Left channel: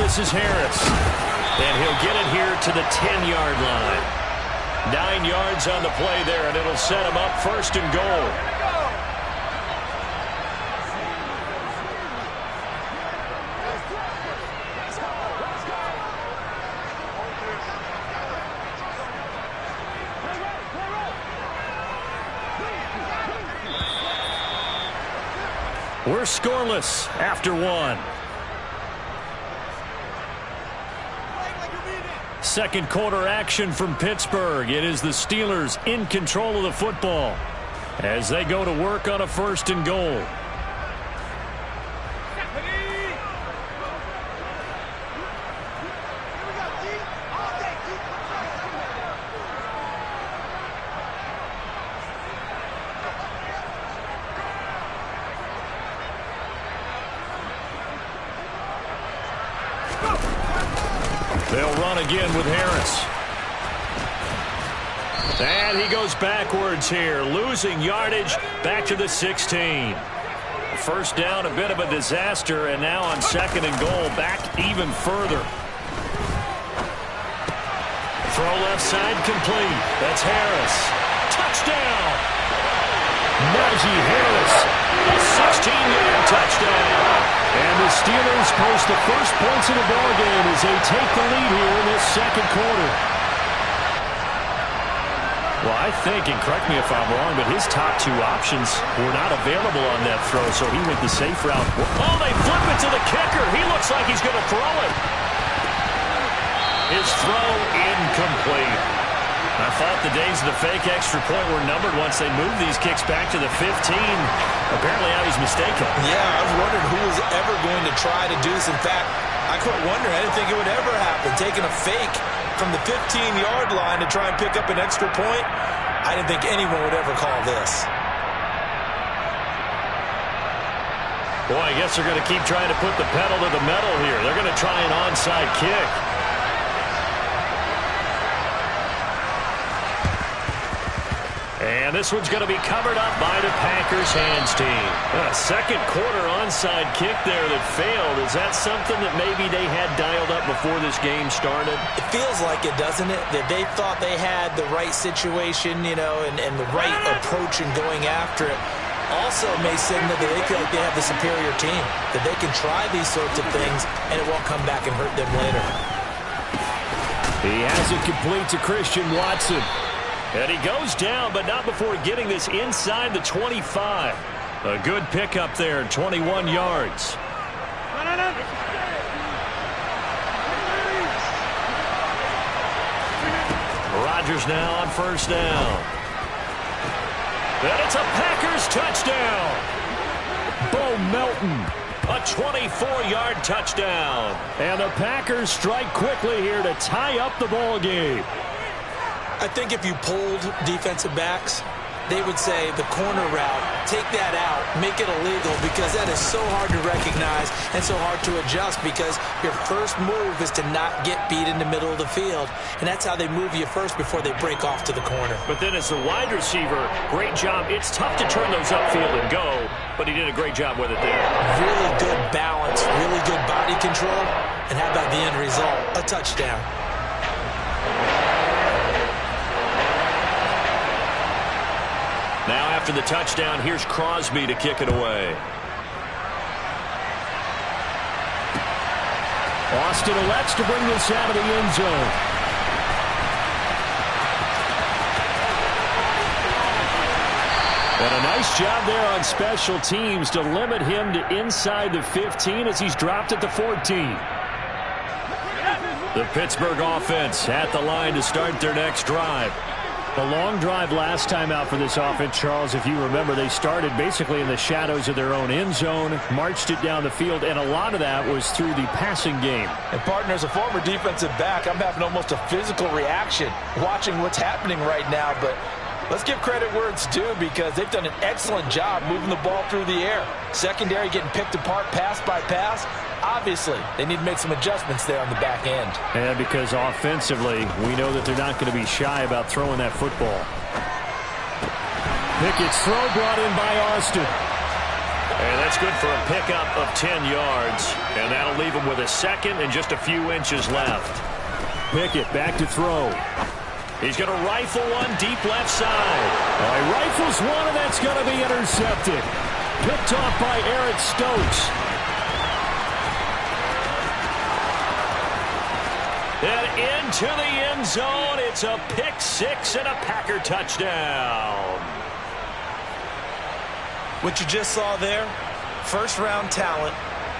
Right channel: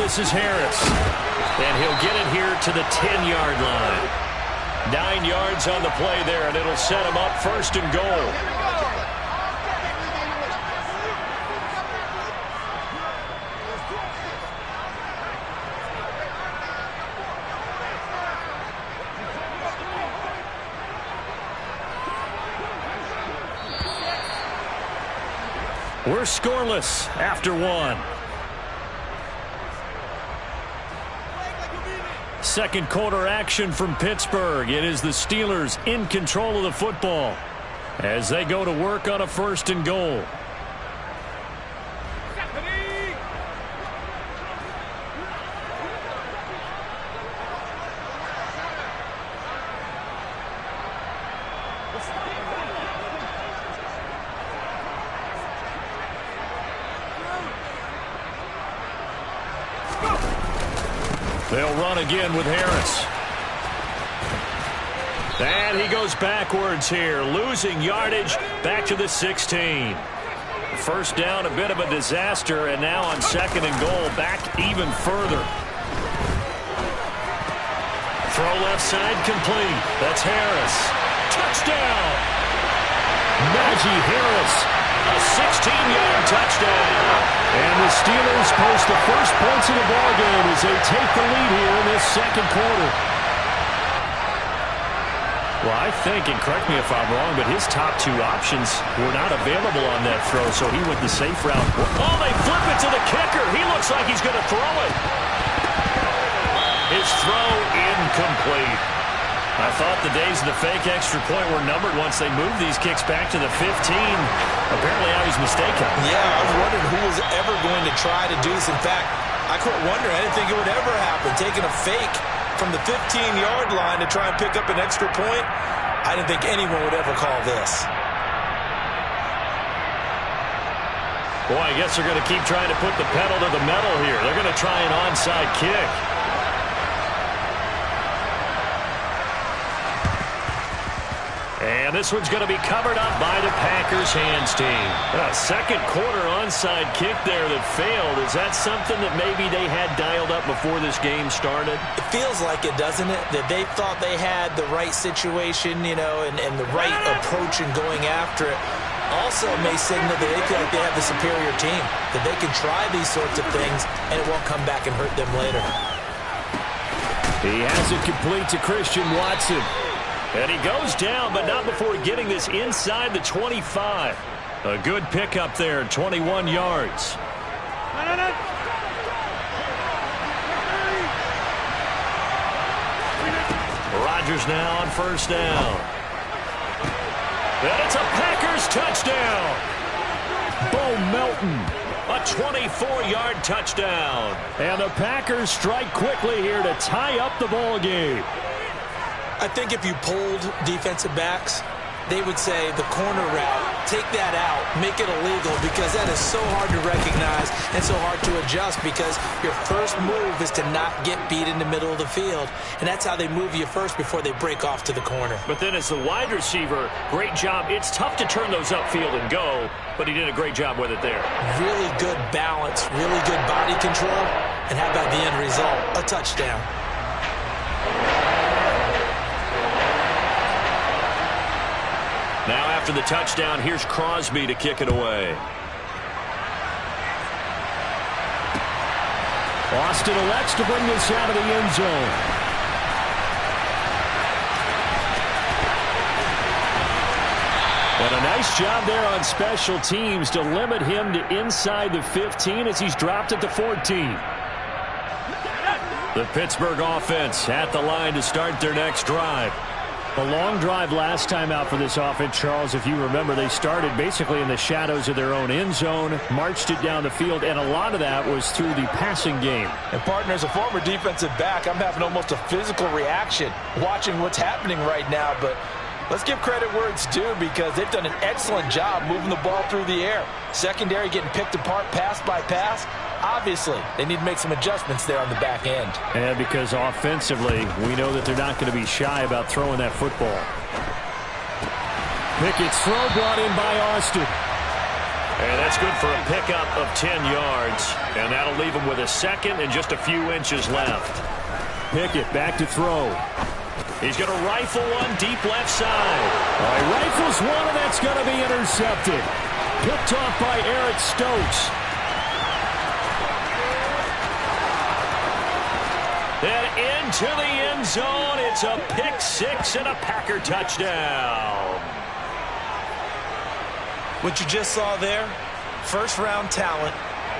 this is Harris. And he'll get it here to the 10-yard line. 9 yards on the play there, and it'll set him up first and goal. We're scoreless after one. Second quarter action from Pittsburgh. It is the Steelers in control of the football as they go to work on a first and goal. They'll run again with Harris. And he goes backwards here, losing yardage back to the 16. First down, a bit of a disaster, and now on second and goal, back even further. Throw left side complete. That's Harris. Touchdown! Najee Harris, a 16-yard touchdown. And the Steelers post the first points of the ballgame as they take the lead here in this second quarter. Well, I think, and correct me if I'm wrong, but his top two options were not available on that throw, so he went the safe route. Oh, they flip it to the kicker. He looks like he's going to throw it. His throw incomplete. I thought the days of the fake extra point were numbered once they moved these kicks back to the 15. Apparently I was mistaken. Yeah, I was wondering who was ever going to try to do this. In fact, I quit wondering. I didn't think it would ever happen. Taking a fake from the 15-yard line to try and pick up an extra point, I didn't think anyone would ever call this. Boy, I guess they're going to keep trying to put the pedal to the metal here. They're going to try an onside kick. And this one's going to be covered up by the Packers hands team. A second quarter onside kick there that failed. Is that something that maybe they had dialed up before this game started? It feels like it, doesn't it? That they thought they had the right situation, you know, and the right approach in going after it. Also may signal that they feel like they have the superior team, that they can try these sorts of things and it won't come back and hurt them later. He has it complete to Christian Watson. And he goes down, but not before getting this inside the 25. A good pickup there, 21 yards. Rodgers now on first down. And it's a Packers touchdown. Bo Melton, a 24-yard touchdown. And the Packers strike quickly here to tie up the ball game. I think if you polled defensive backs, they would say the corner route, take that out, make it illegal, because that is so hard to recognize and so hard to adjust, because your first move is to not get beat in the middle of the field. And that's how they move you first before they break off to the corner. But then as the wide receiver, great job. It's tough to turn those upfield and go, but he did a great job with it there. Really good balance, really good body control. And how about the end result? A touchdown. Now after the touchdown, here's Crosby to kick it away. Austin elects to bring this out of the end zone. And a nice job there on special teams to limit him to inside the 15 as he's dropped at the 14. The Pittsburgh offense at the line to start their next drive. A long drive last time out for this offense, Charles. If you remember, they started basically in the shadows of their own end zone, marched it down the field, and a lot of that was through the passing game. And, partner, as a former defensive back, I'm having almost a physical reaction watching what's happening right now. But let's give credit where it's due, because they've done an excellent job moving the ball through the air. Secondary getting picked apart pass by pass. Obviously, they need to make some adjustments there on the back end. And because offensively, we know that they're not going to be shy about throwing that football. Pickett's throw brought in by Austin. And that's good for a pickup of 10 yards. And that'll leave him with a second and just a few inches left. Pickett back to throw. He's going to rifle one deep left side. He rifles one, and that's going to be intercepted. Picked off by Eric Stokes. And into the end zone. It's a pick six and a Packer touchdown. What you just saw there, first-round talent,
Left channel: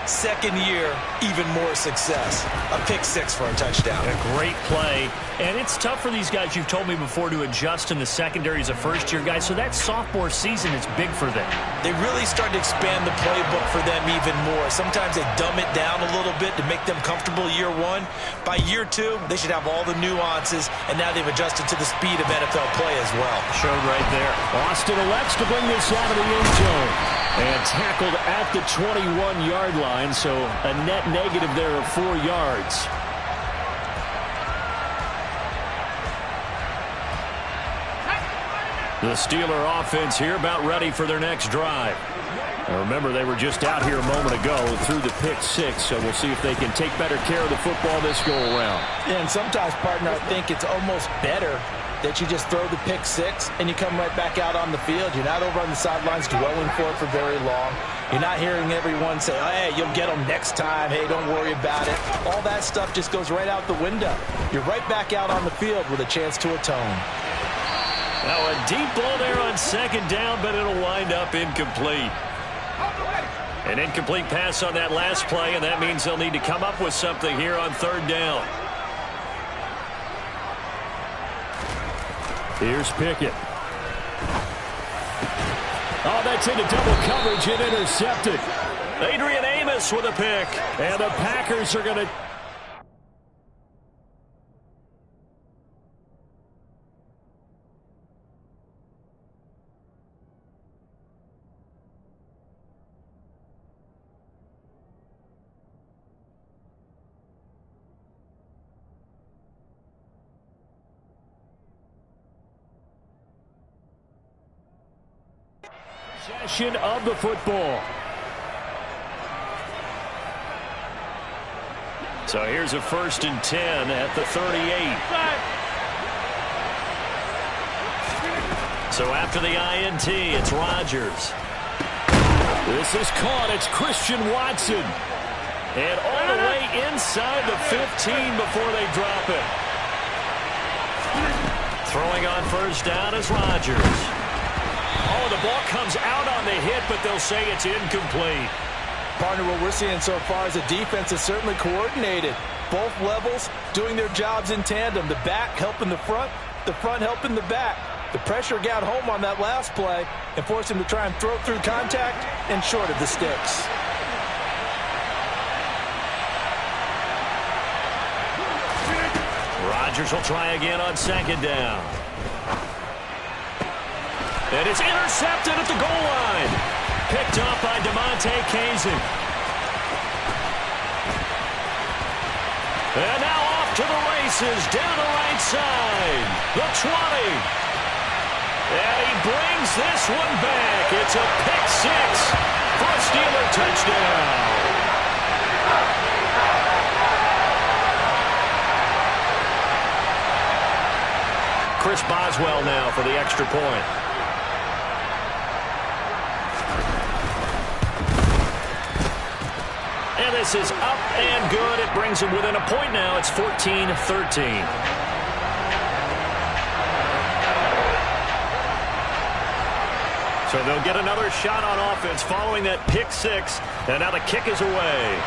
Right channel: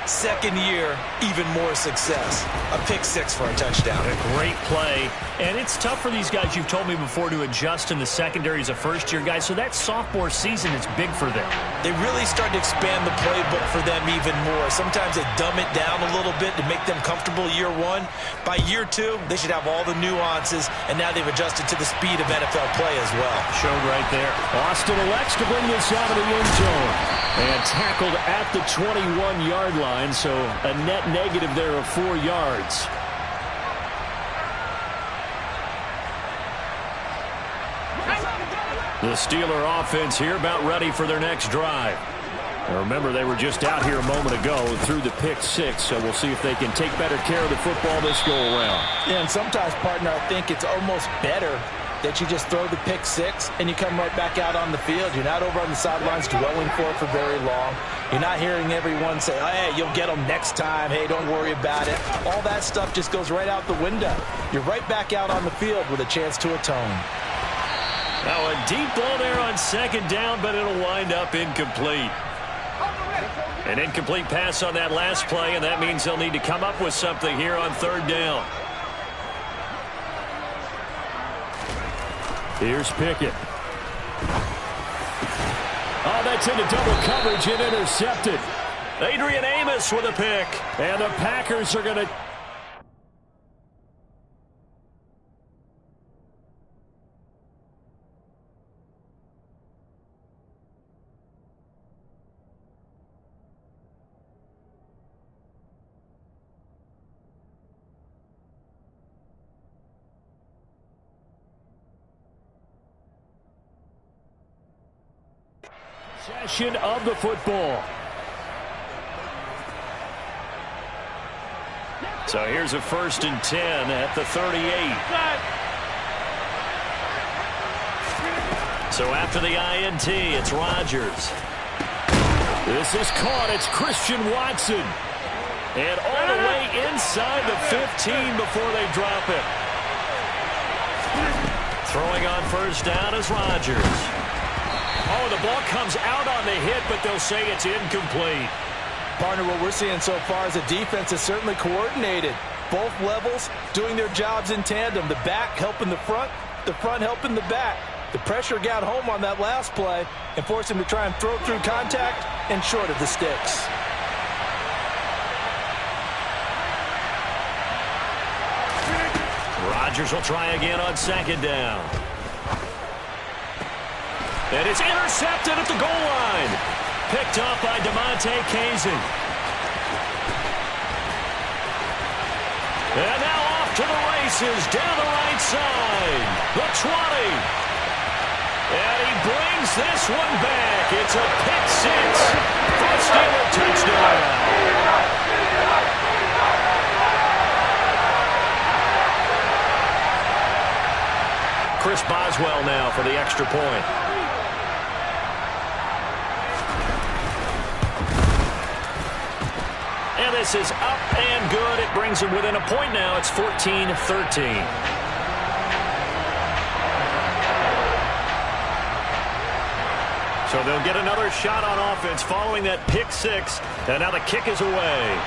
second year, even more success. A pick six for a touchdown. A great play. And it's tough for these guys, you've told me before, to adjust in the secondary as a first-year guy. So that sophomore season is big for them. They really start to expand the playbook for them even more. Sometimes they dumb it down a little bit to make them comfortable year one. By year two, they should have all the nuances, and now they've adjusted to the speed of NFL play as well. Showed right there. Austin elects to bring this out of the end zone. And tackled at the 21-yard line, so a net negative there of 4 yards. The Steeler offense here about ready for their next drive. Now remember, they were just out here a moment ago through the pick six, so we'll see if they can take better care of the football this go-around. Yeah, and sometimes, partner, I think it's almost better that you just throw the pick six and you come right back out on the field. You're not over on the sidelines dwelling for it for very long. You're not hearing everyone say, oh, hey, you'll get them next time. Hey, don't worry about it. All that stuff just goes right out the window. You're right back out on the field with a chance to atone. Now a deep ball there on second down, but it'll wind up incomplete. An incomplete pass on that last play, and that means they'll need to come up with something here on third down. Here's Pickett. Oh, that's into double coverage and intercepted. Adrian Amos with a pick. And the Packers are going to... Possession of the football. So here's a 1st and 10 at the 38. So after the INT, it's Rodgers. This is caught. It's Christian Watson. And all the way inside the 15 before they drop him. Throwing on first down is Rodgers. Oh, the ball comes out on the hit, but they'll say it's incomplete. Partner, what we're seeing so far is a defense is certainly coordinated. Both levels doing their jobs in tandem. The back helping the front helping the back. The pressure got home on that last play and forced him to try and throw through contact and short of the sticks. Rodgers will try again on second down. And it's intercepted at the goal line. Picked up by DeMonte Kazin. And now off to the races down the right side. The 20. And he brings this one back. It's a pick six for a Steeler touchdown. Chris Boswell now for the extra point. And this is up and good. It brings him within a point now. It's 14-13. So they'll get another shot on offense following that pick six. And now the kick is away.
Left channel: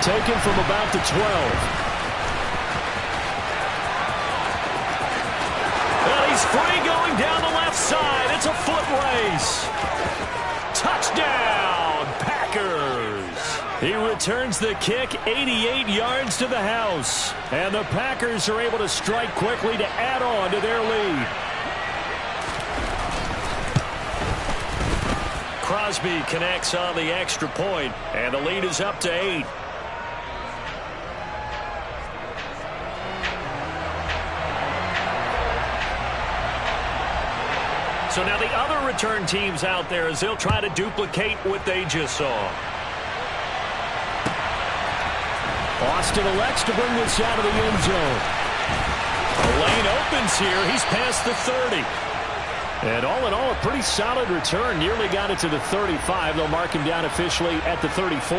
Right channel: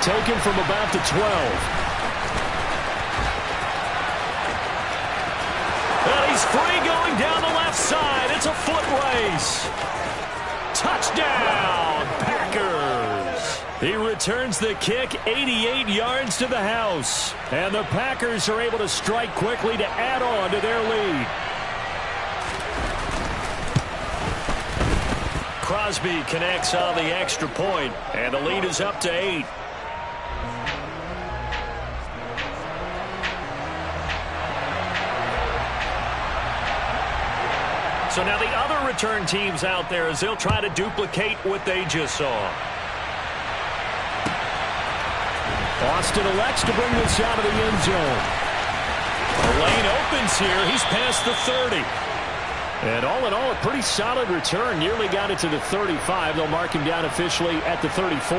Taken from about the 12. And he's free going down the left side. It's a foot race. Touchdown, Packers. He returns the kick 88 yards to the house. And the Packers are able to strike quickly to add on to their lead. Crosby connects on the extra point, and the lead is up to 8. So now the other return teams out there as they'll try to duplicate what they just saw. Austin elects to bring this out of the end zone. The lane opens here. He's past the 30. And all in all, a pretty solid return. Nearly got it to the 35. They'll mark him down officially at the 34.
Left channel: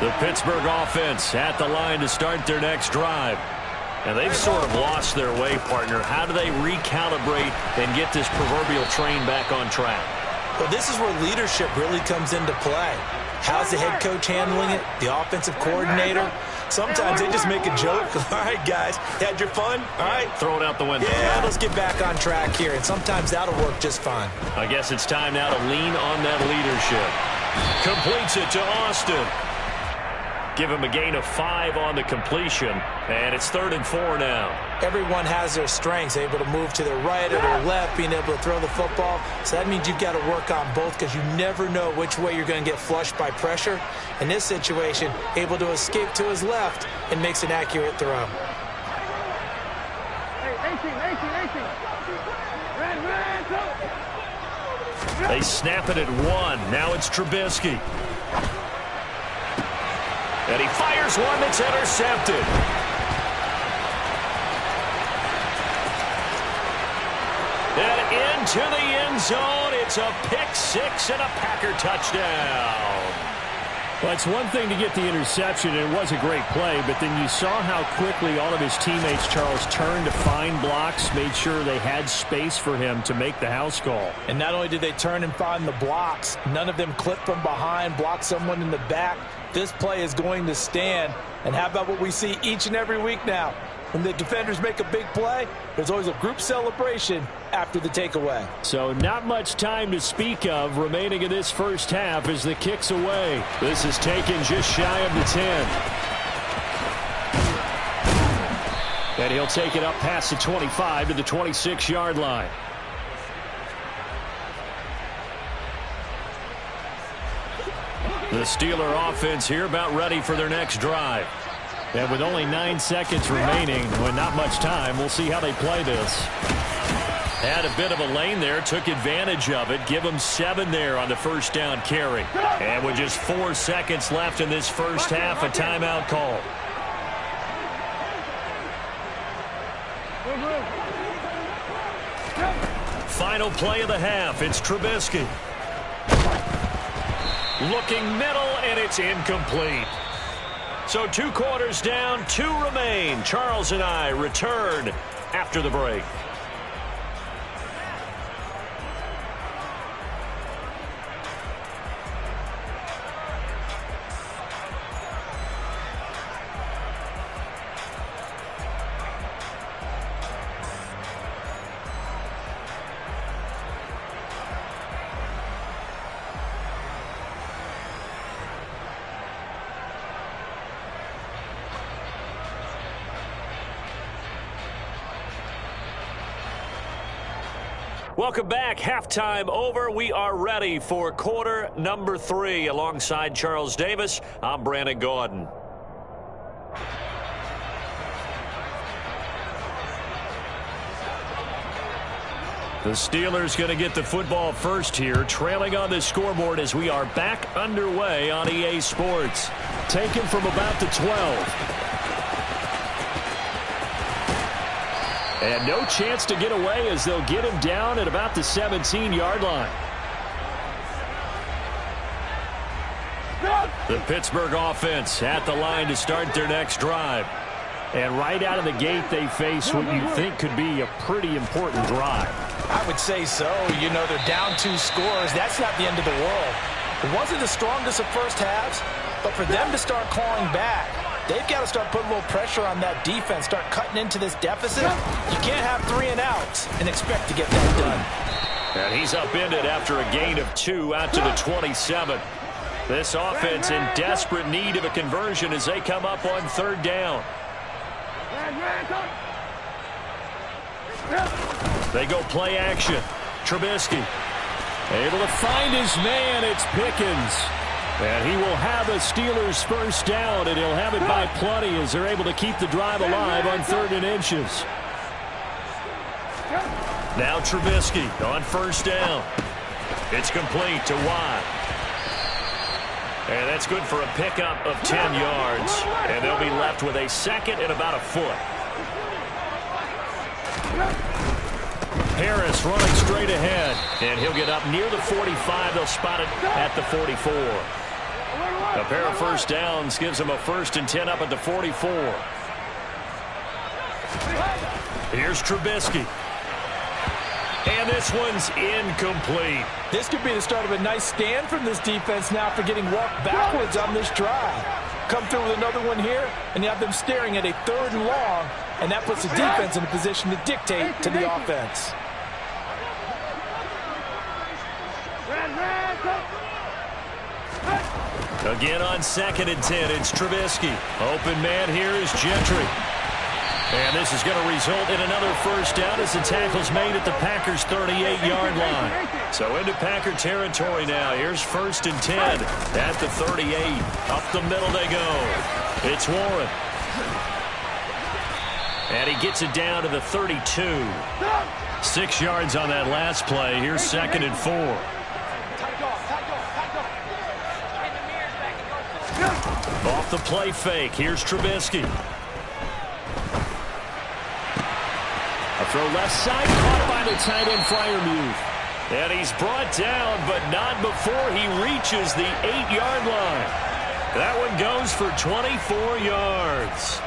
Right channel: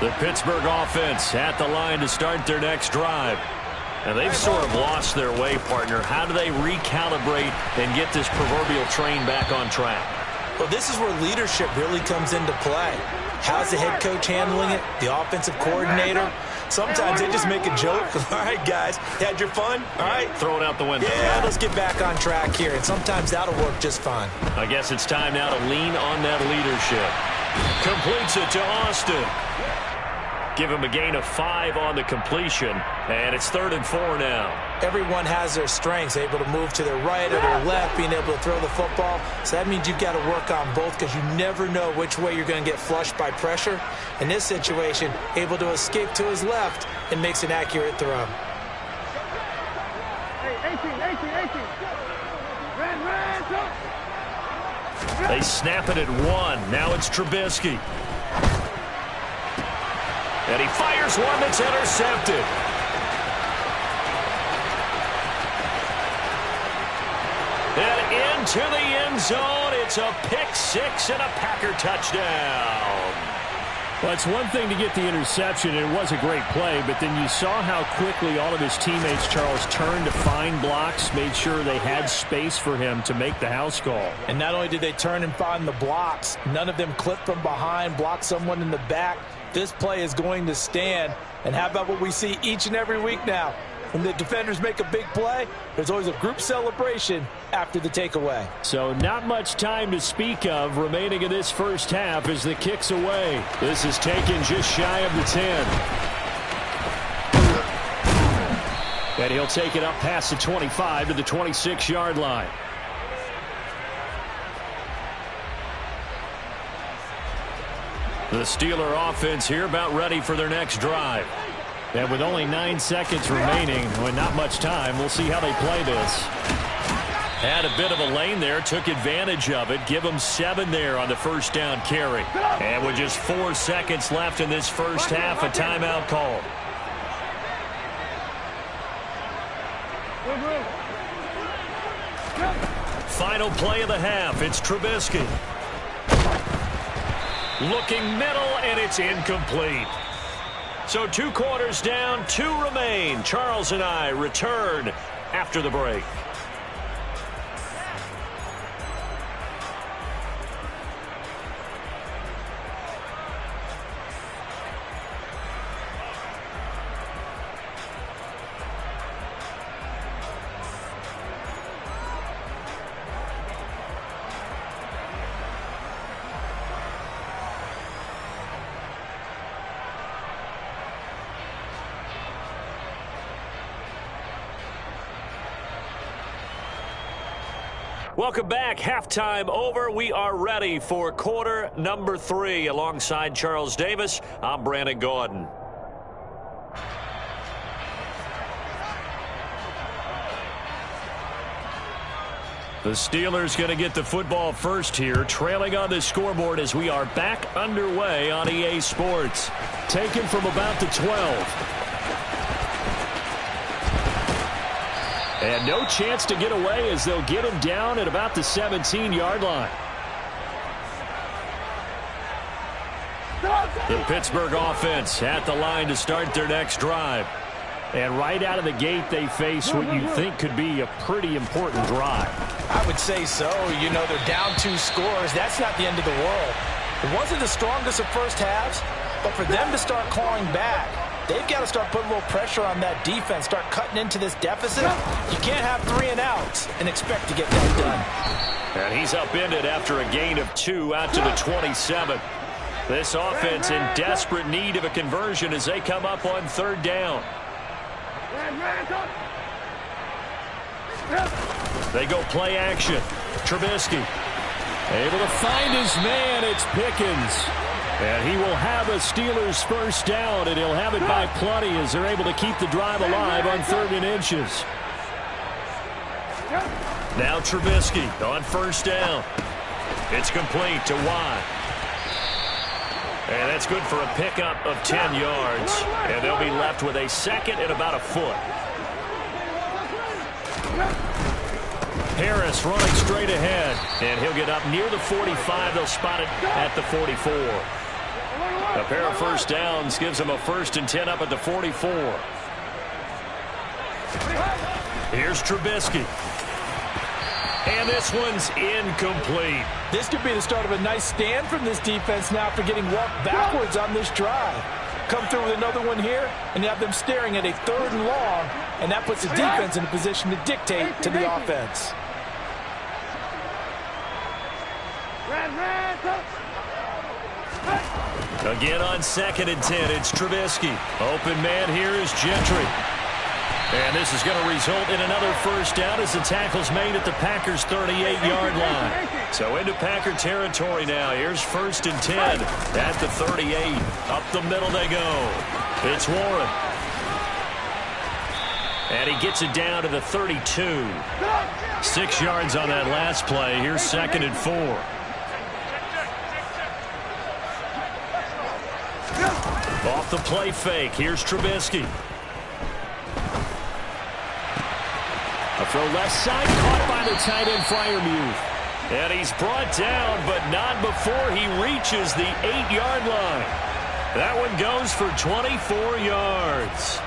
The Pittsburgh offense at the line to start their next drive. And they've sort of lost their way, partner. How do they recalibrate and get this proverbial train back on track? Well, this is where leadership really comes into play. How's the head coach handling it? The offensive coordinator? Sometimes they just make a joke. All right, guys, had your fun? All right. Throw it out the window. Yeah, let's get back on track here. And sometimes that'll work just fine. I guess it's time now to lean on that leadership. Completes it to Austin. Give him a gain of 5 on the completion, and it's 3rd and 4 now. Everyone has their strengths, able to move to their right or their left, being able to throw the football. So that means you've got to work on both because you never know which way you're going to get flushed by pressure. In this situation, able to escape to his left and makes an accurate throw. Hey, 18. Red, They snap it at 1. Now it's Trubisky. And he fires one that's intercepted. And into the end zone. It's a pick 6 and a Packer touchdown. Well, it's one thing to get the interception, and it was a great play, but then you saw how quickly all of his teammates, Charles, turned to find blocks, made sure they had space for him to make the house call. And not only did they turn and find the blocks, none of them clipped from behind, blocked someone in the back. This play is going to stand. And how about what we see each and every week now? When the defenders make a big play, there's always a group celebration after the takeaway. So not much time to speak of remaining in this first half as the kick's away. This is taken just shy of the 10. And he'll take it up past the 25 to the 26-yard line. The Steeler offense here about ready for their next drive. And with only 9 seconds remaining, with not much time, we'll see how they play this. Had a bit of a lane there, took advantage of it. Give them 7 there on the first down carry. And with just 4 seconds left in this first half, a timeout call. Final play of the half. It's Trubisky. Looking middle, and it's incomplete. So 2 quarters down, 2 remain. Charles and I return after the break. Welcome back. Halftime over. We are ready for quarter number 3. Alongside Charles Davis, I'm Brandon Gaudin. The Steelers going to get the football first here, trailing on the scoreboard as we are back underway on EA Sports. Taken from about the 12. And no chance to get away as they'll get him down at about the 17-yard line. The Pittsburgh offense at the line to start their next drive. And right out of the gate, they face what you think could be a pretty important drive. I would say so. You know, they're down 2 scores. That's not the end of the world. It wasn't the strongest of first halves, but for them to start clawing back, they've got to start putting a little pressure on that defense, start cutting into this deficit. You can't have 3 and outs and expect to get that done. And he's upended after a gain of 2 out to the 27. This offense in desperate need of a conversion as they come up on 3rd down. They go play action. Trubisky. Able to find his man. It's Pickens. And he will have a Steelers first down, and he'll have it by plenty as they're able to keep the drive alive on 3rd and inches. Now Trubisky on first down. It's complete to Watt. And that's good for a pickup of 10 yards. And they'll be left with a second and about a foot. Harris running straight ahead. And he'll get up near the 45. They'll spot it at the 44. A pair of first downs gives them a 1st and 10 up at the 44. Here's Trubisky. And this one's incomplete. This could be the start of a nice stand from this defense now after getting walked backwards on this drive. Come through with another one here, and you have them staring at a 3rd and long, and that puts the defense in a position to dictate to the offense. Again on 2nd and 10, it's Trubisky. Open man here is Gentry. And this is going to result in another first down as the tackle's made at the Packers' 38-yard line. So into Packer territory now. Here's 1st and 10 at the 38. Up the middle they go. It's Warren. And he gets it down to the 32. 6 yards on that last play. Here's 2nd and 4. Off the play fake. Here's Trubisky. A throw left side, caught by the tight end Freiermuth. And he's brought down, but not before he reaches the 8-yard line. That one goes for 24 yards.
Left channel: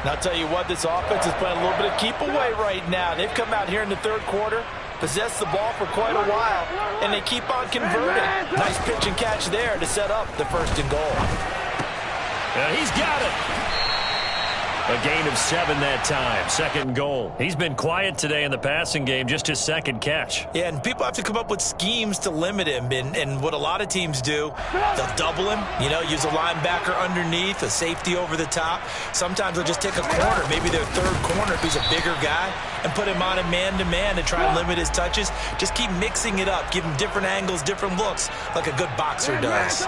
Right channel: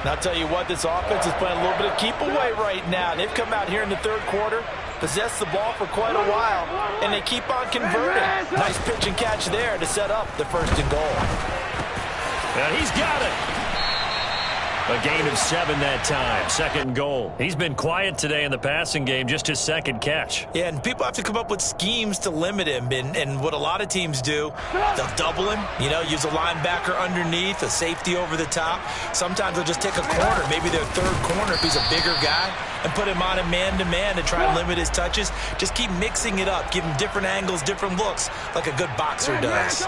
And I'll tell you what, this offense is playing a little bit of keep away right now. They've come out here in the 3rd quarter, possessed the ball for quite a while, and they keep on converting. Nice pitch and catch there to set up the 1st and goal. And he's got it. A gain of 7 that time. 2nd and goal. He's been quiet today in the passing game, just his 2nd catch. Yeah, and people have to come up with schemes to limit him. And what a lot of teams do, they'll double him, use a linebacker underneath, a safety over the top. Sometimes they'll just take a corner, maybe their 3rd corner if he's a bigger guy, and put him on a man-to-man to try and limit his touches. Just keep mixing it up, give him different angles, different looks, like a good boxer does.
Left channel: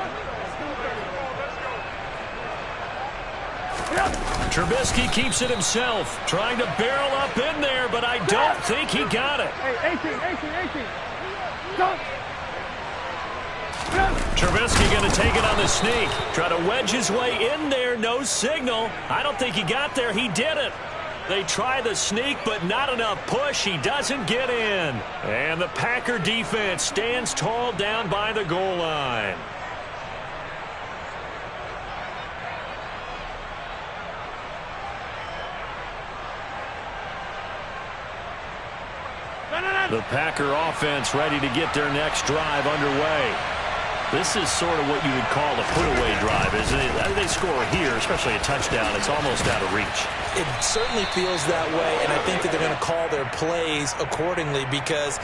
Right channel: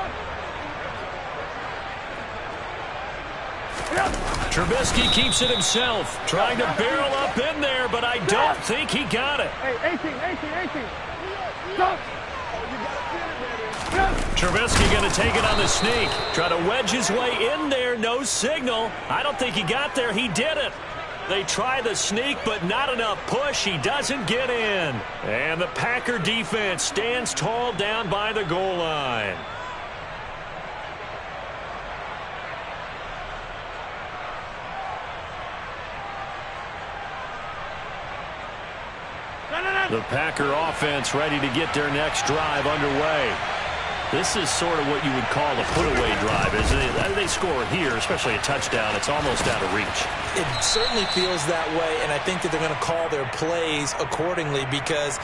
Trubisky keeps it himself, trying to barrel up in there, but I don't think he got it. Hey, 18. Stop. Trubisky going to take it on the sneak. Try to wedge his way in there, no signal. I don't think he got there. He did it. They try the sneak, but not enough push. He doesn't get in. And the Packer defense stands tall down by the goal line. The Packer offense ready to get their next drive underway. This is sort of what you would call a put-away drive, isn't it? They score here, especially a touchdown. It's almost out of reach. It certainly feels that way, and I think that they're going to call their plays accordingly because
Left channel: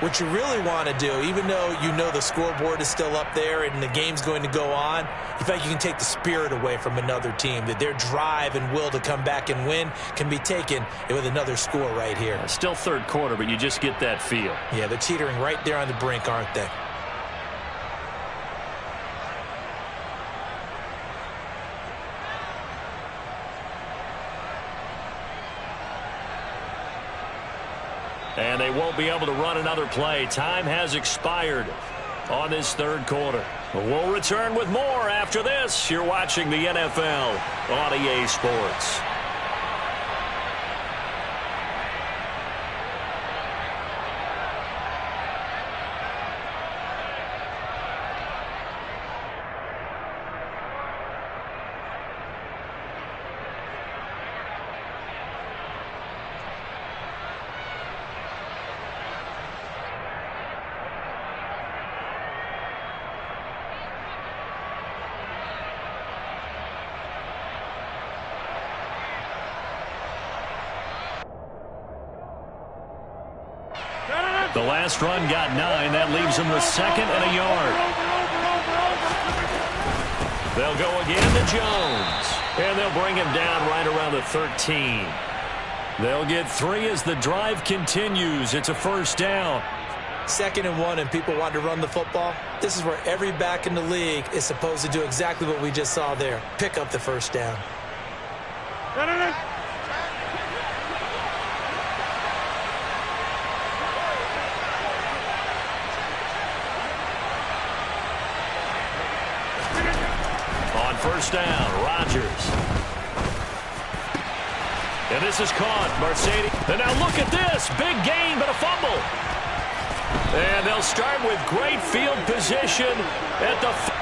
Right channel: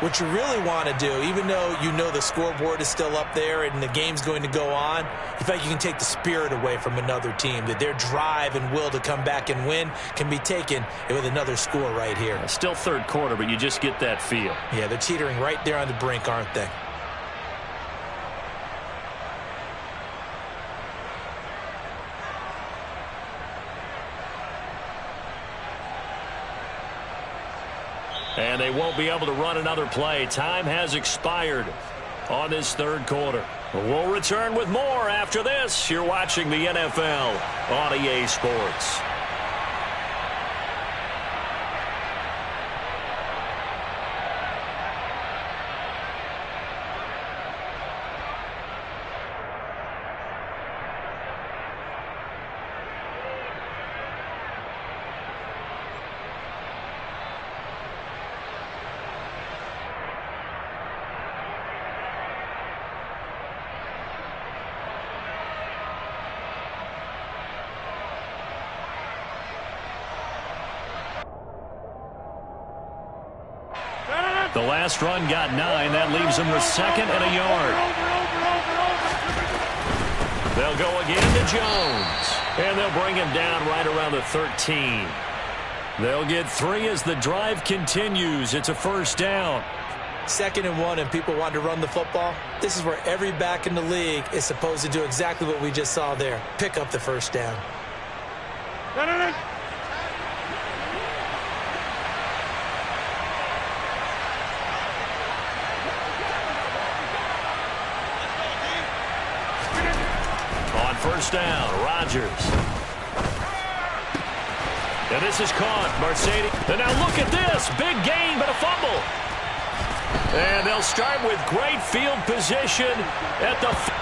what you really want to do, even though the scoreboard is still up there and the game's going to go on, you feel like you can take the spirit away from another team, that their drive and will to come back and win can be taken with another score right here. Yeah, still 3rd quarter, but you just get that feel. Yeah, they're teetering right there on the brink, aren't they? And they won't be able to run another play. Time has expired on this 3rd quarter. We'll return with more after this. You're watching the NFL on EA Sports. The last run got 9. That leaves them with 2nd and a yard. They'll go again to Jones. And they'll bring him down right around the 13. They'll get 3 as the drive continues. It's a first down. 2nd and 1 and people want to run the football, this is where every back in the league is supposed to do exactly what we just saw there. Pick up the first down. No. On first down, Rodgers. And this is caught. Mercedes. And now look at this. Big gain, but a fumble. And they'll start with great field position at the...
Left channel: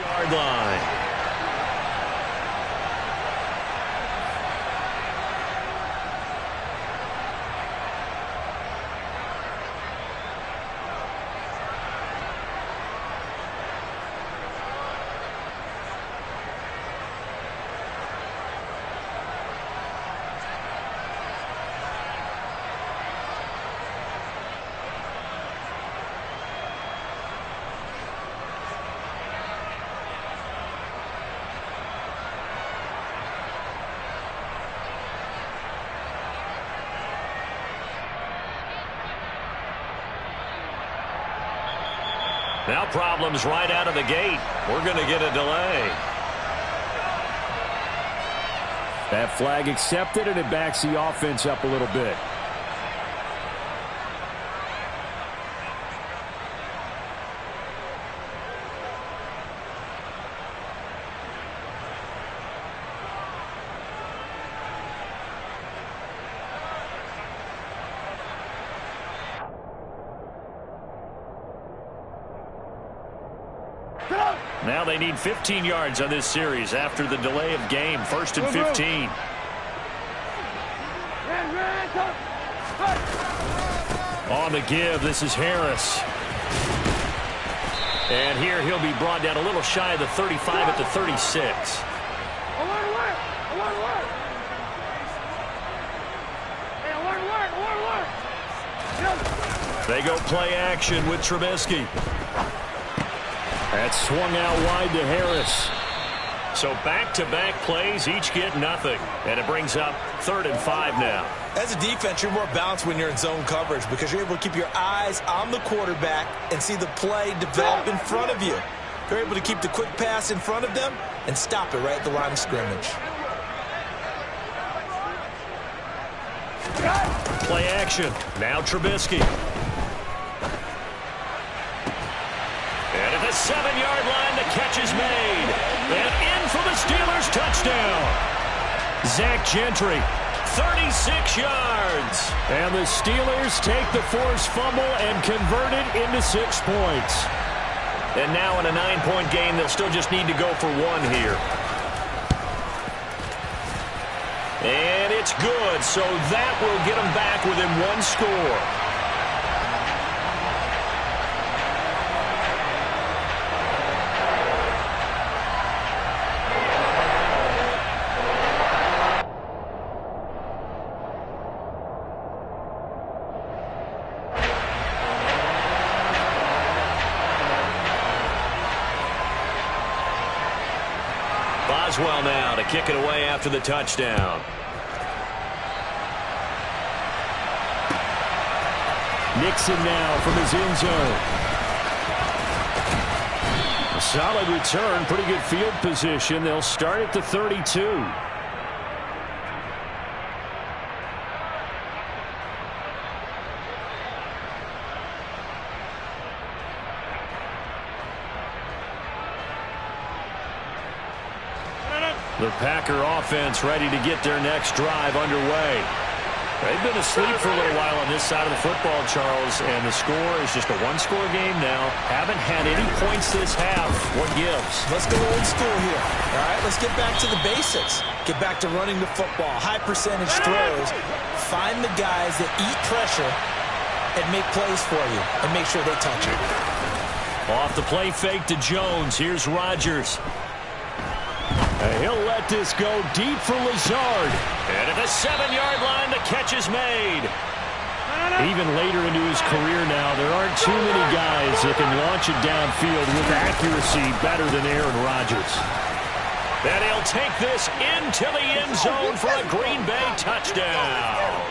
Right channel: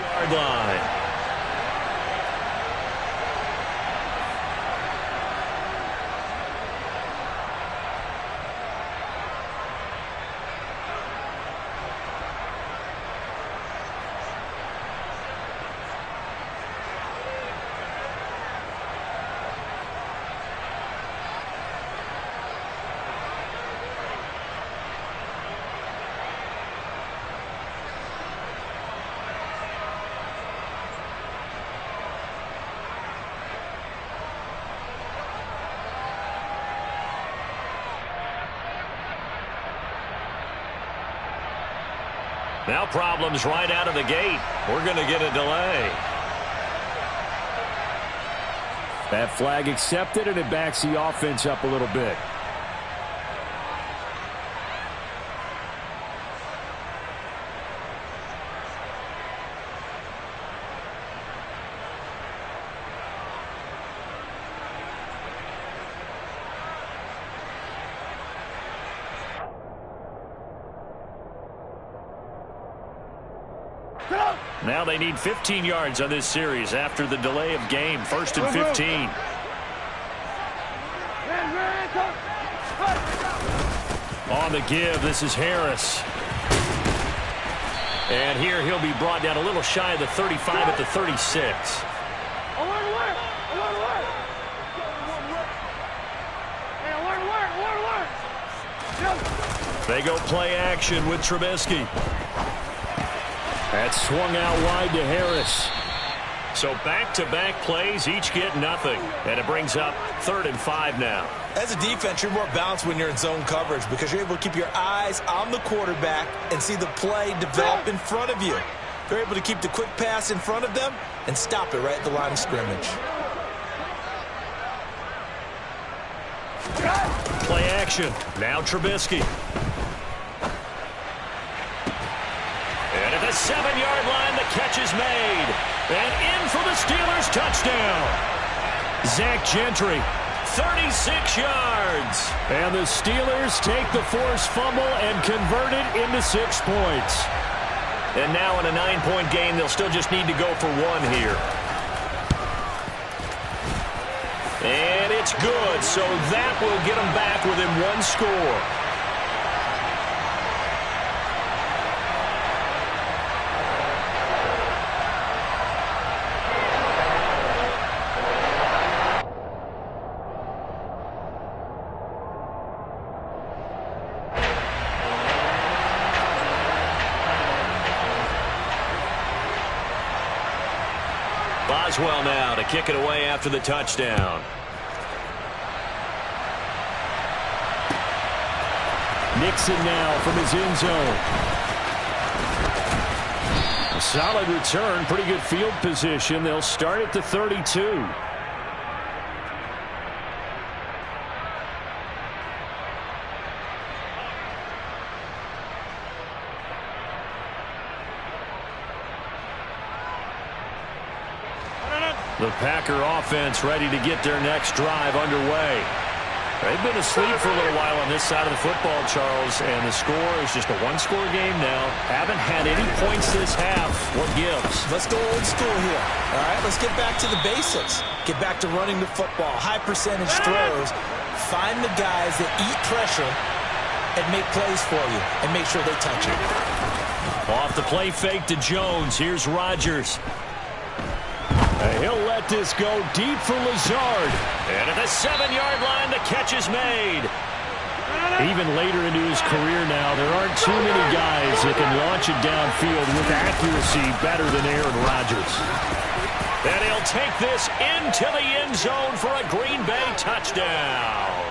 yard line. Now problems right out of the gate. We're going to get a delay. That flag accepted, and it backs the offense up a little bit. Now they need 15 yards on this series after the delay of game. 1st and 15. On the give, this is Harris. And here he'll be brought down a little shy of the 35 at the 36. Alert! They go play action with Trubisky. That swung out wide to Harris. So back-to-back plays, each get nothing. And it brings up 3rd and 5 now. As a defense, you're more balanced when you're in zone coverage because you're able to keep your eyes on the quarterback and see the play develop in front of you. They're able to keep the quick pass in front of them and stop it right at the line of scrimmage. Play action. Now Trubisky. And at the 7-yard line, the catch is made. And in for the Steelers touchdown. Zach Gentry, 36 yards. And the Steelers take the forced fumble and convert it into 6 points. And now in a 9-point game, they'll still just need to go for 1 here. And it's good, so that will get them back within 1 score. Boswell now to kick it away after the touchdown. Nixon now from his end zone. A solid return, pretty good field position. They'll start at the 32. The Packer offense ready to get their next drive underway. They've been asleep for a little while on this side of the football, Charles, and the score is just a one-score game now. Haven't had any points this half. What gives? Let's go old school here. All right, let's get back to the basics. Get back to running the football, high percentage throws. Find the guys that eat pressure and make plays for you and make sure they touch it. Off the play fake to Jones. Here's Rodgers. He'll let this go deep for Lazard. And at the 7-yard line, the catch is made. Even later into his career now, there aren't too many guys that can launch it downfield with accuracy better than Aaron Rodgers. And he'll take this into the end zone for a Green Bay touchdown.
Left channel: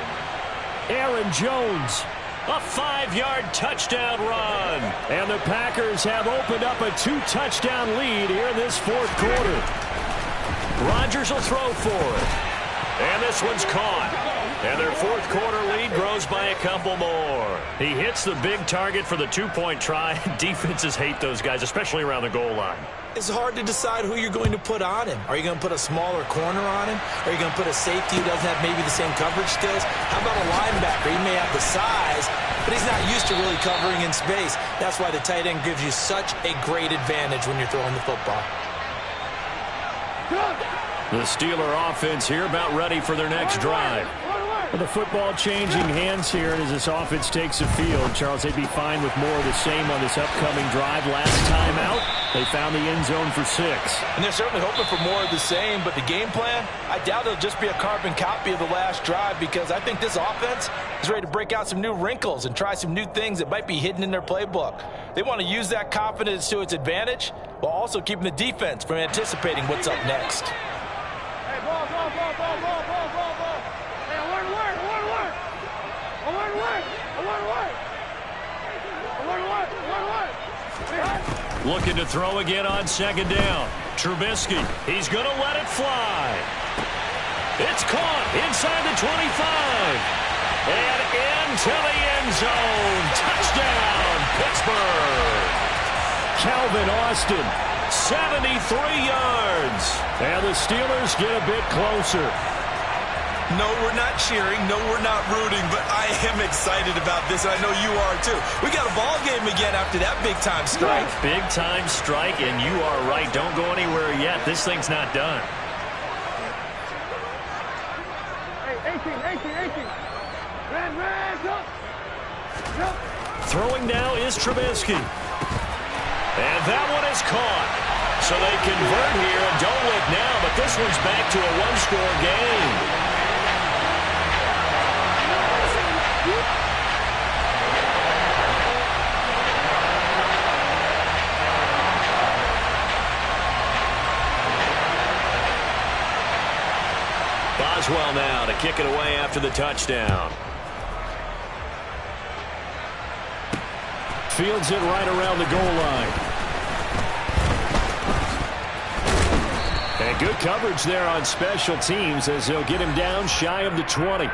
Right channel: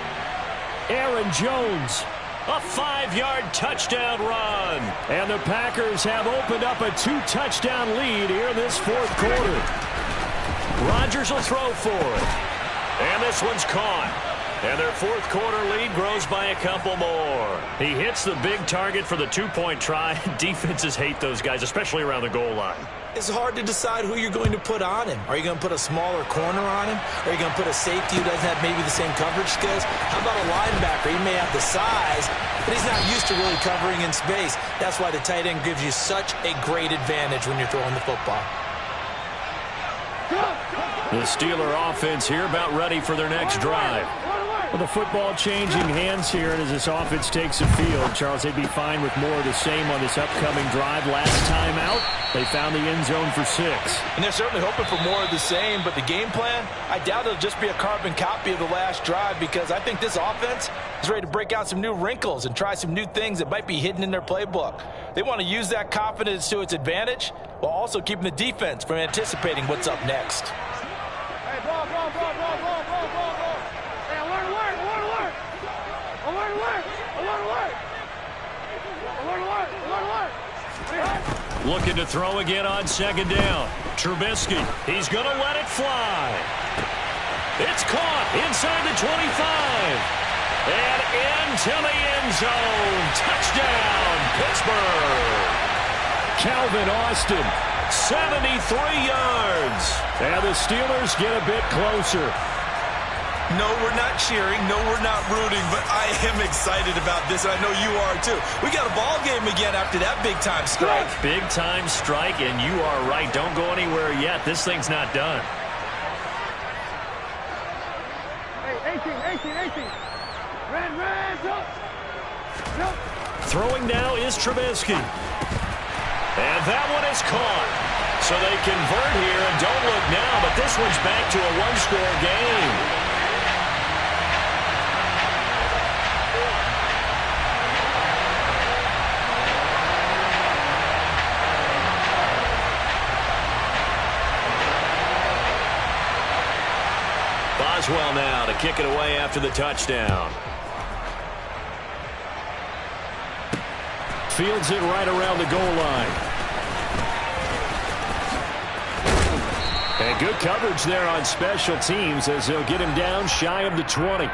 Aaron Jones, a 5-yard touchdown run. And the Packers have opened up a 2-touchdown lead here in this fourth quarter. Rodgers will throw for it. And this one's caught. And their fourth quarter lead grows by a couple more. He hits the big target for the 2-point try. Defenses hate those guys, especially around the goal line. It's hard to decide who you're going to put on him. Are you going to put a smaller corner on him? Or are you going to put a safety who doesn't have maybe the same coverage skills? How about a linebacker? He may have the size, but he's not used to really covering in space. That's why the tight end gives you such a great advantage when you're throwing the football. The Steeler offense here about ready for their next drive. Well, the football changing hands here, and as this offense takes the field, Charles, they'd be fine with more of the same on this upcoming drive. Last time out, they found the end zone for 6. And they're certainly hoping for more of the same, but the game plan, I doubt it'll just be a carbon copy of the last drive, because I think this offense is ready to break out some new wrinkles and try some new things that might be hidden in their playbook. They want to use that confidence to its advantage while also keeping the defense from anticipating what's up next. Hey, ball. Hey, alert. Looking to throw again on second down. Trubisky, he's going to let it fly. It's caught inside the 25. And into the end zone. Touchdown, Pittsburgh. Calvin Austin, 73 yards. And the Steelers get a bit closer. No, we're not cheering. No, we're not rooting, but I am excited about this, and I know you are too. We got a ball game again after that big-time strike. Big-time strike, and you are right. Don't go anywhere yet. This thing's not done. Hey, 18. Red, up. Throwing now is Trubisky. And that one is caught. So they convert here, and don't look now, but this one's back to a one-score game. Boswell now to kick it away after the touchdown. Fields it right around the goal line. And good coverage there on special teams as they'll get him down shy of the 20.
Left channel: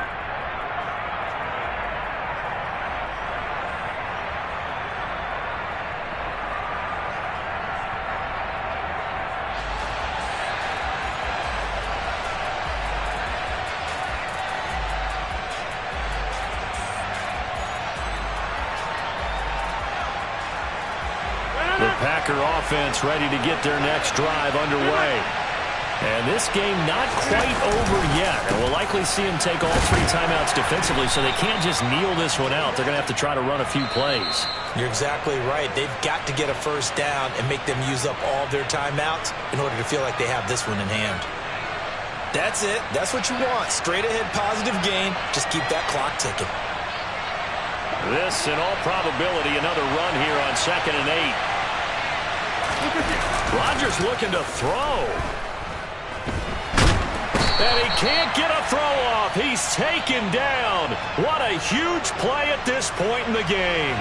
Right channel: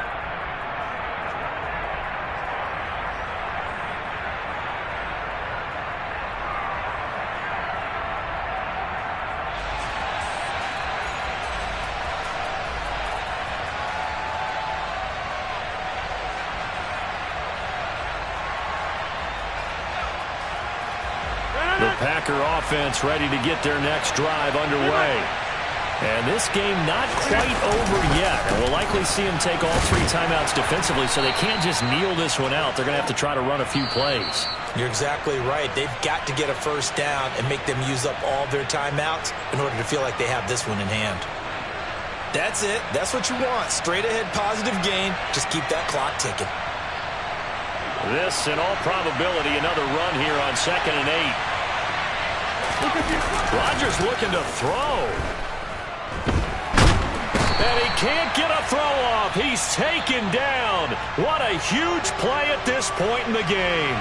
The Packer offense ready to get their next drive underway. And this game not quite over yet. And we'll likely see them take all 3 timeouts defensively, so they can't just kneel this one out. They're going to have to try to run a few plays. You're exactly right. They've got to get a first down and make them use up all their timeouts in order to feel like they have this one in hand. That's it. That's what you want. Straight ahead positive gain. Just keep that clock ticking. This, in all probability, another run here on 2nd and 8. Rodgers looking to throw. And he can't get a throw off. He's taken down. What a huge play at this point in the game.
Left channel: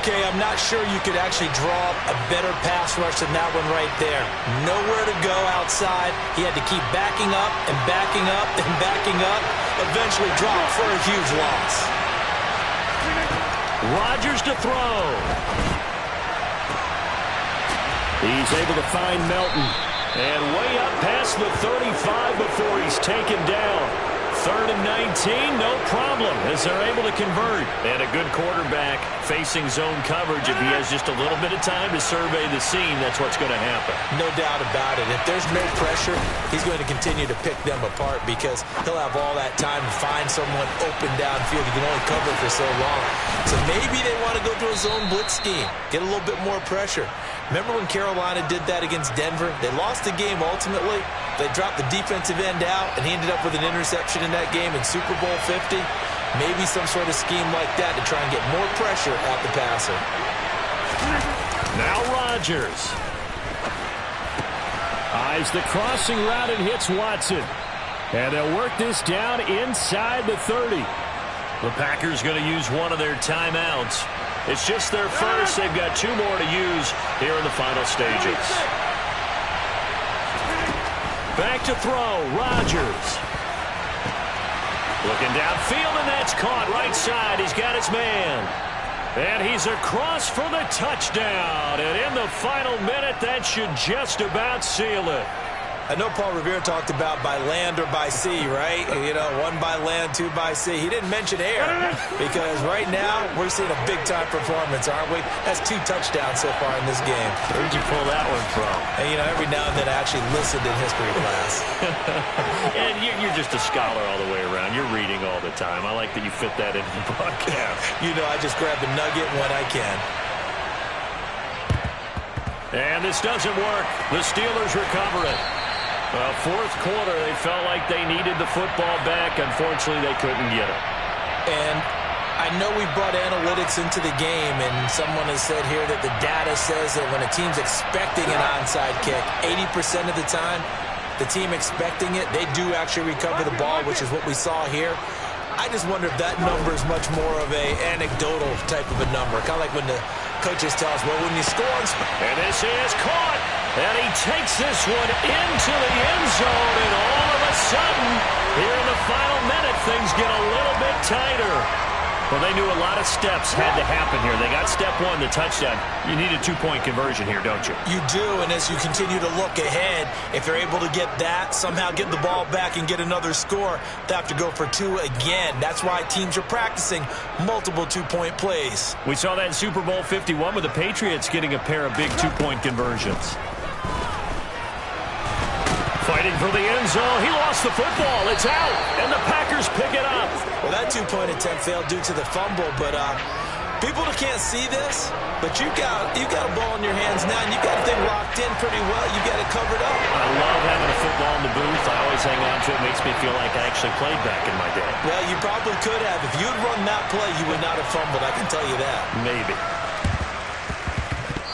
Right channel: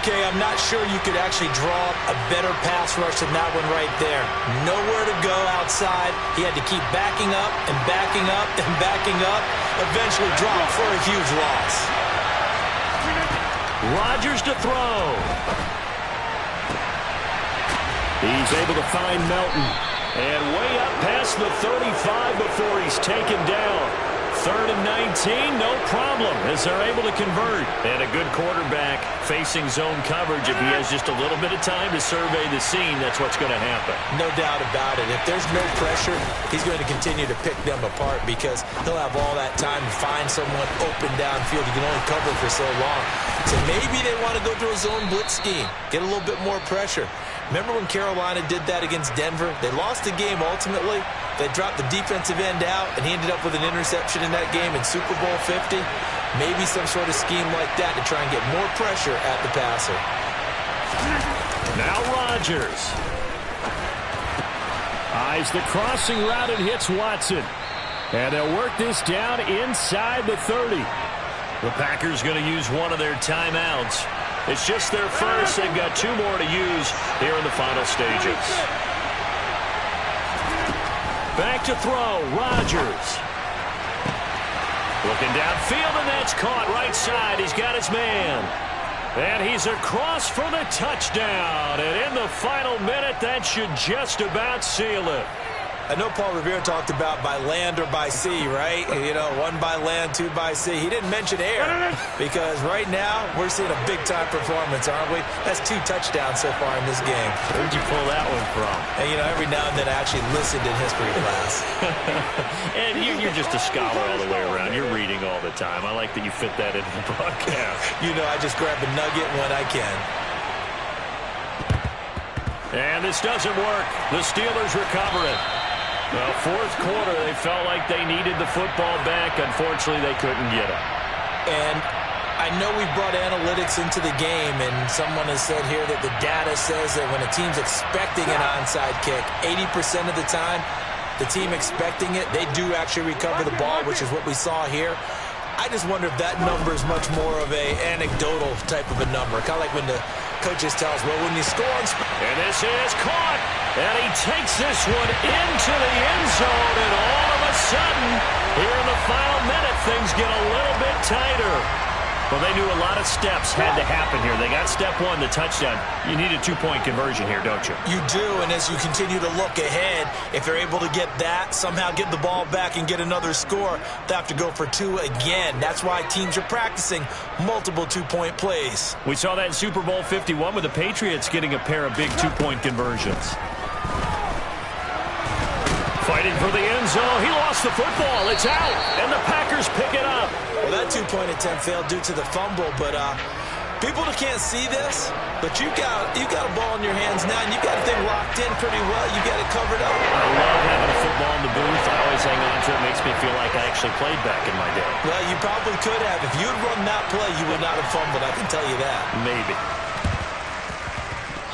Okay, I'm not sure you could actually draw up a better pass rush than that one right there. Nowhere to go outside. He had to keep backing up and backing up and backing up. Eventually dropped for a huge loss. Rodgers to throw. He's able to find Melton. And way up past the 35 before he's taken down. 3rd and 19, no problem, as they're able to convert. And a good quarterback facing zone coverage. If he has just a little bit of time to survey the scene, that's what's going to happen. No doubt about it. If there's no pressure, he's going to continue to pick them apart because he'll have all that time to find someone open downfield. He can only cover for so long. So maybe they want to go to a zone blitz scheme, get a little bit more pressure. Remember when Carolina did that against Denver? They lost the game ultimately. They dropped the defensive end out, and he ended up with an interception in that game in Super Bowl 50. Maybe some sort of scheme like that to try and get more pressure at the passer. Now Rodgers. Eyes the crossing route and hits Watson. And they'll work this down inside the 30. The Packers going to use one of their timeouts. It's just their first. They've got 2 more to use here in the final stages. Back to throw, Rodgers. Looking downfield, and that's caught right side. He's got his man. And he's across for the touchdown. And in the final minute, that should just about seal it. I know Paul Revere talked about by land or by sea, right? You know, 1 by land, 2 by sea. He didn't mention air because right now we're seeing a big-time performance, aren't we? That's 2 touchdowns so far in this game. Where'd you pull that one from? And, you know, every now and then I actually listened in history class. And you're just a scholar all the way around. You're reading all the time. I like that you fit that into the broadcast. You know, I just grab a nugget when I can. And this doesn't work. The Steelers recover it. Well, 4th quarter, they felt like they needed the football back. Unfortunately, they couldn't get it. And I know we brought analytics into the game, and someone has said here that the data says that when a team's expecting an onside kick, 80% of the time, the team expecting it, they do actually recover the ball, which is what we saw here. I just wonder if that number is much more of a anecdotal type of a number, kind of like when the coaches tell us, well, when you score on... And this is caught. And he takes this one into the end zone, and all of a sudden, here in the final minute, things get a little bit tighter. Well, they knew a lot of steps had to happen here. They got step 1, the touchdown. You need a 2-point conversion here, don't you? You do, and as you continue to look ahead, if they're able to get that, somehow get the ball back and get another score, they have to go for 2 again. That's why teams are practicing multiple 2-point plays. We saw that in Super Bowl 51 with the Patriots getting a pair of big 2-point conversions. Fighting for the end zone. He lost the football. It's out, and the Packers pick it up. Well, that 2-point attempt failed due to the fumble, but people that can't see this, but you got a ball in your hands now, and you got the thing locked in pretty well. You got it covered up. I love having a football in the booth. I always hang on to it. It makes me feel like I actually played back in my day. Well, you probably could have. If you had run that play, you would not have fumbled. I can tell you that. Maybe.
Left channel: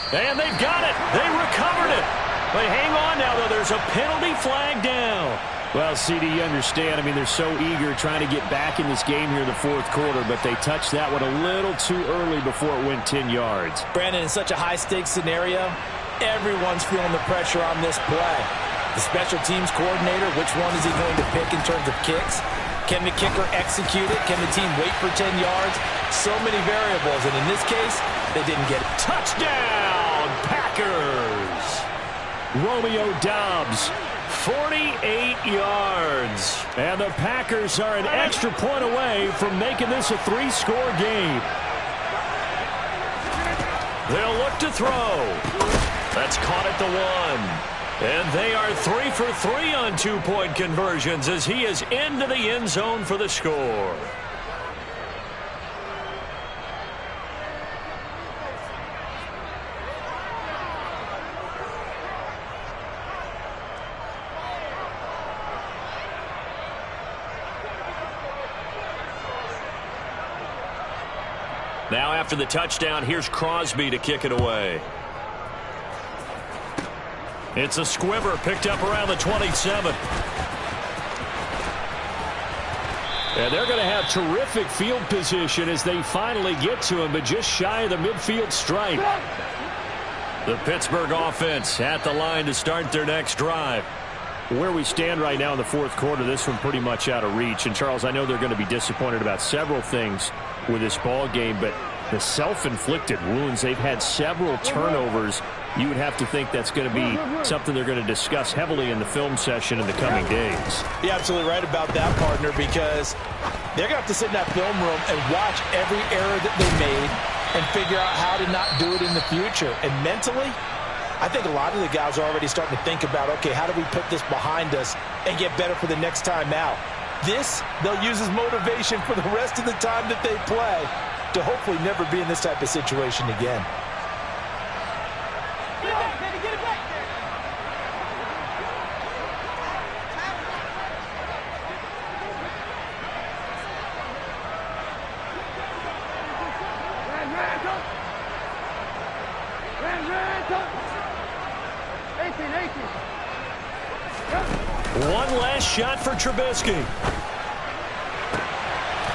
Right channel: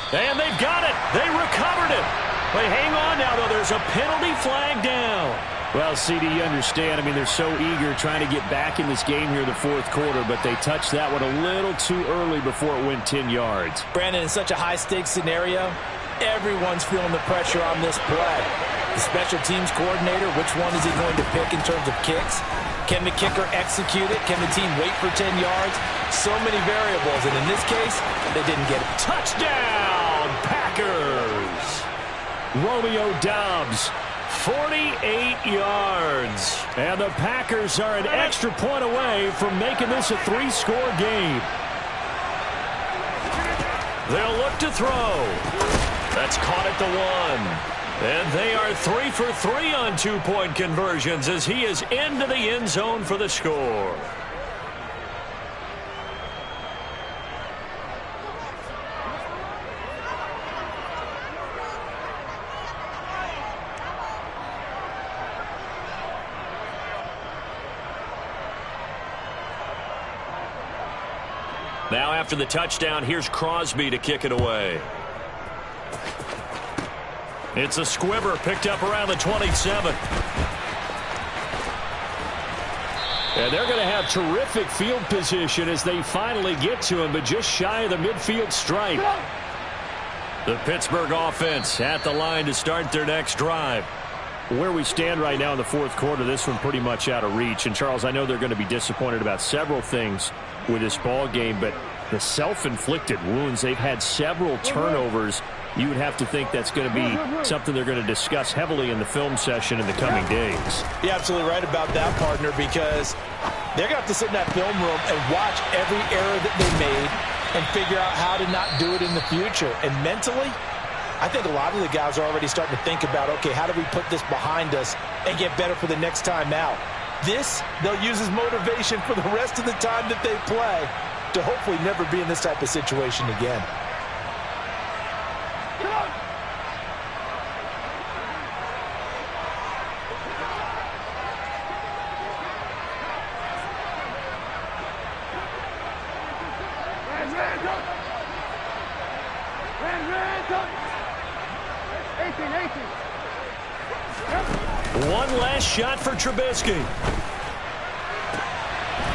And they've got it. They recovered it. But hang on now, though. There's a penalty flag down. Well, CD, you understand. I mean, they're so eager trying to get back in this game here in the 4th quarter, but they touched that one a little too early before it went 10 yards. Brandon, in such a high-stakes scenario, everyone's feeling the pressure on this play. The special teams coordinator, which one is he going to pick in terms of kicks? Can the kicker execute it? Can the team wait for 10 yards? So many variables, and in this case, they didn't get it. Touchdown, Packers! Romeo Doubs, 48 yards. And the Packers are an extra point away from making this a 3-score game. They'll look to throw. That's caught at the 1. And they are 3 for 3 on 2-point conversions as he is into the end zone for the score. Now after the touchdown, here's Crosby to kick it away. It's a squibber picked up around the 27. And they're going to have terrific field position as they finally get to him, but just shy of the midfield stripe. The Pittsburgh offense at the line to start their next drive. Where we stand right now in the 4th quarter, this one pretty much out of reach. And, Charles, I know they're going to be disappointed about several things with this ball game, but the self-inflicted wounds, they've had several turnovers you would have to think that's going to be something they're going to discuss heavily in the film session in the coming days. You're absolutely right about that, partner, because they're going to have to sit in that film room and watch every error that they made and figure out how to not do it in the future. And mentally, I think a lot of the guys are already starting to think about, okay, how do we put this behind us and get better for the next time out? This, they'll use as motivation for the rest of the time that they play to hopefully never be in this type of situation again. One last shot for Trubisky.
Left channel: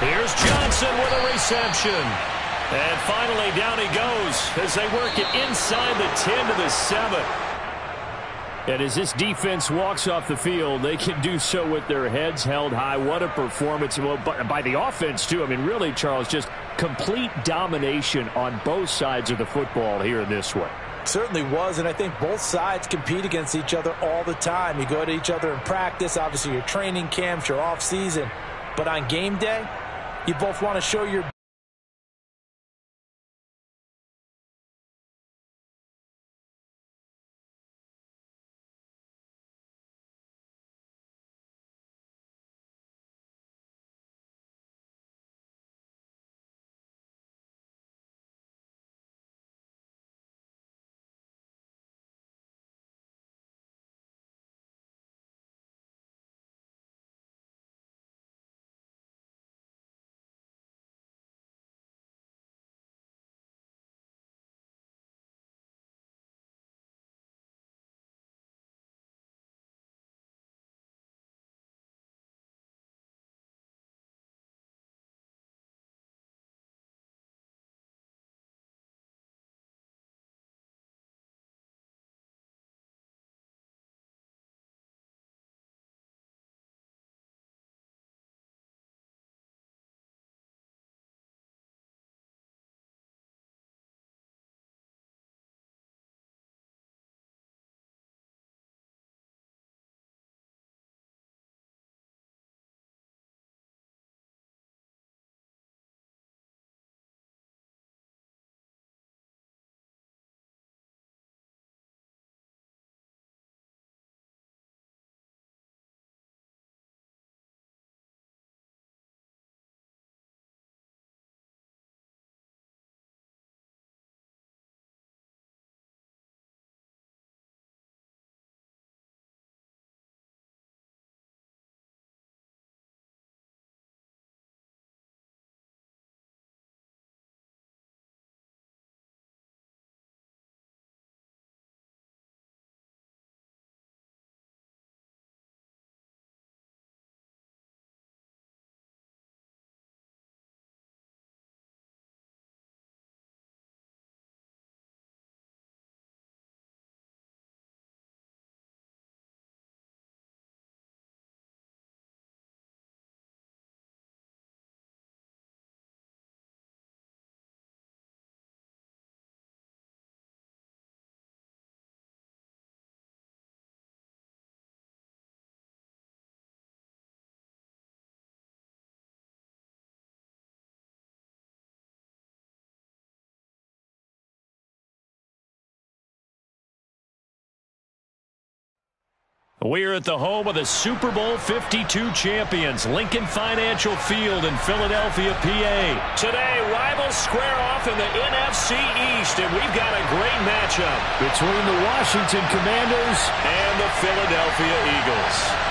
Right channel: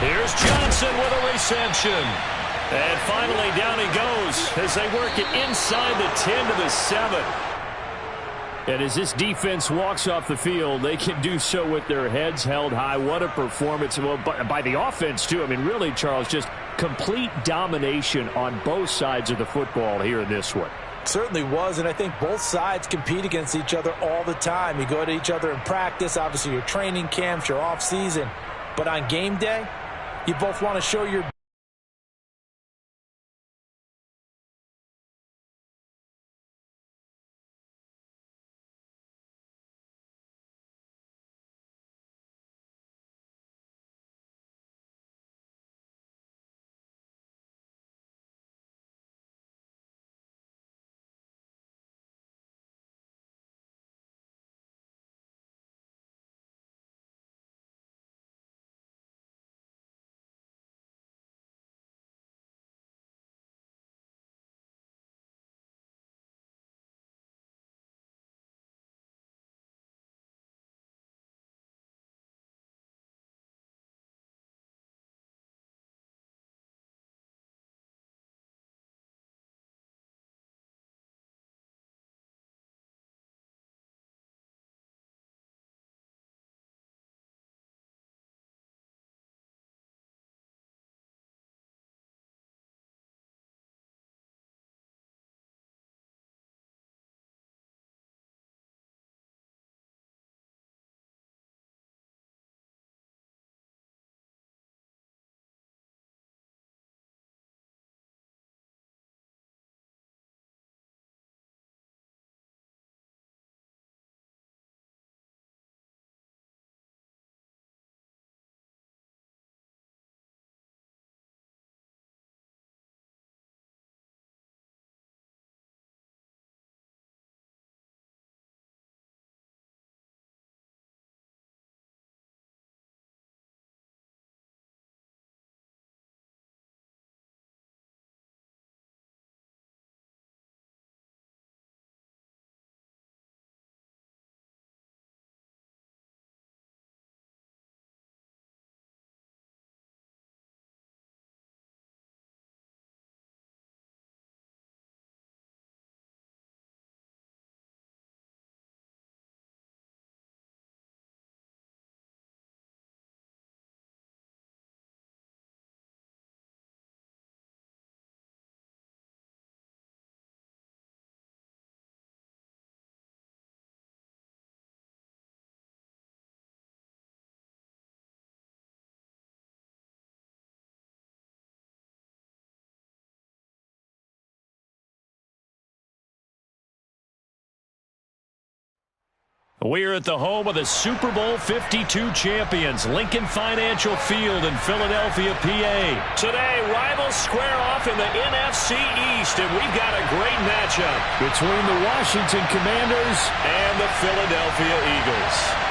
Here's Johnson with a reception. And finally, down he goes as they work it inside the 10 to the 7. And as this defense walks off the field, they can do so with their heads held high. What a performance by the offense, too. I mean, really, Charles, just complete domination on both sides of the football here in this one. Certainly was, and I think both sides compete against each other all the time. You go to each other in practice, obviously your training camps, your off season. But on game day, you both want to show your We're at the home of the Super Bowl 52 champions, Lincoln Financial Field in Philadelphia, PA. Today, rivals square off in the NFC East, and we've got a great matchup Between the Washington Commanders and the Philadelphia Eagles.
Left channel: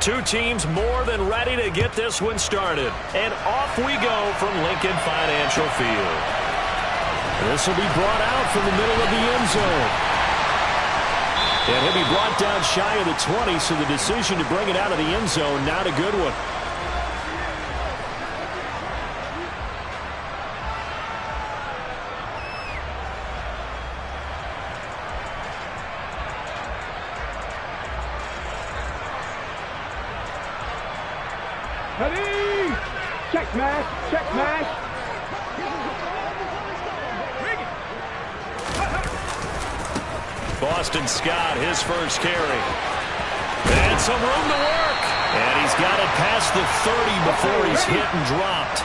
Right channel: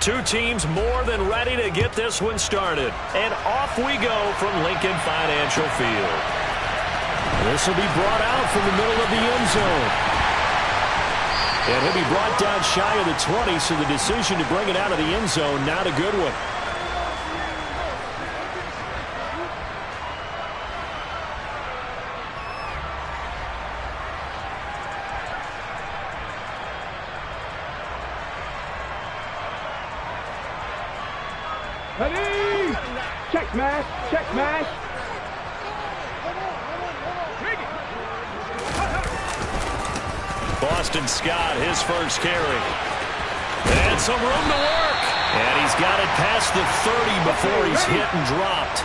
Two teams more than ready to get this one started. And off we go from Lincoln Financial Field. This will be brought out from the middle of the end zone. And he'll be brought down shy of the 20, so the decision to bring it out of the end zone, not a good one. Ready? Check mash, check mash. Boston Scott, his first carry. And some room to work. And he's got it past the 30 before he's hit and dropped.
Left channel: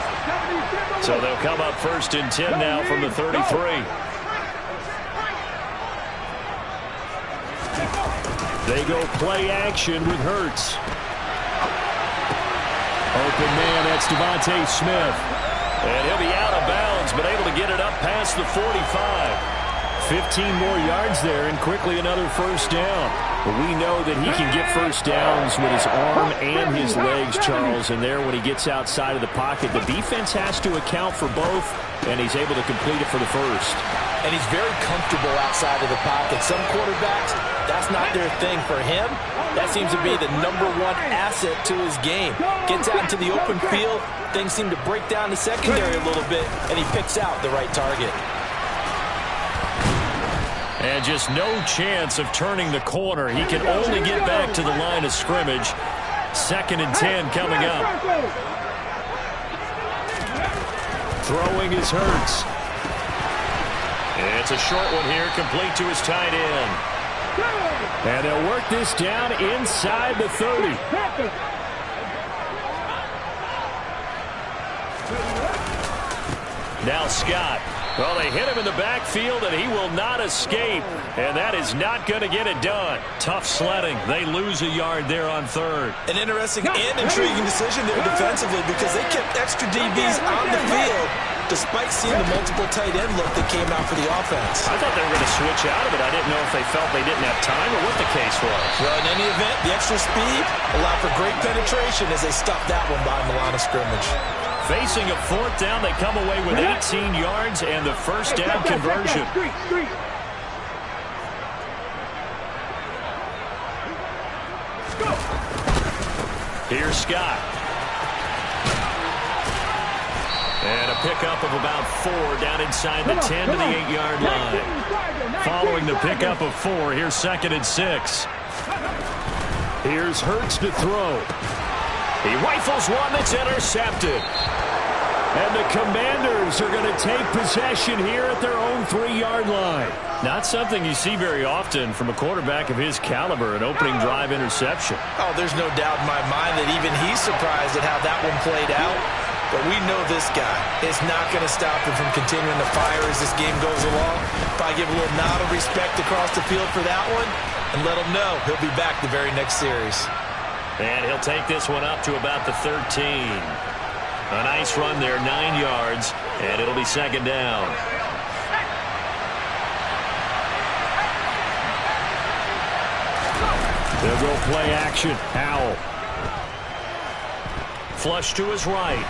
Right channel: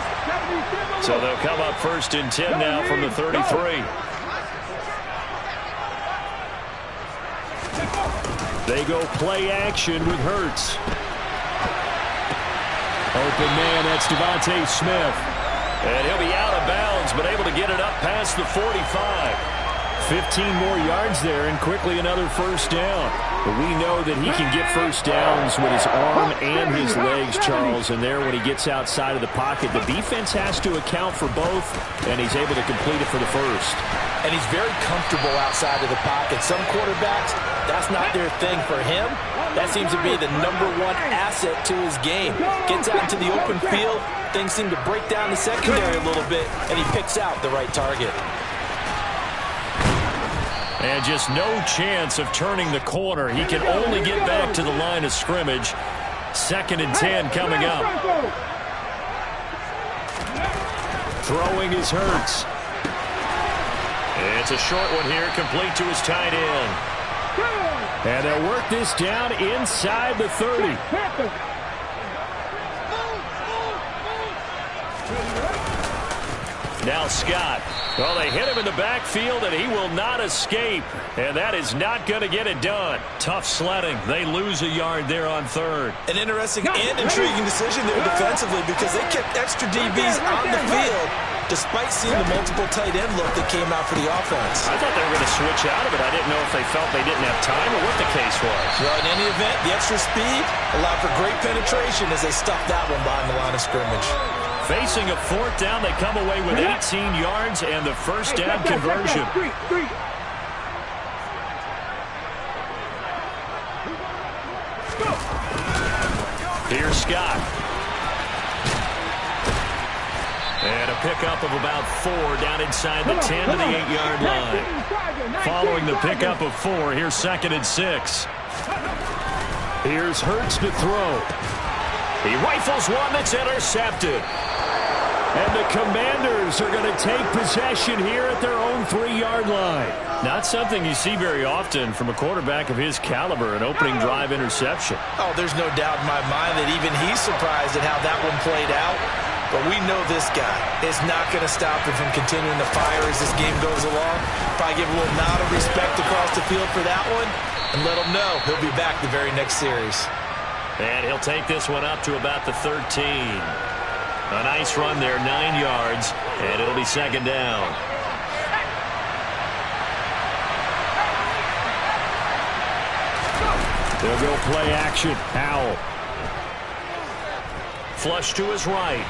So they'll come up 1st and 10 now from the 33. They go play action with Hurts. Open man, that's Devontae Smith. And he'll be out of bounds, but able to get it up past the 45. 15 more yards there, and quickly another first down. But we know that he can get first downs with his arm and his legs, Charles. And there, when he gets outside of the pocket, the defense has to account for both, and he's able to complete it for the first. And he's very comfortable outside of the pocket. Some quarterbacks, that's not their thing. For him, that seems to be the #1 asset to his game. Gets out into the open field, things seem to break down the secondary a little bit, and he picks out the right target. And just no chance of turning the corner. He can only get back to the line of scrimmage. 2nd and 10 coming up. Throwing is Hurts. It's a short one here, complete to his tight end. And they'll work this down inside the 30. Now Scott. Well, they hit him in the backfield, and he will not escape. And that is not going to get it done. Tough sledding. They lose a yard there on 3rd. An interesting and intriguing decision there defensively, because they kept extra DBs on the field despite seeing the multiple tight end look that came out for the offense. I thought they were going to switch out of it. I didn't know if they felt they didn't have time or what the case was. Well, in any event, the extra speed allowed for great penetration as they stuffed that one behind the line of scrimmage. Facing a 4th down, they come away with 18 yards and the first down conversion. Here's Scott. And a pickup of about 4 down inside the 10 to the 8-yard line. Following the pickup of 4, here's 2nd and 6. Here's Hurts to throw. He rifles one that's intercepted. And the Commanders are going to take possession here at their own 3-yard line. Not something you see very often from a quarterback of his caliber, an opening drive interception. Oh, there's no doubt in my mind that even he's surprised at how that one played out. But we know this guy is not going to stop him from continuing to fire as this game goes along. Probably give a little nod of respect across the field for that one and let him know he'll be back the very next series. And he'll take this one up to about the 13. A nice run there, 9 yards, and it'll be 2nd down. They'll go play action. Howell. Flush to his right.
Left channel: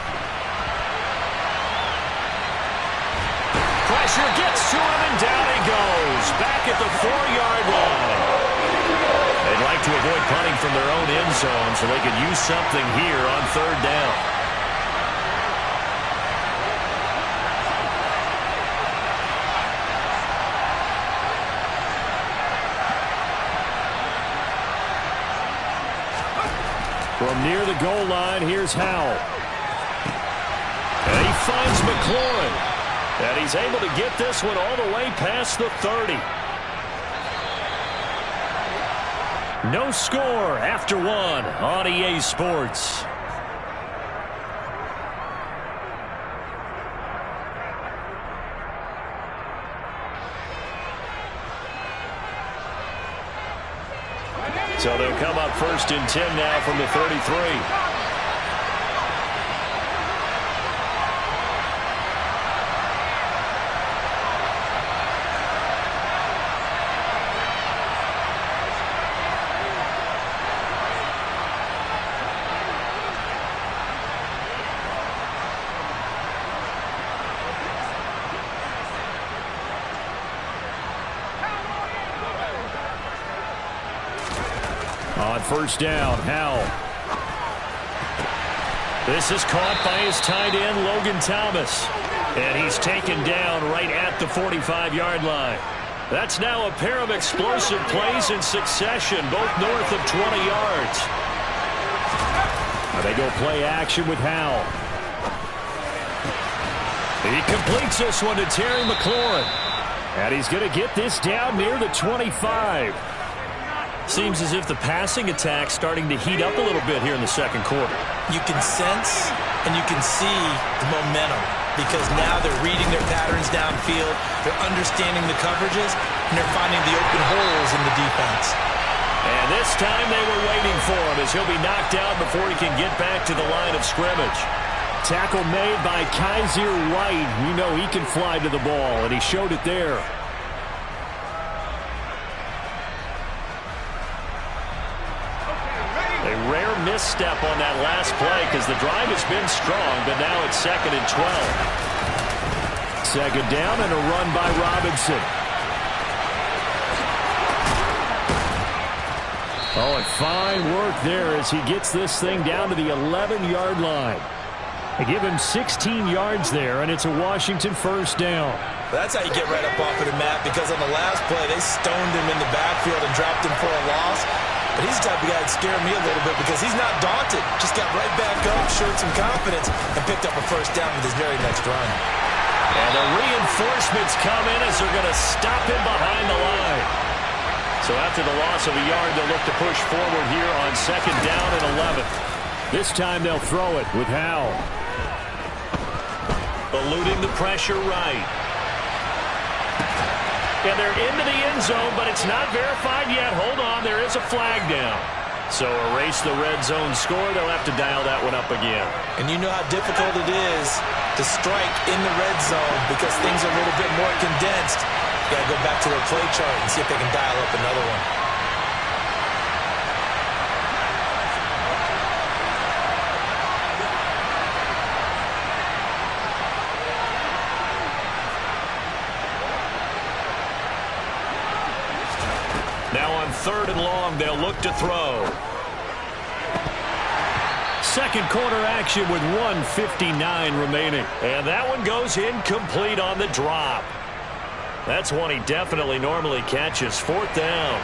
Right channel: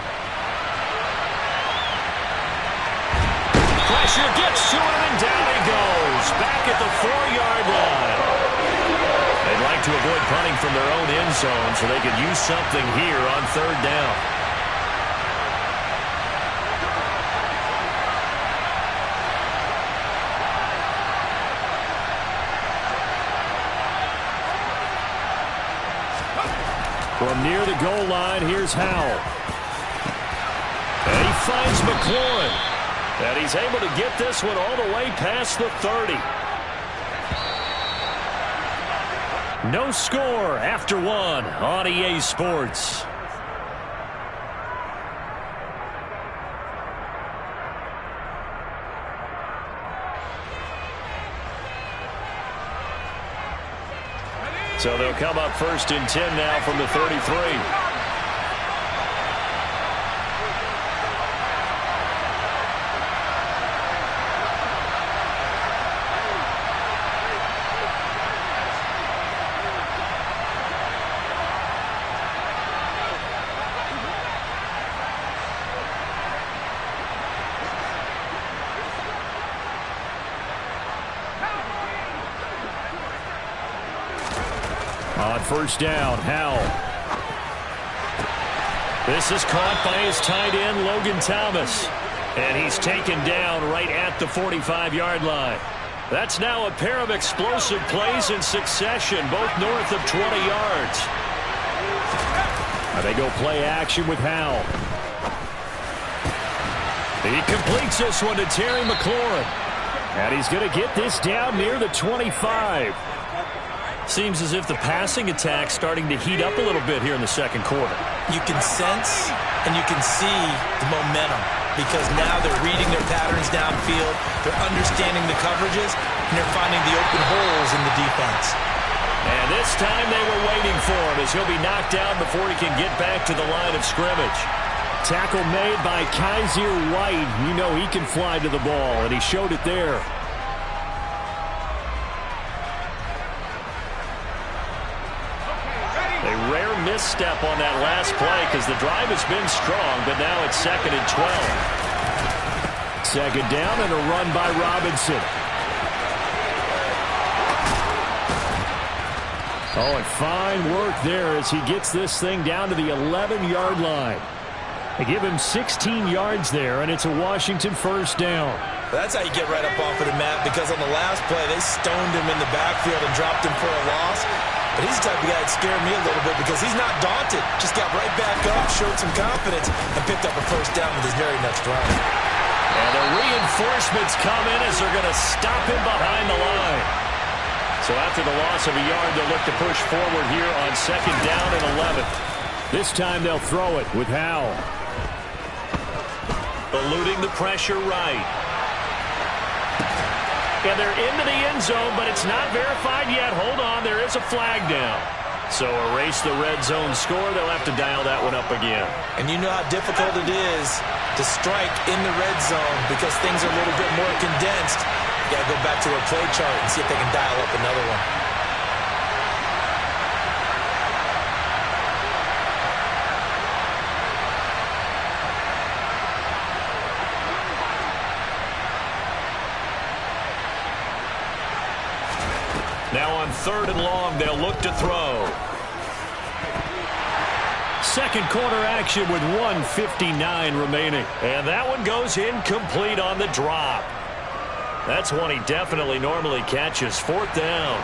Pressure gets to him, and down he goes. Back at the 4-yard line. They'd like to avoid punting from their own end zone so they could use something here on 3rd down. From near the goal line, here's Howell. And he finds McLaurin. And he's able to get this one all the way past the 30. No score after 1 on EA Sports. So they'll come up 1st and 10 now from the 33. On first down, Howell. This is caught by his tight end, Logan Thomas. And he's taken down right at the 45-yard line. That's now a pair of explosive plays in succession, both north of 20 yards. They go play action with Howell. He completes this one to Terry McLaurin. And he's going to get this down near the 25. Seems as if the passing attack's starting to heat up a little bit here in the second quarter. You can sense and you can see the momentum because now they're reading their patterns downfield, they're understanding the coverages, and they're finding the open holes in the defense. And this time they were waiting for him as he'll be knocked down before he can get back to the line of scrimmage. Tackle made by Kaiser White. You know he can fly to the ball, and he showed it there. A rare misstep on that last play because the drive has been strong, but now it's 2nd and 12. Second down and a run by Robinson. Oh, and fine work there as he gets this thing down to the 11-yard line. They give him 16 yards there, and it's a Washington first down. That's how you get right up off of the mat, because on the last play, they stoned him in the backfield and dropped him for a loss. But he's the type of guy that scared me a little bit because he's not daunted. Just got right back up, showed some confidence, and picked up a first down with his very next run. And the reinforcements come in as they're going to stop him behind the line. So after the loss of a yard, they'll look to push forward here on 2nd down and 11. This time they'll throw it with Howell. Eluding the pressure right. And they're into the end zone, but it's not verified yet. Hold on, there is a flag down. So erase the red zone score. They'll have to dial that one up again. And you know how difficult it is to strike in the red zone because things are a little bit more condensed. You got to go back to their play chart and see if they can dial up another one. Now on 3rd and long, they'll look to throw. Second quarter action with 1:59 remaining. And that one goes incomplete on the drop. That's one he definitely normally catches. 4th down.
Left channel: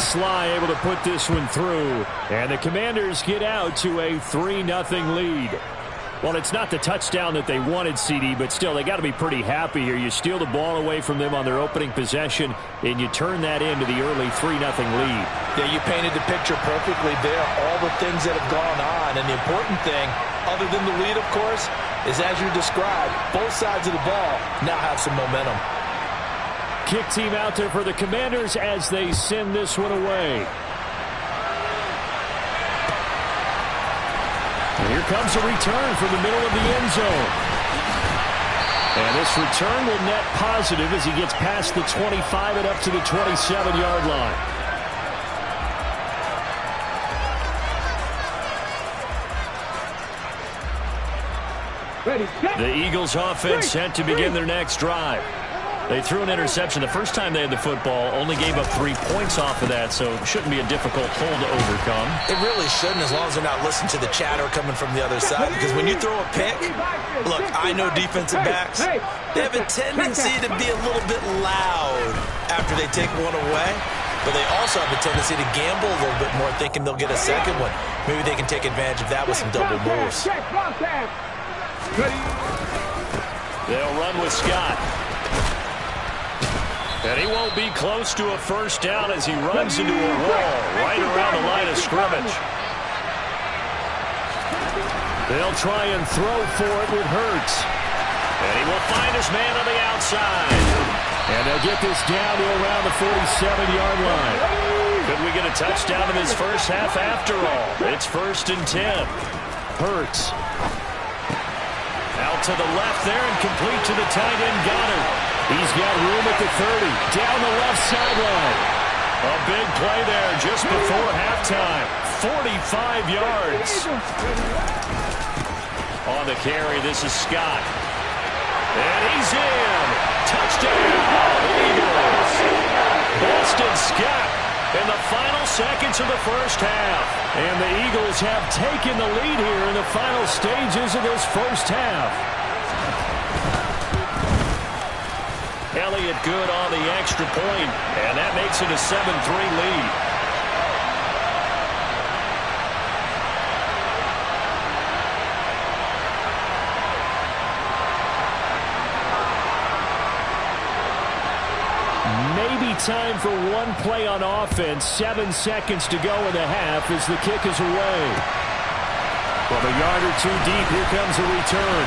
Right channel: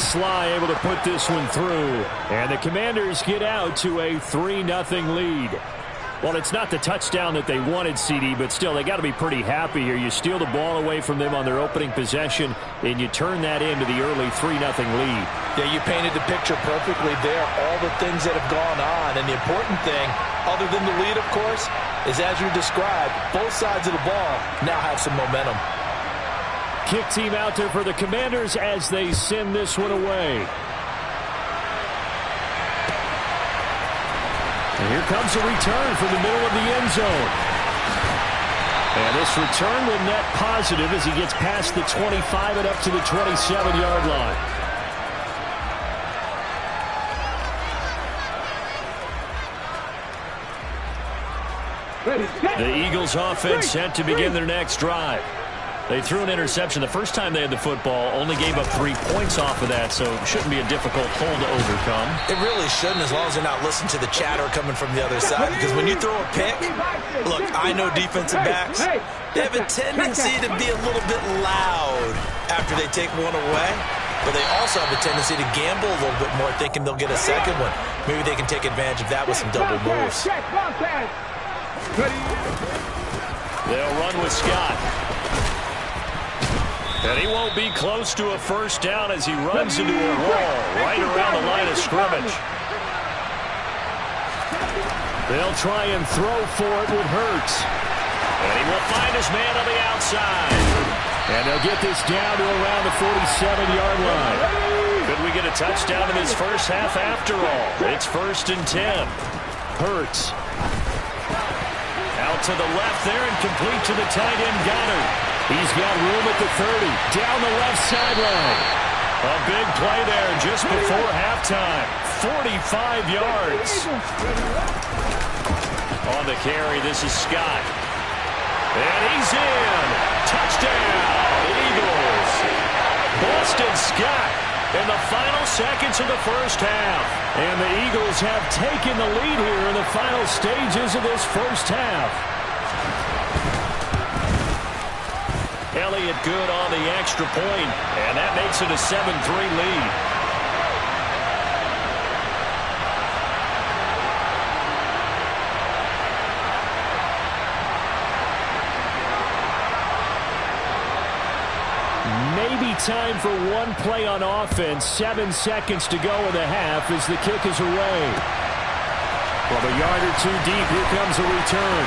Sly able to put this one through. And the Commanders get out to a 3-0 lead. Well, it's not the touchdown that they wanted, CD, but still, they got to be pretty happy here. You steal the ball away from them on their opening possession, and you turn that into the early 3-0 lead. Yeah, you painted the picture perfectly there, all the things that have gone on. And the important thing, other than the lead, of course, is as you described, both sides of the ball now have some momentum. Kick team out there for the Commanders as they send this one away. And here comes a return from the middle of the end zone. And this return will net positive as he gets past the 25 and up to the 27-yard line. The Eagles offense set to begin their next drive. They threw an interception the first time they had the football, only gave up 3 points off of that, so it shouldn't be a difficult hole to overcome. It really shouldn't, as long as they're not listening to the chatter coming from the other side, because when you throw a pick, look, I know defensive backs, they have a tendency to be a little bit loud after they take one away, but they also have a tendency to gamble a little bit more, thinking they'll get a second one. Maybe they can take advantage of that with some double moves. They'll run with Scott. And he won't be close to a first down as he runs into a wall right around the line of scrimmage. They'll try and throw for it with Hurts. And he will find his man on the outside. And they'll get this down to around the 47-yard line. Could we get a touchdown in this first half after all? It's 1st and 10. Hurts. Out to the left there and complete to the tight end Goddard. He's got room at the 30, down the left sideline. A big play there just before halftime. 45 yards. On the carry, this is Scott. And he's in. Touchdown, Eagles. Boston Scott in the final seconds of the first half. And the Eagles have taken the lead here in the final stages of this first half. Elliott good on the extra point, and that makes it a 7-3 lead. Maybe time for one play on offense. 7 seconds to go in the half as the kick is away. From a yard or two deep, here comes a return.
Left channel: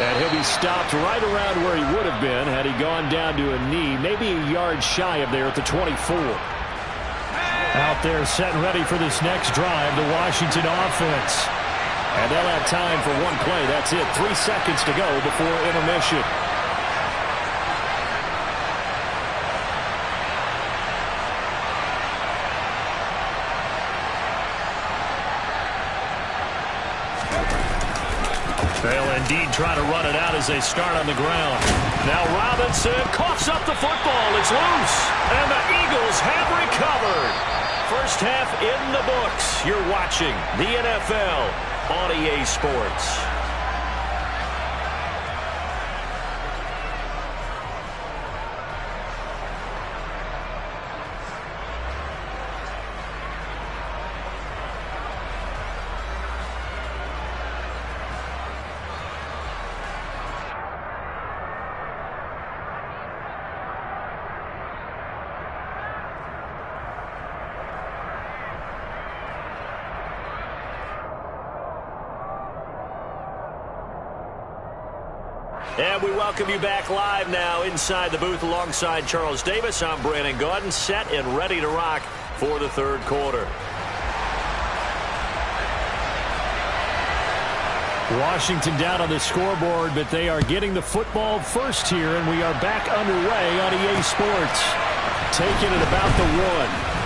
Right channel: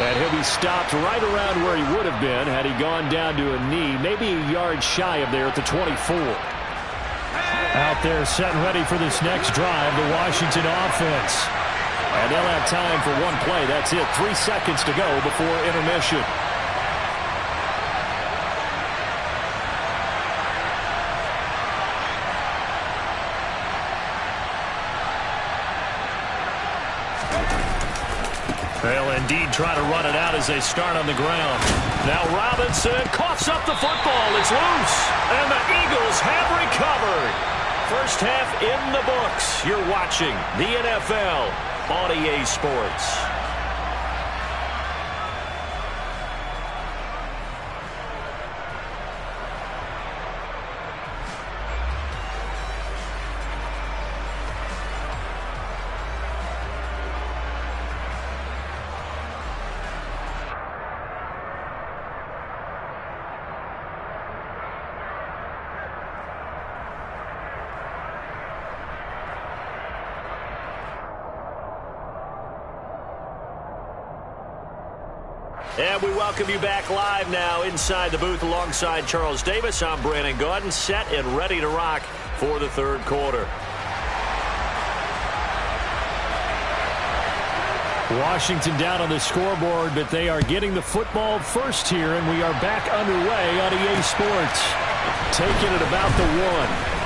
And he'll be stopped right around where he would have been had he gone down to a knee, maybe a yard shy of there at the 24. Out there set and ready for this next drive, the Washington offense. And they'll have time for one play. That's it. 3 seconds to go before intermission. They'll indeed try to run it out as they start on the ground. Now Robinson coughs up the football. It's loose. And the Eagles have recovered. First half in the books. You're watching the NFL on EA Sports. And we welcome you back live now inside the booth alongside Charles Davis. I'm Brandon Gaudin, set and ready to rock for the third quarter. Washington down on the scoreboard, but they are getting the football first here, and we are back underway on EA Sports. Taking it about the 1.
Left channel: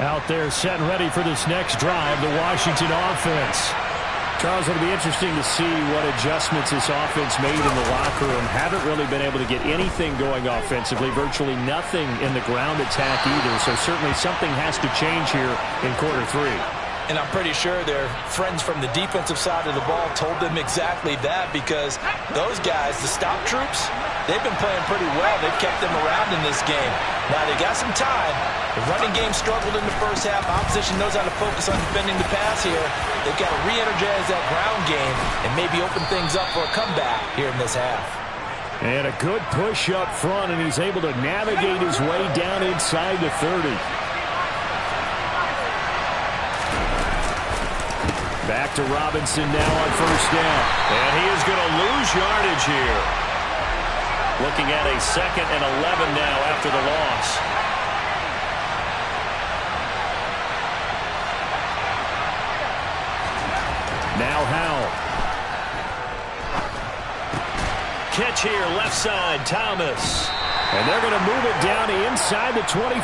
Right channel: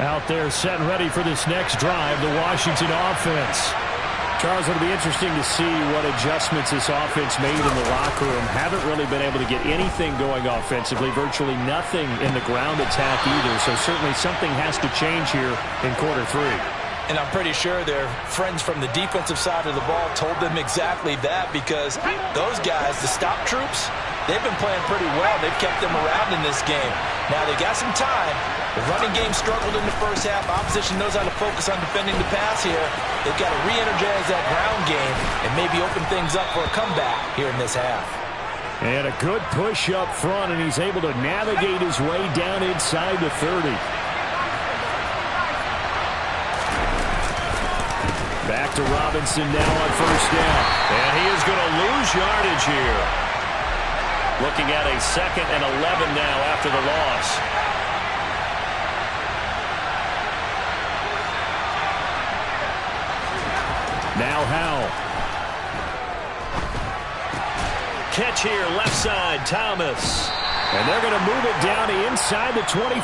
Out there set and ready for this next drive, the Washington offense. Charles, it'll be interesting to see what adjustments this offense made in the locker room. Haven't really been able to get anything going offensively, virtually nothing in the ground attack either. So certainly something has to change here in quarter 3. And I'm pretty sure their friends from the defensive side of the ball told them exactly that, because those guys, the stop troops, they've been playing pretty well. They've kept them around in this game. Now they got some time. The running game struggled in the first half. Opposition knows how to focus on defending the pass here. They've got to re-energize that ground game and maybe open things up for a comeback here in this half. And a good push up front, and he's able to navigate his way down inside the 30. Back to Robinson now on first down. And he is going to lose yardage here. Looking at a 2nd and 11 now after the loss. Now Howell. Catch here, left side, Thomas. And they're going to move it down to inside the 25.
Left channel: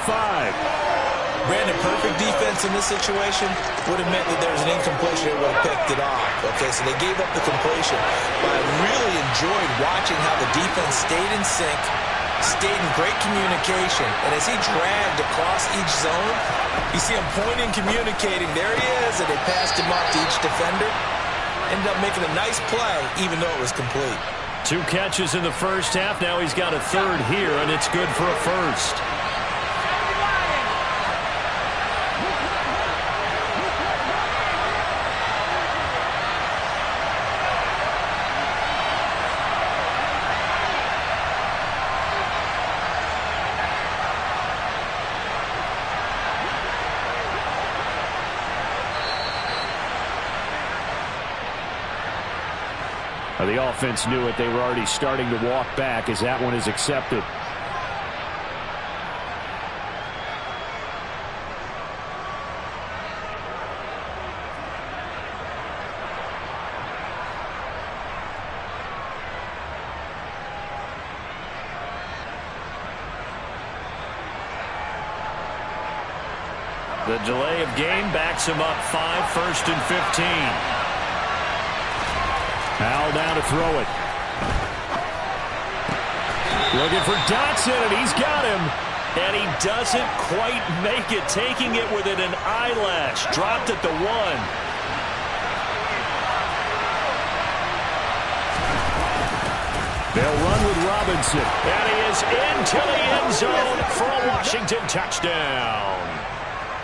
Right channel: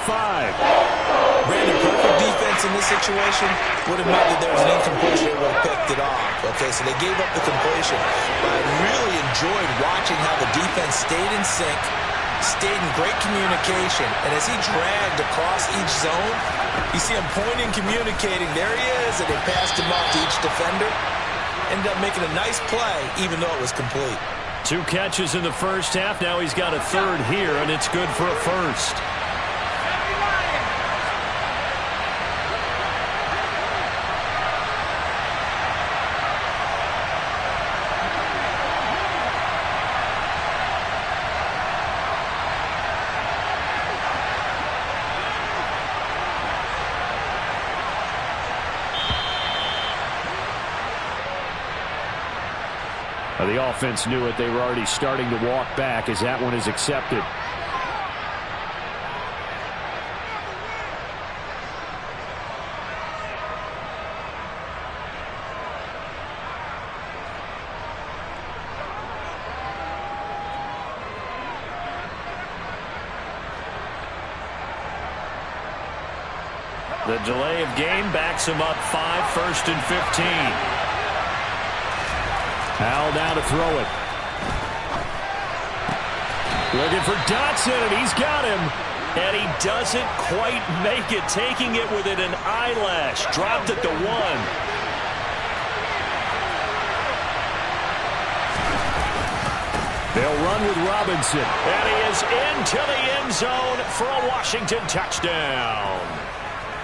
Brandon, perfect defense in this situation would have meant that there was an incompletion. It would have picked it off. Okay, so they gave up the completion. But I really enjoyed watching how the defense stayed in sync, stayed in great communication. And as he dragged across each zone, you see him pointing, communicating. There he is, and they passed him off to each defender. Ended up making a nice play, even though it was complete. 2 catches in the first half. Now he's got a 3rd here, and it's good for a 1st. The offense knew it. They were already starting to walk back as that one is accepted. The delay of game backs him up 5, 1st and 15. Howell now to throw it. Looking for Dotson, and he's got him. And he doesn't quite make it, taking it within an eyelash. Dropped at the 1. They'll run with Robinson. And he is into the end zone for a Washington touchdown.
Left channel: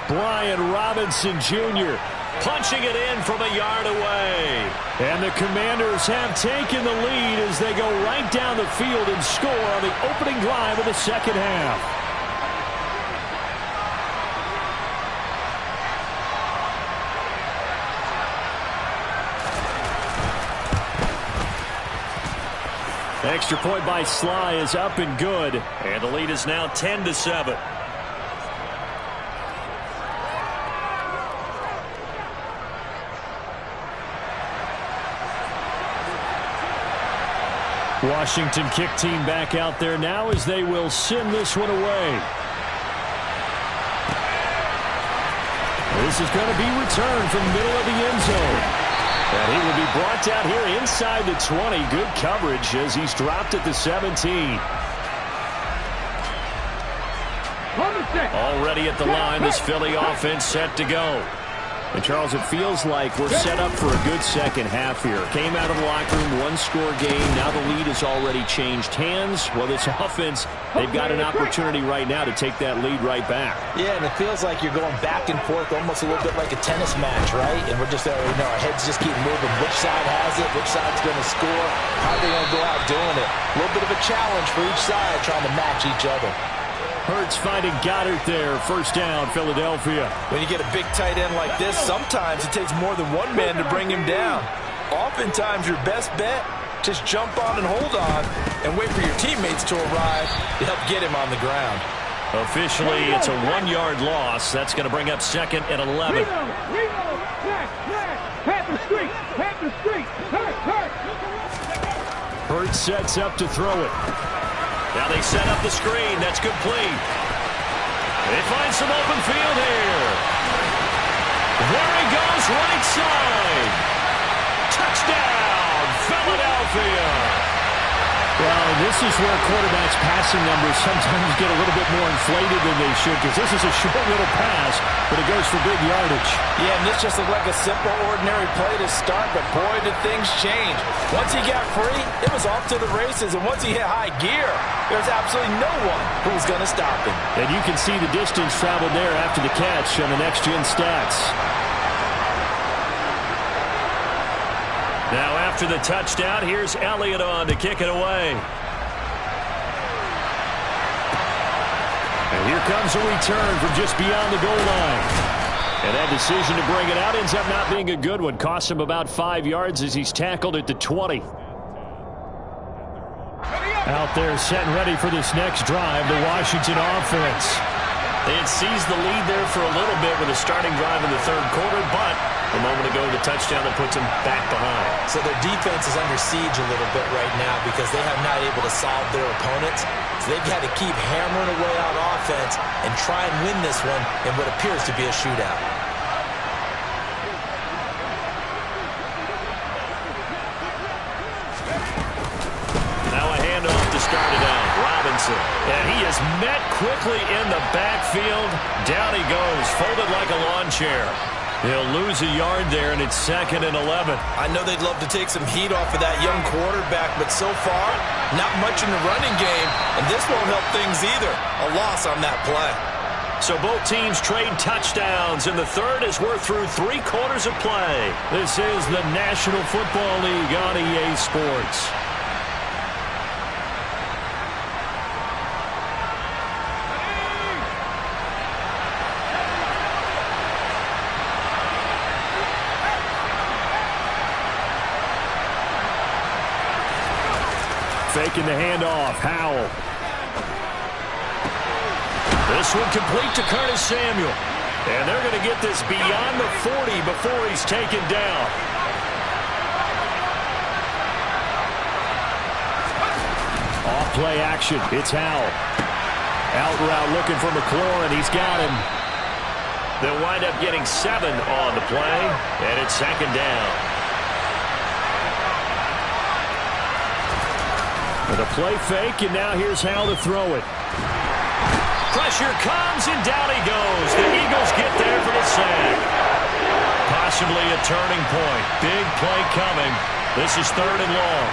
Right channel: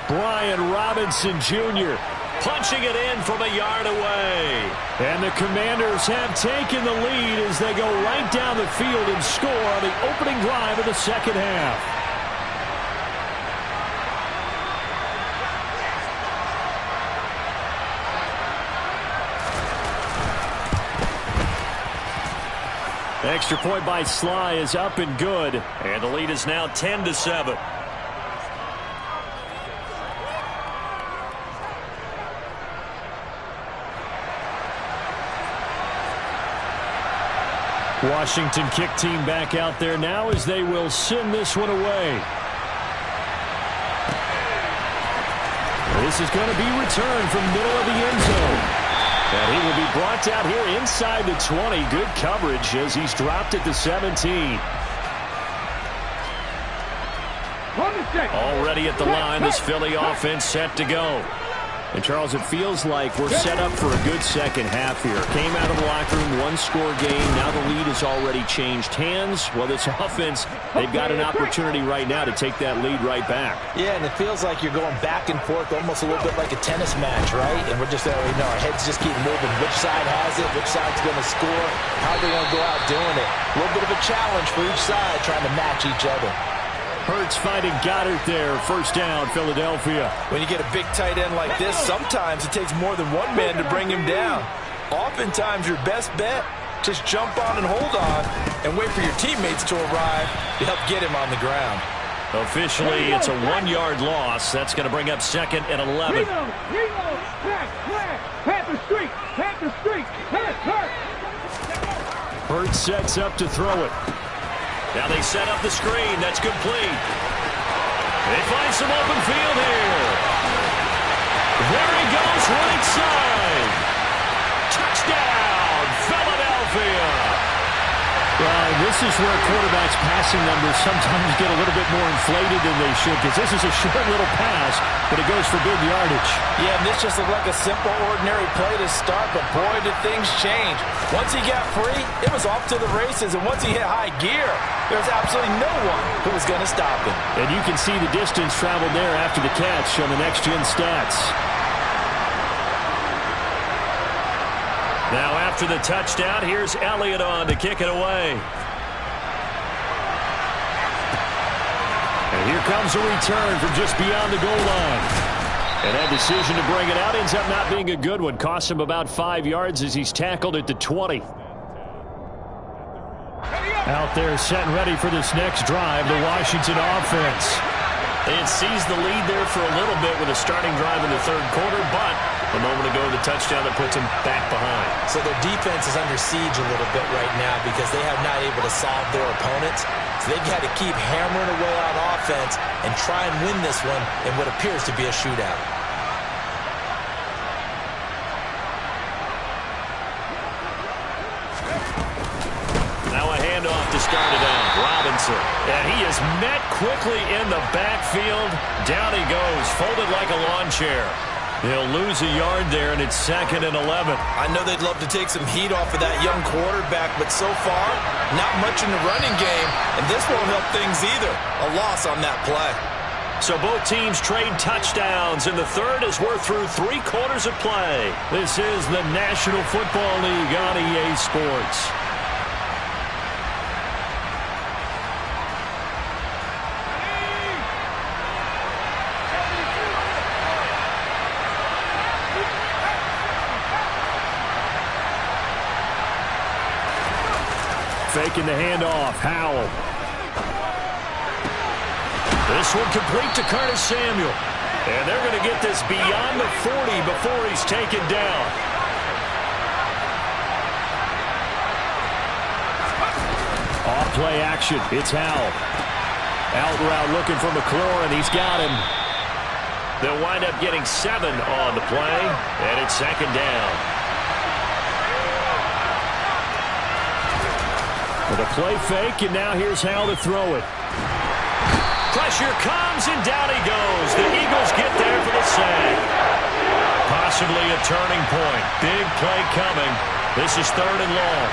Brian Robinson Jr. punching it in from a yard away. And the Commanders have taken the lead as they go right down the field and score on the opening drive of the second half. Extra point by Sly is up and good. And the lead is now 10-7. Washington kick team back out there now as they will send this one away. This is going to be returned from the middle of the end zone. And he will be brought down here inside the 20. Good coverage as he's dropped at the 17. Already at the line, this Philly offense set to go. And, Charles, it feels like we're set up for a good second half here. Came out of the locker room, one-score game. Now the lead has already changed hands. Well, this offense, they've got an opportunity right now to take that lead right back. Yeah, and it feels like you're going back and forth almost a little bit like a tennis match, right? And we're just, our heads just keep moving. Which side has it? Which side's going to score? How are they going to go out doing it? A little bit of a challenge for each side trying to match each other. Hurts finding Goddard there. First down, Philadelphia. When you get a big tight end like this, sometimes it takes more than one man to bring him down. Oftentimes, your best bet, just jump on and hold on and wait for your teammates to arrive to help get him on the ground. Officially, it's a 1-yard loss. That's going to bring up 2nd and 11. Panther Street, Panther Street, Hurts sets up to throw it. Now they set up the screen. That's complete. They find some open field here. There he goes, right side. Touchdown, Philadelphia. Well, this is where quarterbacks' passing numbers sometimes get a little bit more inflated than they should, because this is a short little pass, but it goes for big yardage. Yeah, and this just looked like a simple, ordinary play to start, but boy, did things change. Once he got free, it was off to the races, and once he hit high gear, there's absolutely no one who was going to stop him. And you can see the distance traveled there after the catch on the next-gen stats. Now after the touchdown, here's Elliott on to kick it away. And here comes a return from just beyond the goal line. And that decision to bring it out ends up not being a good one. Costs him about 5 yards as he's tackled at the 20. Out there set and ready for this next drive, the Washington offense. They had seized the lead there for a little bit with a starting drive in the third quarter, but a moment ago, the touchdown that puts them back behind. So their defense is under siege a little bit right now because they have not able to solve their opponents. So they've got to keep hammering away on offense and try and win this one in what appears to be a shootout. Now a handoff to start it out. Robinson. And he is met quickly in the backfield. Down he goes, folded like a lawn chair. He'll lose a yard there, and it's 2nd and 11. I know they'd love to take some heat off of that young quarterback, but so far, not much in the running game, and this won't help things either. A loss on that play. So both teams trade touchdowns, and the third as we're through 3 quarters of play. This is the National Football League on EA Sports. Faking the handoff, Howell. This one complete to Curtis Samuel. And they're going to get this beyond the 40 before he's taken down. Off play action, it's Howell. Out route looking for McLaurin, he's got him. They'll wind up getting 7 on the play, and it's second down. With a play fake, and now here's how to throw it. Pressure comes, and down he goes. The Eagles get there for the sack. Possibly a turning point. Big play coming. This is 3rd and long.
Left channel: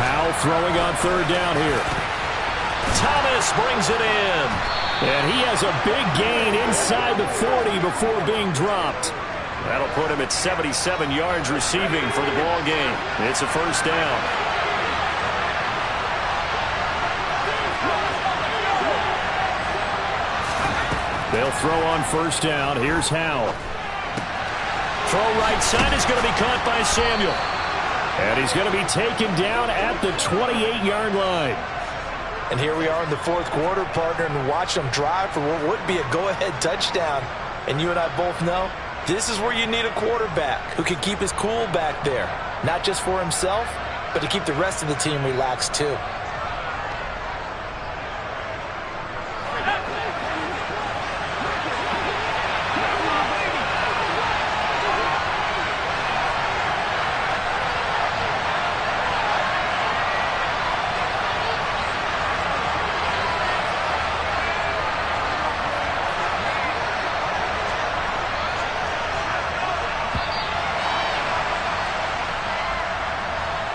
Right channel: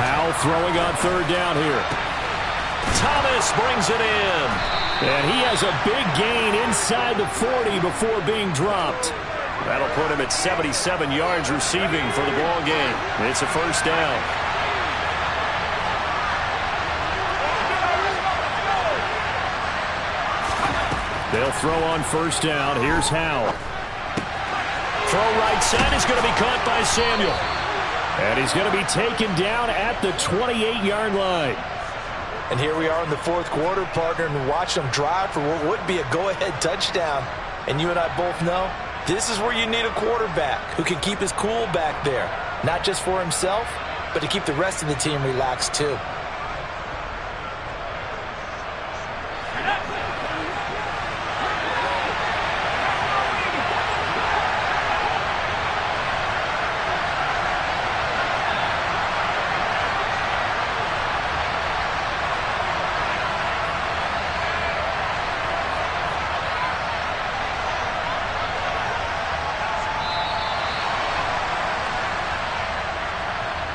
Howell throwing on 3rd down here. Thomas brings it in. And he has a big gain inside the 40 before being dropped. That'll put him at 77 yards receiving for the ball game. It's a 1st down. They'll throw on 1st down. Here's Howell. Throw right side is going to be caught by Samuel. And he's going to be taken down at the 28-yard line. And here we are in the 4th quarter, partner, and watch them drive for what would be a go-ahead touchdown. And you and I both know this is where you need a quarterback who can keep his cool back there. Not just for himself, but to keep the rest of the team relaxed too.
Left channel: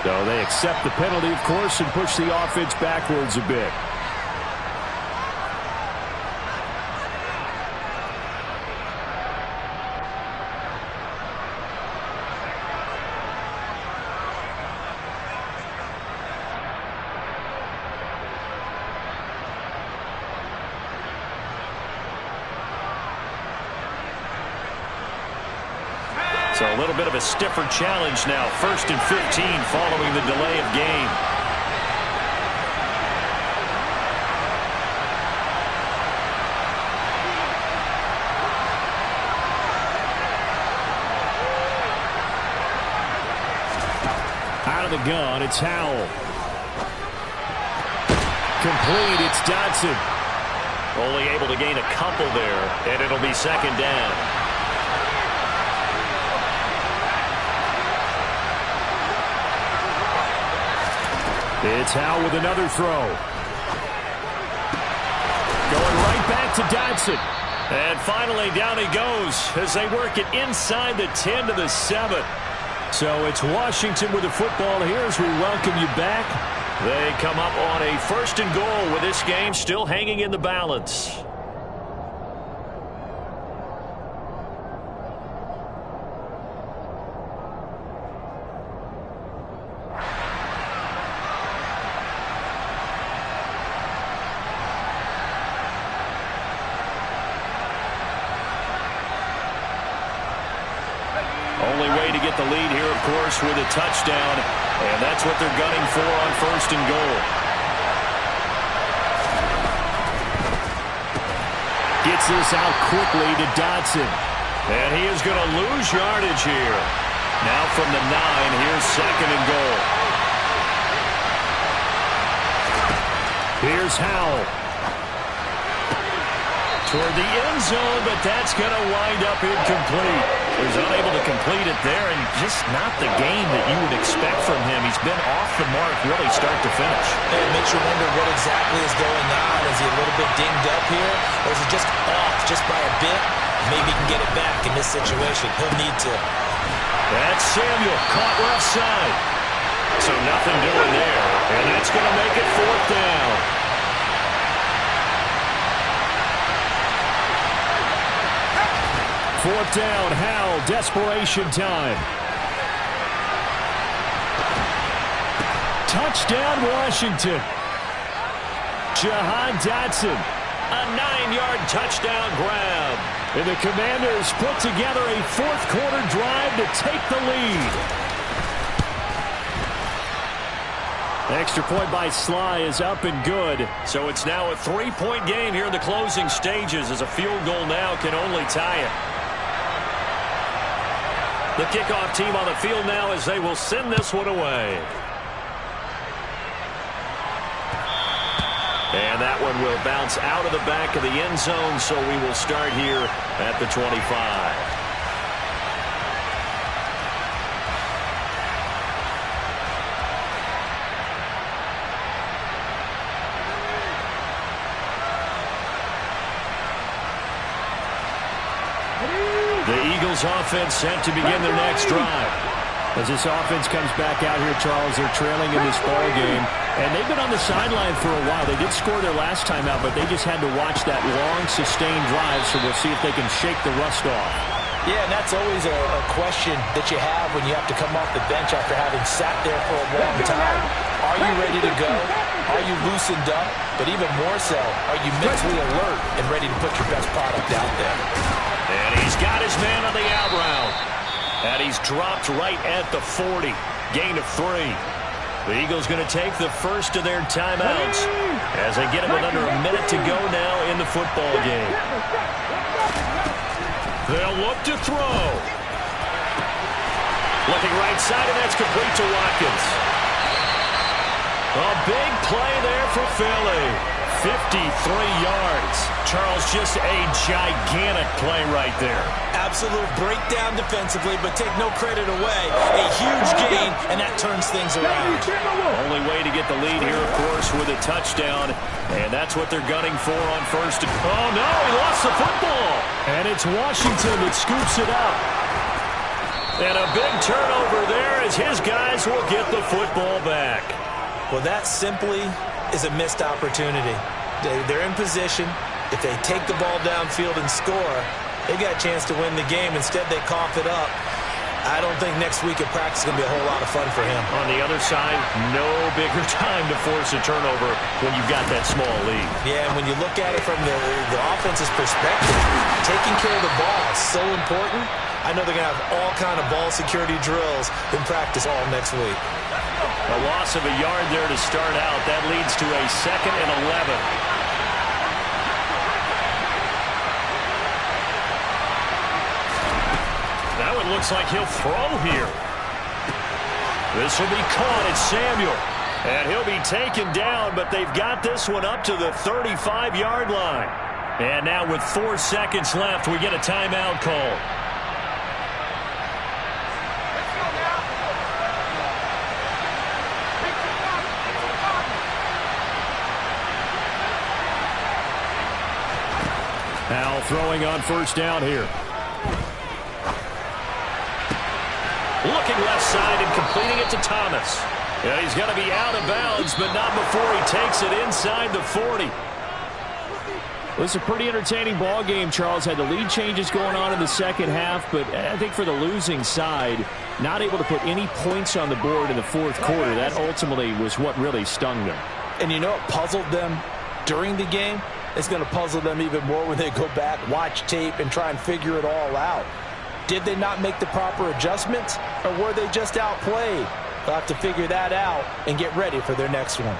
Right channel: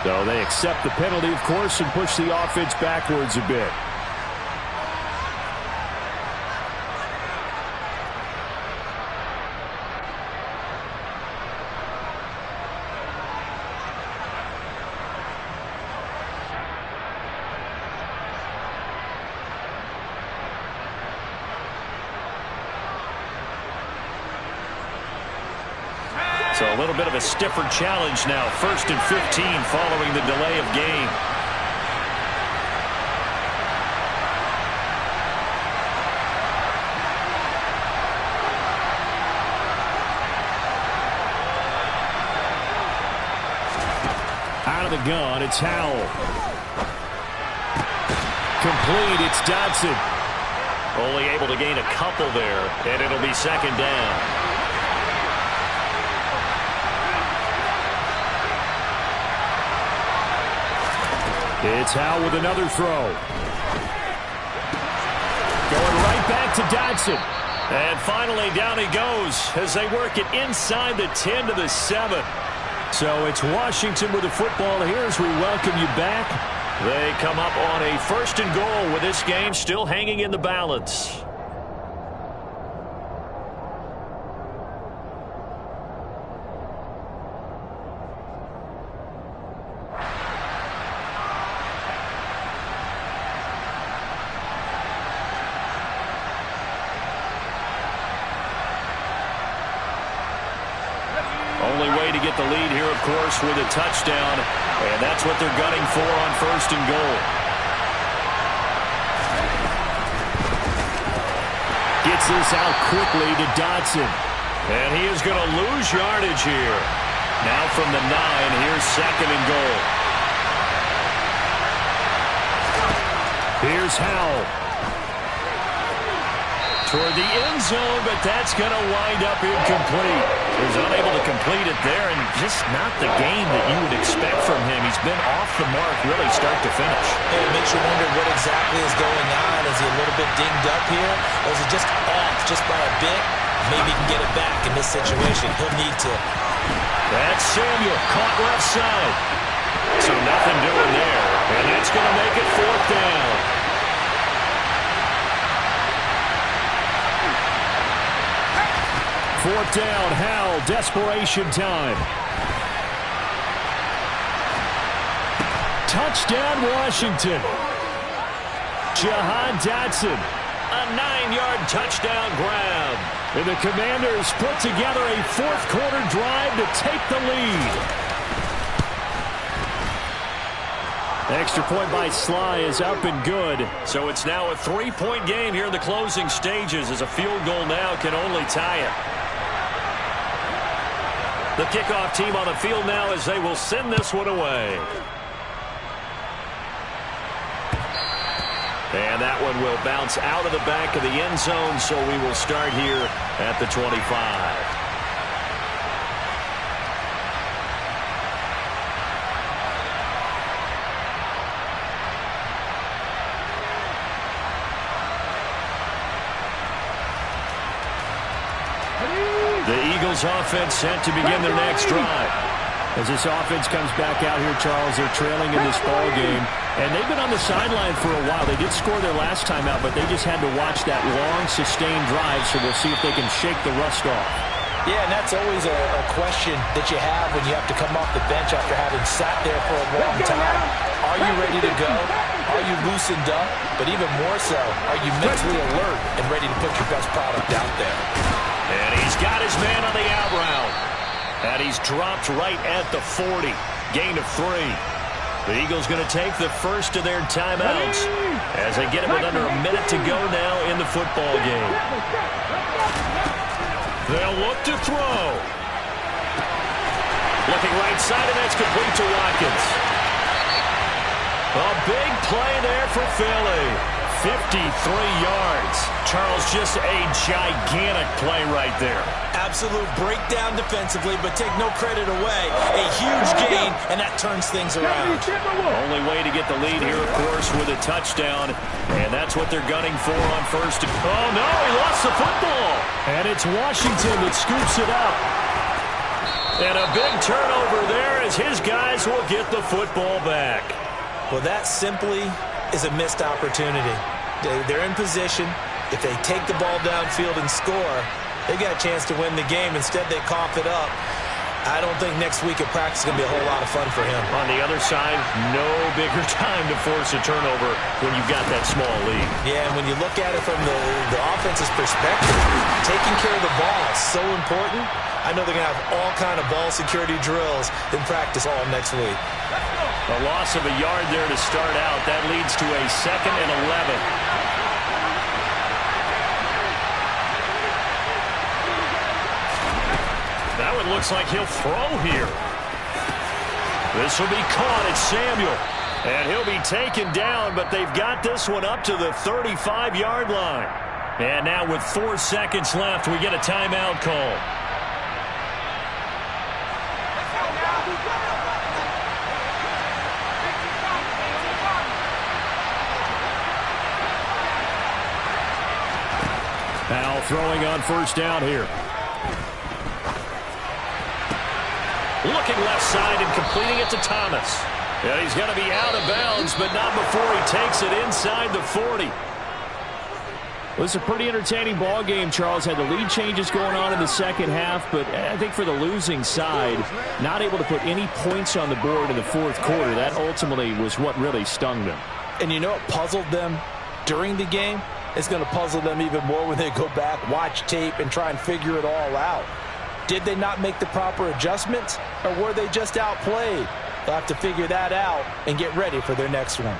So they accept the penalty, of course, and push the offense backwards a bit. So a little bit of a stiffer challenge now. 1st and 15 following the delay of game. Out of the gun, it's Howell. Complete, it's Dodson. Only able to gain a couple there, and it'll be 2nd down. It's Howell with another throw. Going right back to Dodson. And finally down he goes as they work it inside the 10 to the 7. So it's Washington with the football here as we welcome you back. They come up on a 1st and goal with this game still hanging in the balance. Only way to get the lead here, of course, with a touchdown. And that's what they're gunning for on 1st and goal. Gets this out quickly to Dodson. And he is going to lose yardage here. Now from the 9, here's 2nd and goal. Here's Howell. Toward the end zone, but that's going to wind up incomplete. He was unable to complete it there, and just not the game that you would expect from him. He's been off the mark really start to finish. It makes you wonder what exactly is going on. Is he a little bit dinged up here, or is he just off just by a bit? Maybe he can get it back in this situation. He'll need to. That's Samuel, caught left side. So nothing doing there, and that's going to make it 4th down. 4th down, Howell, desperation time. Touchdown, Washington. Jahan Dotson, a 9-yard touchdown grab. And the Commanders put together a 4th quarter drive to take the lead. Extra point by Sly is up and good. So it's now a 3-point game here in the closing stages as a field goal now can only tie it. The kickoff team on the field now as they will send this one away. And that one will bounce out of the back of the end zone, so we will start here at the 25. The Eagles offense set to begin their next drive. As this offense comes back out here, Charles, they're trailing in this ball game. And they've been on the sideline for a while. They did score their last time out, but they just had to watch that long, sustained drive, so we'll see if they can shake the rust off. Yeah, and that's always a question that you have when you have to come off the bench after having sat there for a long time. Are you ready to go? Are you loosened up? But even more so, are you mentally alert and ready to put your best product out there? And he's got his man on the out route. And he's dropped right at the 40. Gain of 3. The Eagles going to take the first of their timeouts as they get it with under a minute to go now in the football game. They'll look to throw. Looking right side, and that's complete to Watkins. A big play there for Philly. 53 yards. Charles, just a gigantic play right there. Absolute breakdown defensively, but take no credit away. A huge gain, and that turns things around. Only way to get the lead here, of course, with a touchdown. And that's what they're gunning for on first. Oh, no, he lost the football. And it's Washington that scoops it up. And a big turnover there as his guys will get the football back. Well, that simply is a missed opportunity. They're in position. If they take the ball downfield and score, they've got a chance to win the game. Instead, they cough it up. I don't think next week at practice is going to be a whole lot of fun for him. On the other side, no bigger time to force a turnover when you've got that small lead. Yeah, and when you look at it from the offense's perspective, taking care of the ball is so important. I know they're going to have all kind of ball security drills in practice all next week. A loss of a yard there to start out. That leads to a 2nd and 11. That one looks like he'll throw here. This will be caught. It's Samuel. And he'll be taken down, but they've got this one up to the 35-yard line. And now with 4 seconds left, we get a timeout call. Now throwing on first down here. Looking left side and completing it to Thomas. And he's going to be out of bounds, but not before he takes it inside the 40. Well, it's a pretty entertaining ball game. Charles had the lead changes going on in the second half, but I think for the losing side, not able to put any points on the board in the fourth quarter, that ultimately was what really stung them. And you know what puzzled them during the game? It's going to puzzle them even more when they go back, watch tape, and try and figure it all out. Did they not make the proper adjustments, or were they just outplayed? They'll have to figure that out and get ready for their next one.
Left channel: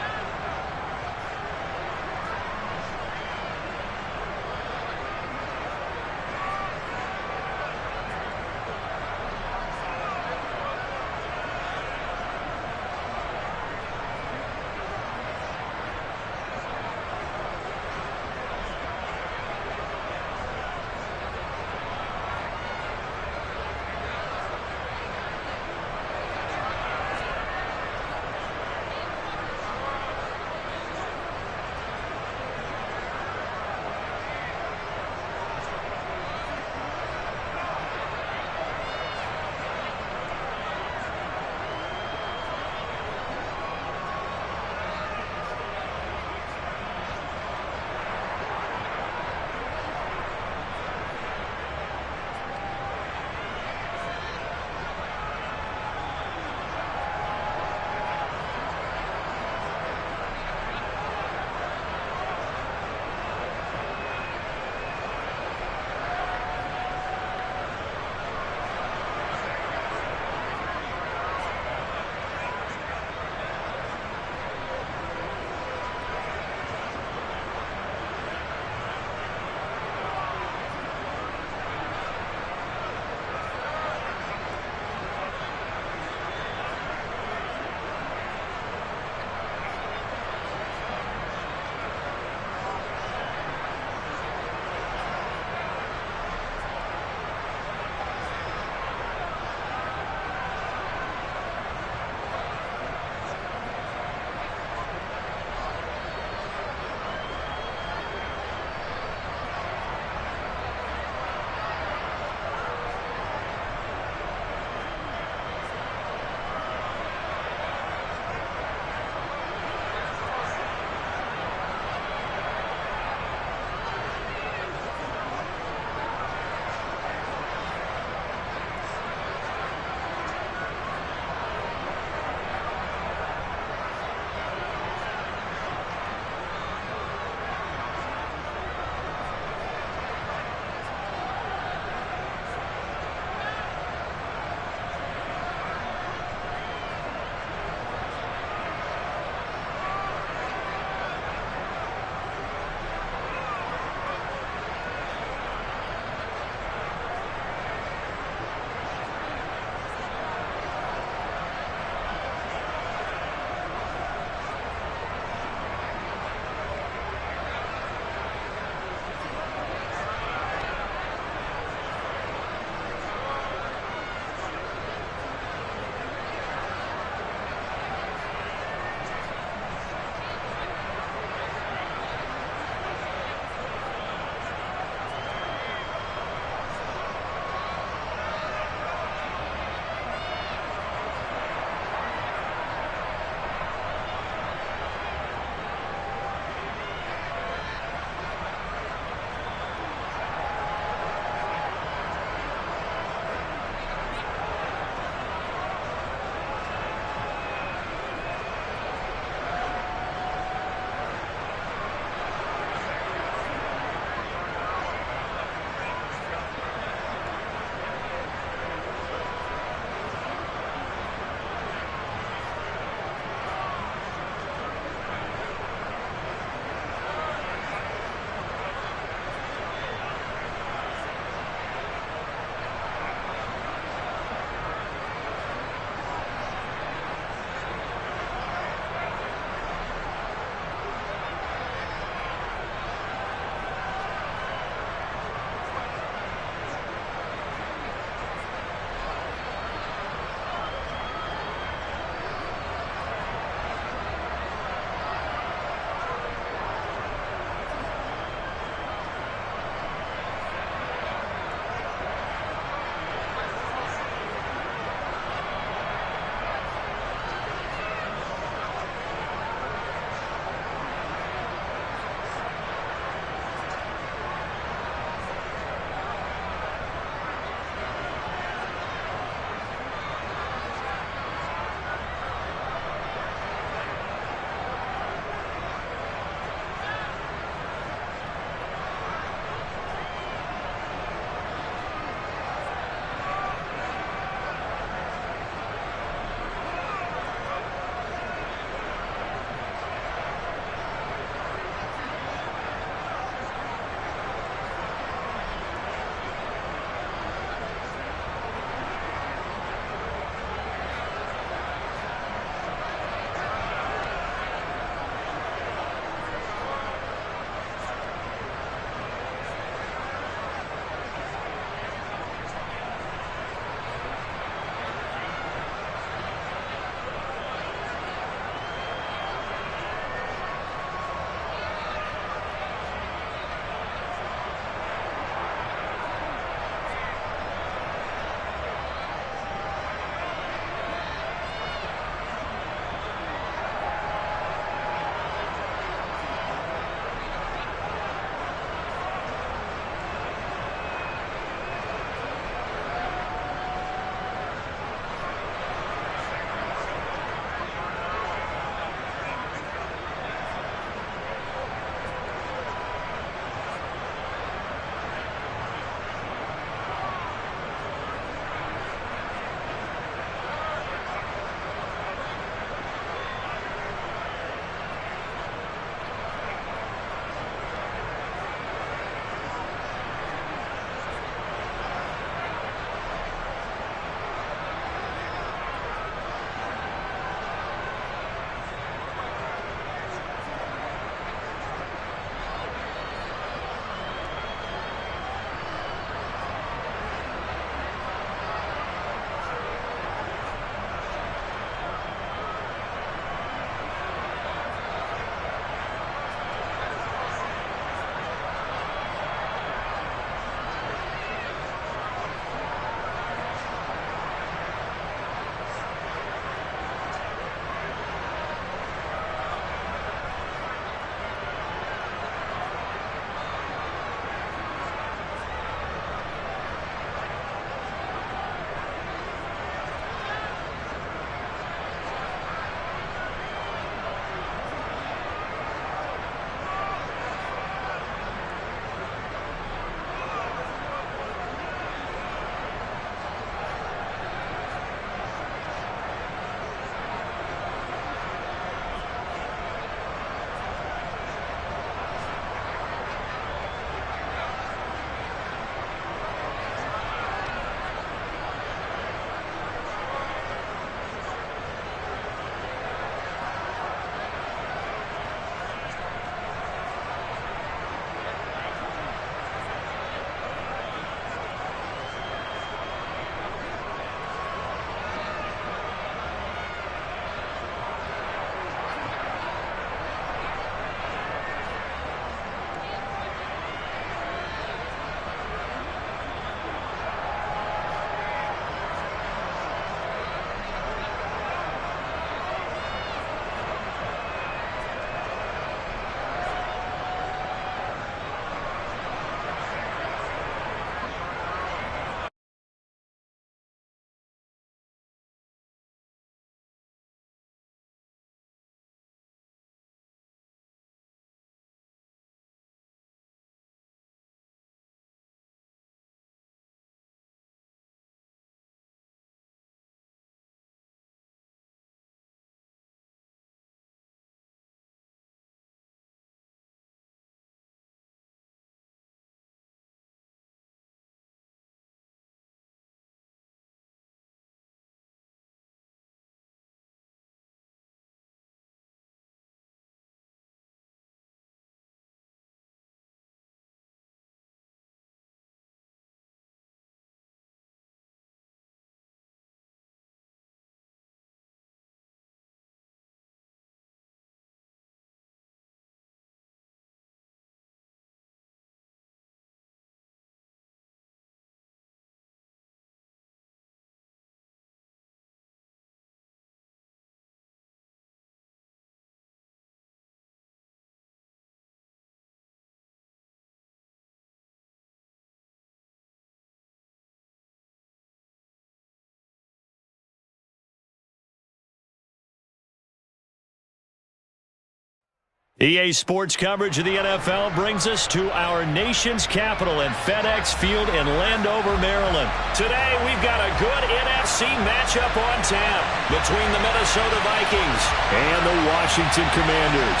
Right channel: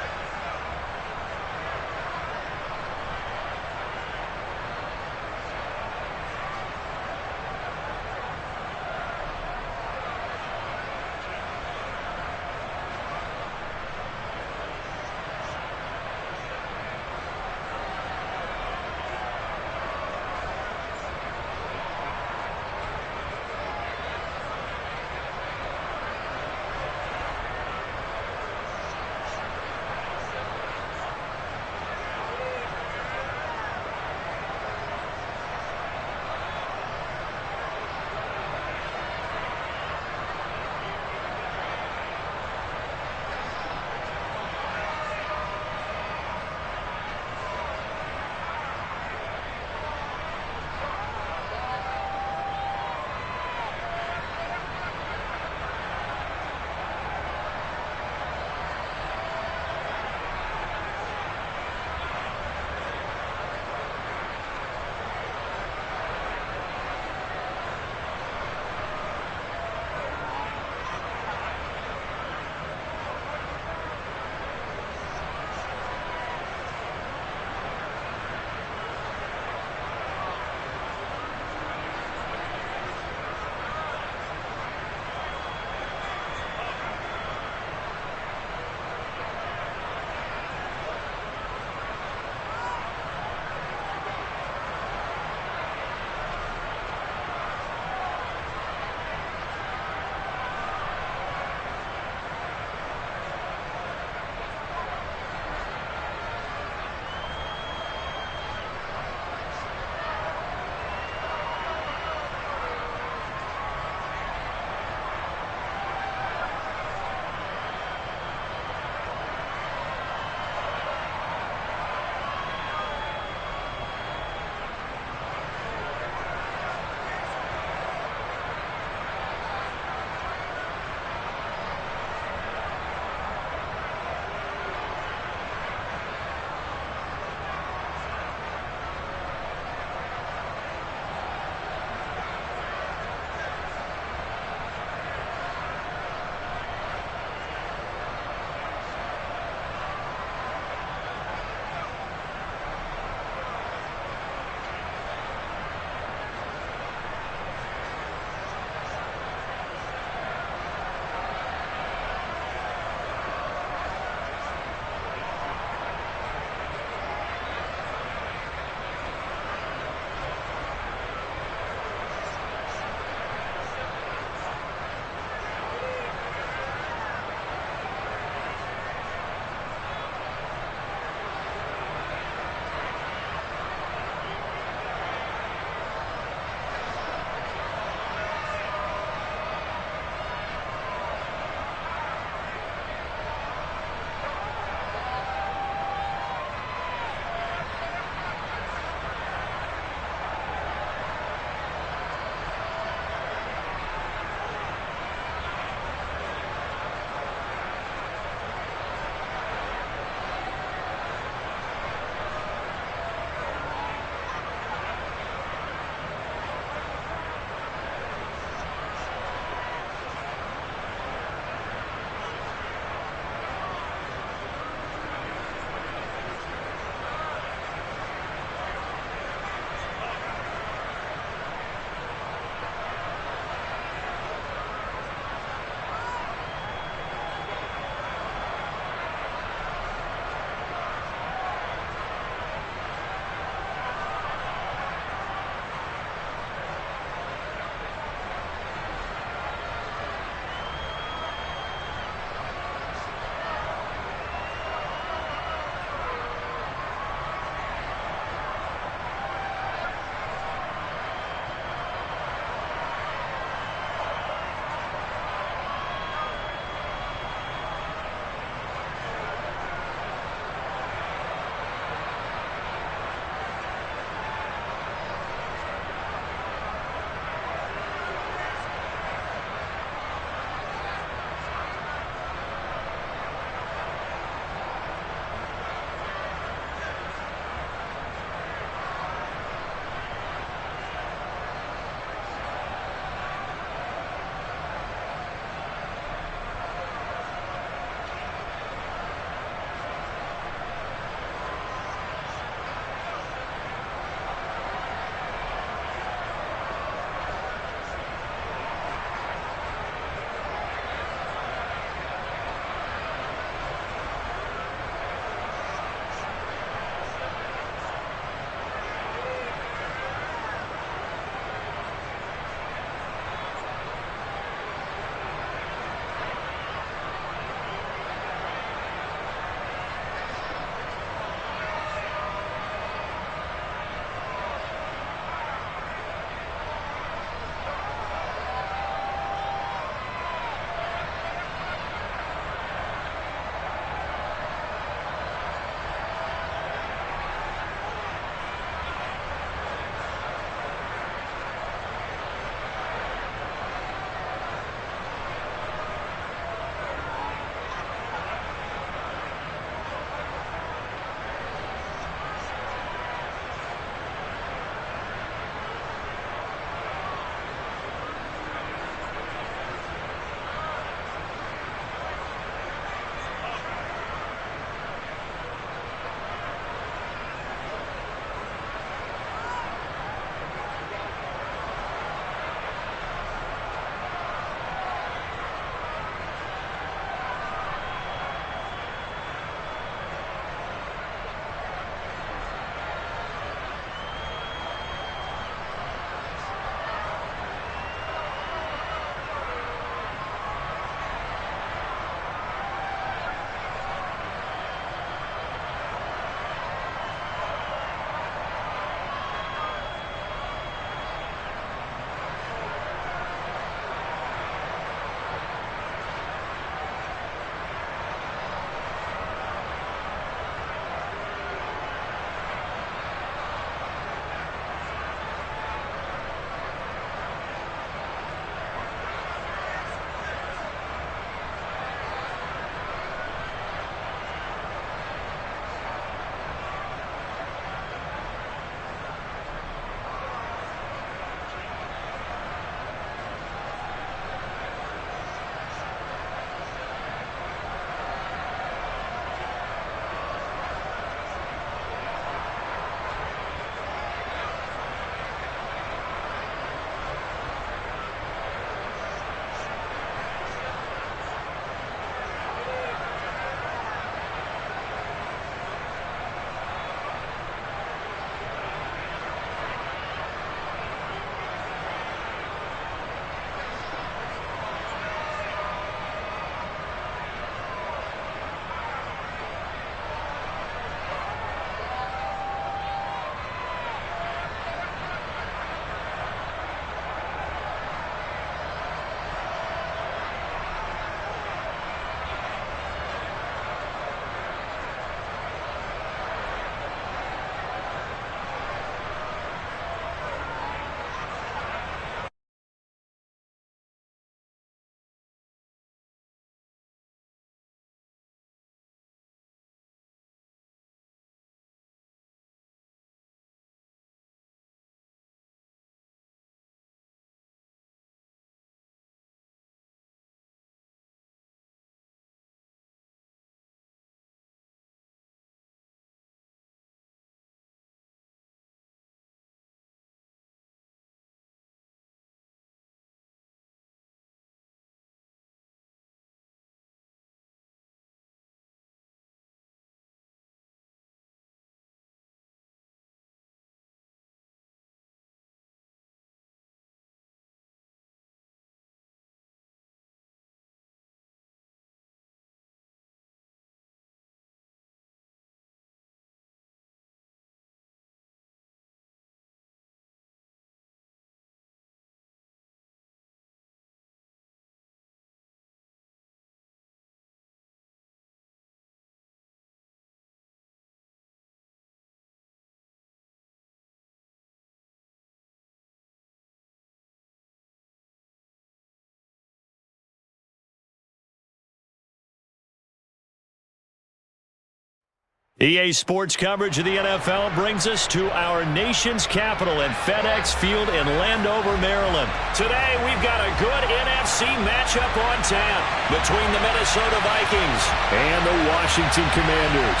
EA Sports coverage of the NFL brings us to our nation's capital at FedEx Field in Landover, Maryland. Today, we've got a good NFC matchup on tap between the Minnesota Vikings and the Washington Commanders.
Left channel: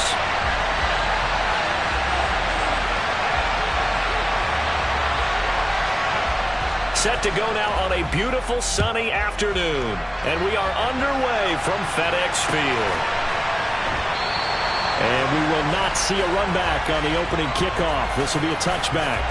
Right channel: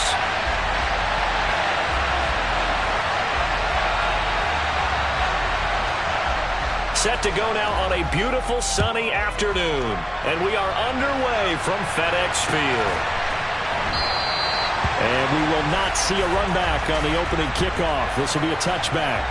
Set to go now on a beautiful sunny afternoon, and we are underway from FedEx Field. And we will not see a run back on the opening kickoff. This will be a touchback.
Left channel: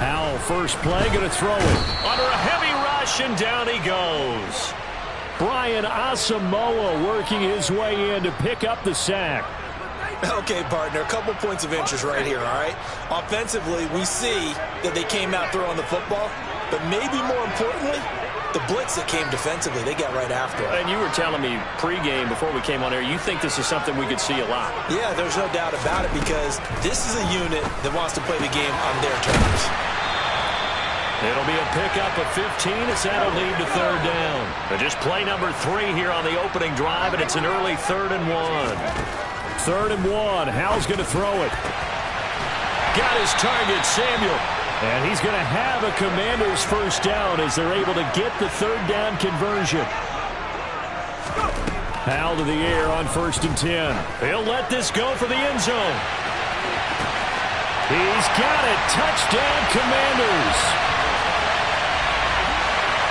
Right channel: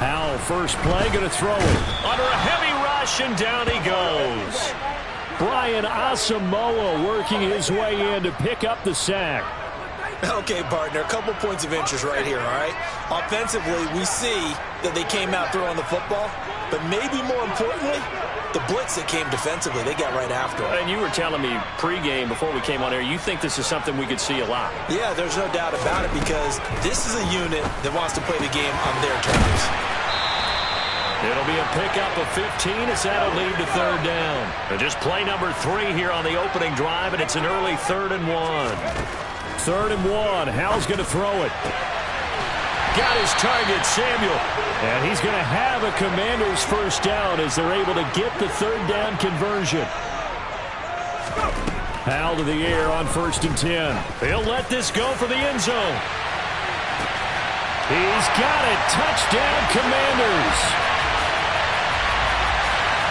Howell, first play, going to throw it. Under a heavy rush, and down he goes. Brian Asamoah working his way in to pick up the sack. Okay, partner, a couple points of interest right here, all right? Offensively, we see that they came out throwing the football, but maybe more importantly, the blitz that came defensively, they got right after it. And you were telling me pregame before we came on air, you think this is something we could see a lot. Yeah, there's no doubt about it because this is a unit that wants to play the game on their terms. It'll be a pickup of 15 as that'll lead to third down. And just play number 3 here on the opening drive, and it's an early 3rd and 1. 3rd and 1. Howell's going to throw it. Got his target, Samuel. And he's going to have a Commanders first down as they're able to get the 3rd down conversion. Howell to the air on 1st and 10. He'll let this go for the end zone. He's got it. Touchdown, Commanders.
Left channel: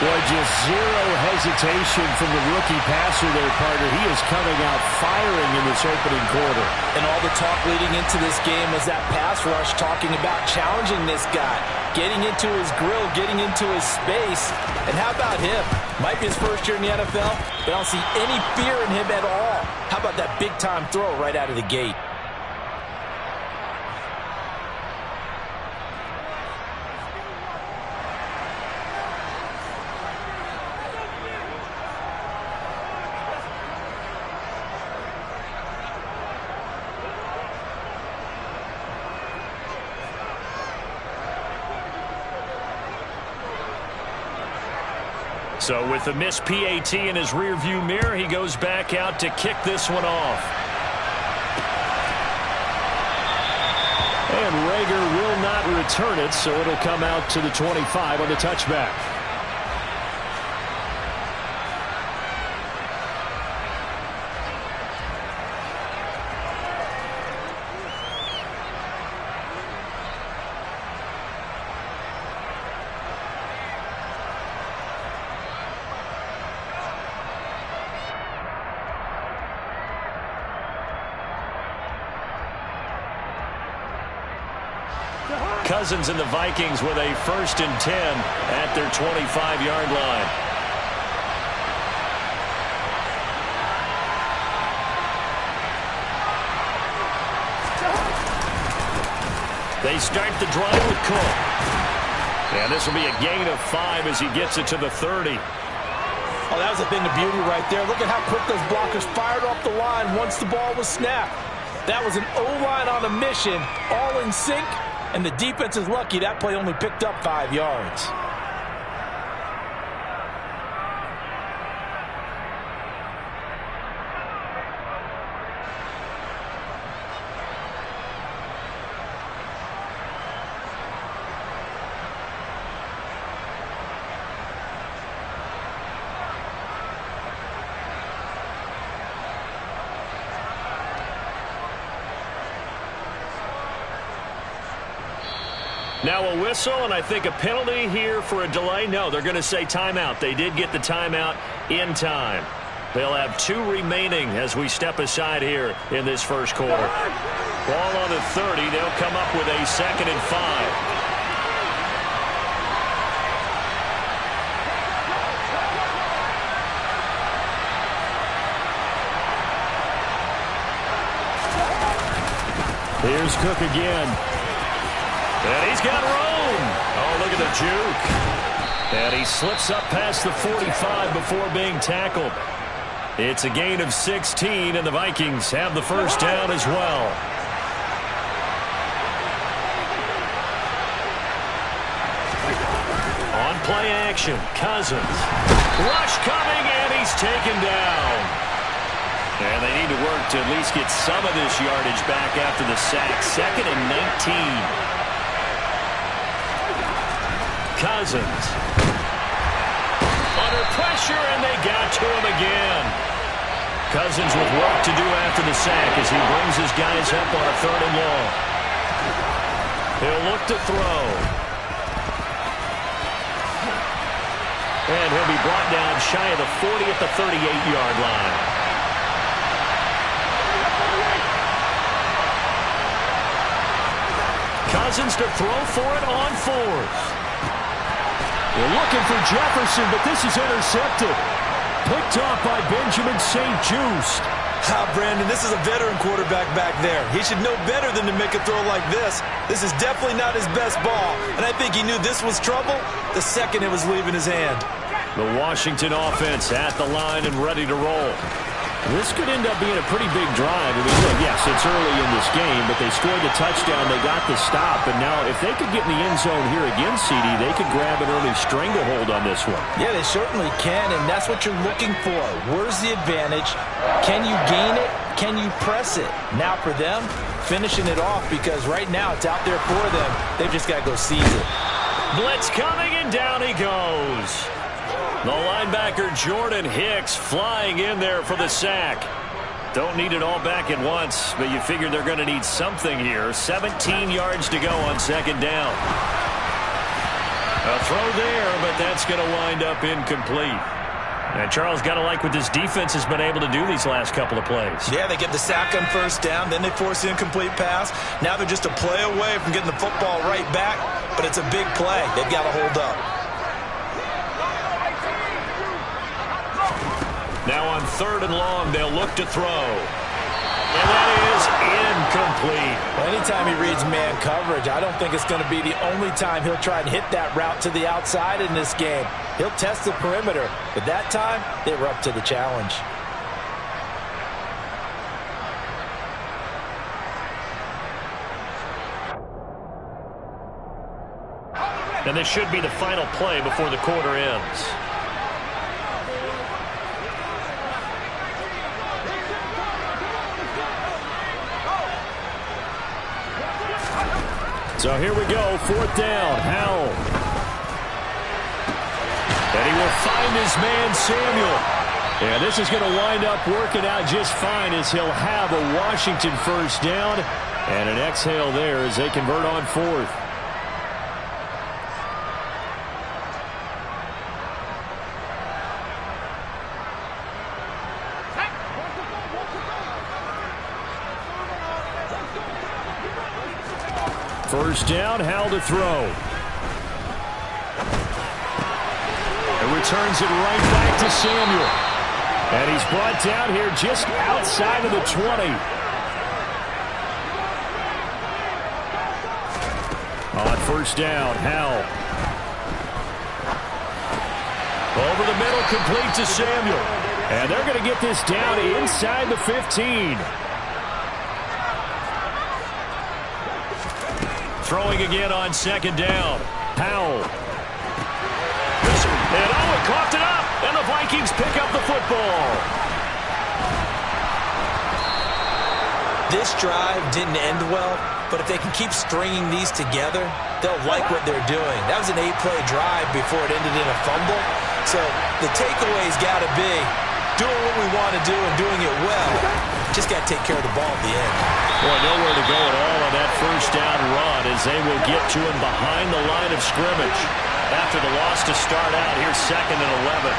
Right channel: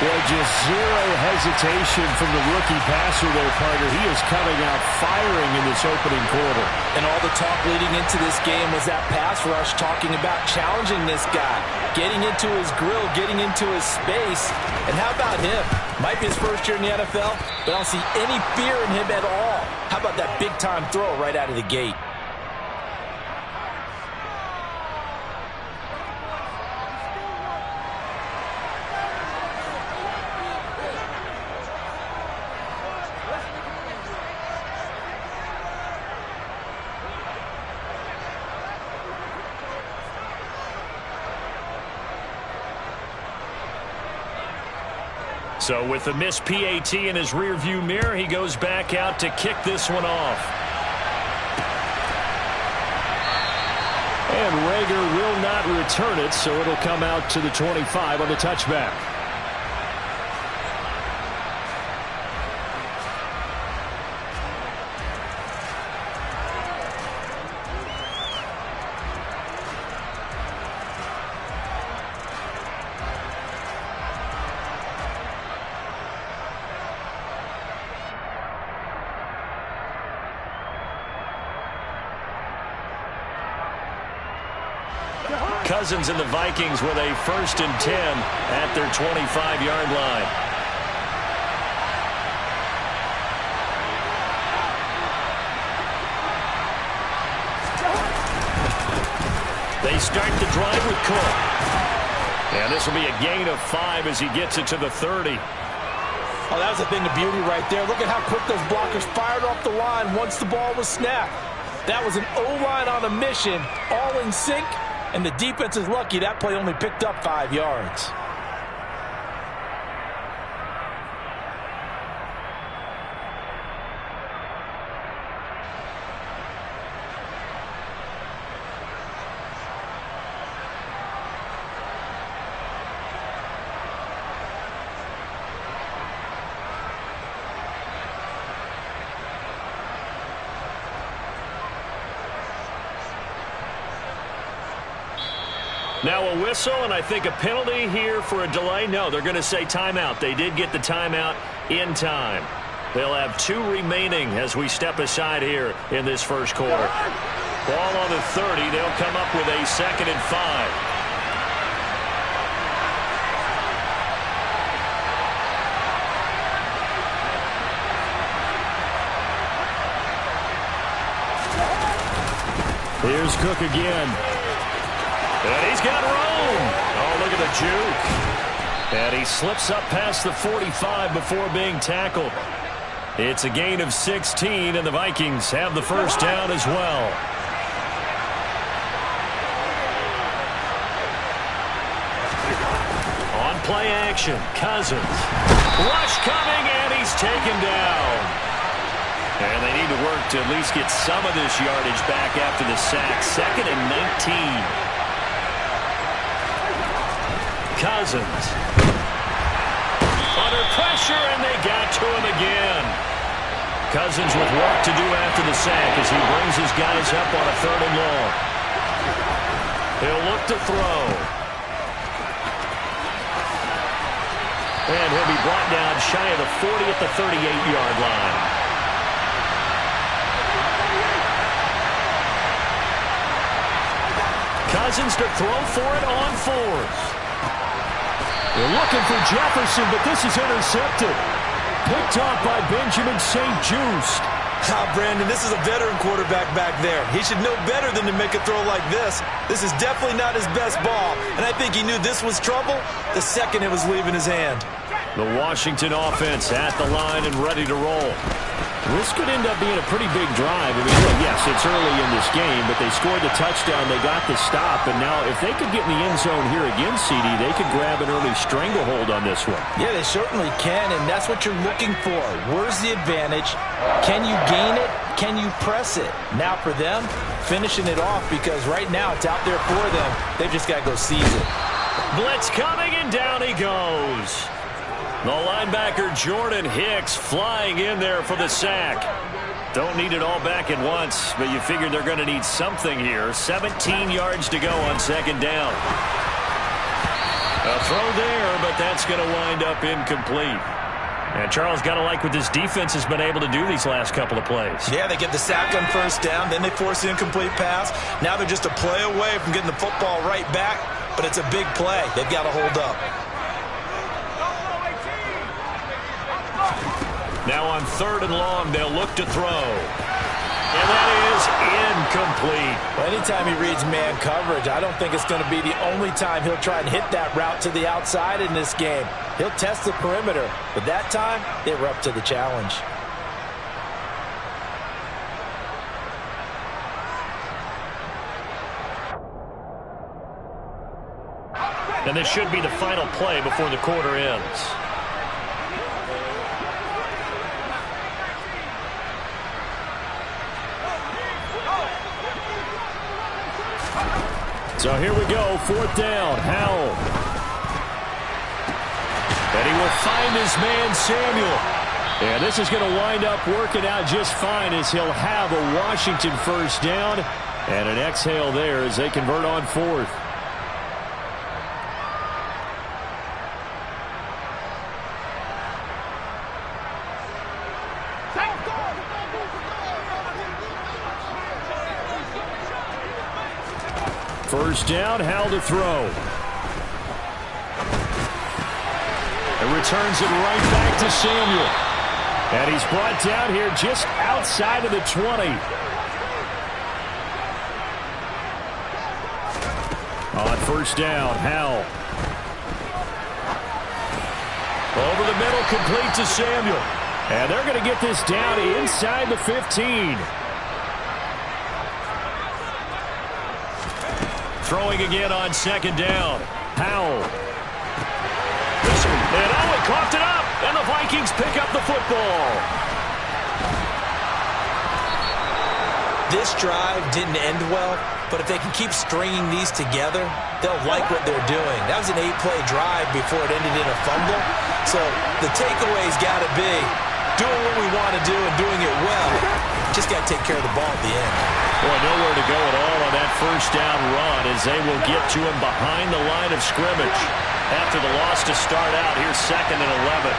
Boy, just zero hesitation from the rookie passer there, partner. He is coming out firing in this opening quarter. And all the talk leading into this game was that pass rush talking about challenging this guy, getting into his grill, getting into his space. And how about him? Might be his first year in the NFL, but I don't see any fear in him at all. How about that big-time throw right out of the gate? So with the missed PAT in his rearview mirror, he goes back out to kick this one off. And Rager will not return it, so it'll come out to the 25 on the touchback. Cousins and the Vikings with a 1st and 10 at their 25-yard line. They start the drive with Cook. And this will be a gain of 5 as he gets it to the 30. Oh, that was a thing of beauty right there. Look at how quick those blockers fired off the line once the ball was snapped. That was an O-line on a mission, all in sync. And the defense is lucky that play only picked up 5 yards. Now a whistle, and I think a penalty here for a delay. No, they're going to say timeout. They did get the timeout in time. They'll have 2 remaining as we step aside here in this first quarter. Ball on the 30. They'll come up with a 2nd and 5. Here's Cook again. And he's got room. Oh, look at the juke. And he slips up past the 45 before being tackled. It's a gain of 16, and the Vikings have the first down as well. On play action, Cousins. Rush coming, and he's taken down. And they need to work to at least get some of this yardage back after the sack. 2nd and 19. Cousins. Under pressure, and they got to him again. Cousins with work to do after the sack as he brings his guys up on a 3rd and long. He'll look to throw. And he'll be brought down shy of the 40 at the 38-yard line. Cousins to throw for it on 4th. They're looking for Jefferson, but this is intercepted. Picked off by Benjamin St-Juste. Brandon, this is a veteran quarterback back there. He should know better than to make a throw like this. This is definitely not his best ball, and I think he knew this was trouble the second it was leaving his hand. The Washington offense at the line and ready to roll. This could end up being a pretty big drive. I mean, look, yes, it's early in this game, but they scored the touchdown. They got the stop. And now if they could get in the end zone here again, CD, they could grab an early stranglehold on this one. Yeah, they certainly can, and that's what you're looking for. Where's the advantage? Can you gain it? Can you press it? Now for them, finishing it off, because right now it's out there for them. They've just got to go seize it. Blitz coming, and down he goes. The linebacker Jordan Hicks flying in there for the sack. Don't need it all back at once, but you figure they're going to need something here. 17 yards to go on 2nd down. A throw there, but that's going to wind up incomplete. And Charles, got to like what this defense has been able to do these last couple of plays. Yeah, they get the sack on 1st down, then they force the incomplete pass. Now they're just a play away from getting the football right back, but it's a big play. They've got to hold up. Now on 3rd and long, they'll look to throw. And that is incomplete. Well, anytime he reads man coverage, I don't think it's going to be the only time he'll try and hit that route to the outside in this game. He'll test the perimeter, but that time, they were up to the challenge. And this should be the final play before the quarter ends. So here we go, 4th down, Howell. And he will find his man, Samuel. And this is going to wind up working out just fine as he'll have a Washington 1st down. And an exhale there as they convert on 4th. First down, Howell to throw. And returns it right back to Samuel. And he's brought down here just outside of the 20. On 1st down, Howell. Over the middle, complete to Samuel. And they're going to get this down inside the 15. Throwing again on 2nd down. Howell. And he coughed it up. And the Vikings pick up the football. This drive didn't end well, but if they can keep stringing these together, they'll like what they're doing. That was an 8-play drive before it ended in a fumble. So the takeaway's got to be doing what we want to do and doing it well. Just got to take care of the ball at the end. Boy, nowhere to go at all on that 1st down run as they will get to him behind the line of scrimmage. After the loss to start out, here's 2nd and 11.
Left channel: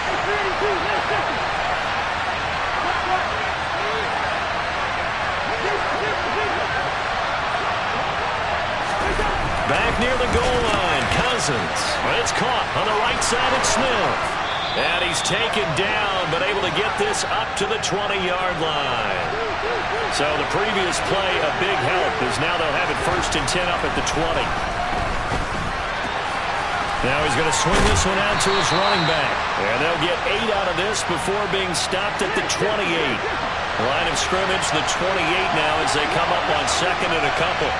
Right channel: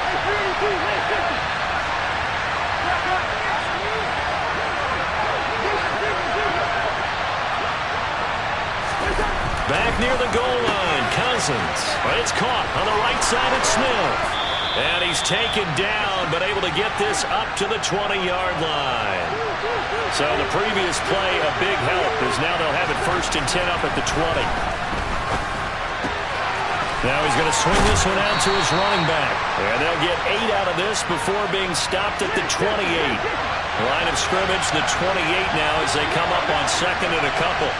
Back near the goal line, Cousins. But it's caught on the right side at Smith. And he's taken down, but able to get this up to the 20-yard line. So the previous play, a big help, as now they'll have it 1st and 10 up at the 20. Now he's going to swing this one out to his running back. And they'll get 8 out of this before being stopped at the 28. Line of scrimmage, the 28 now as they come up on 2nd and a couple.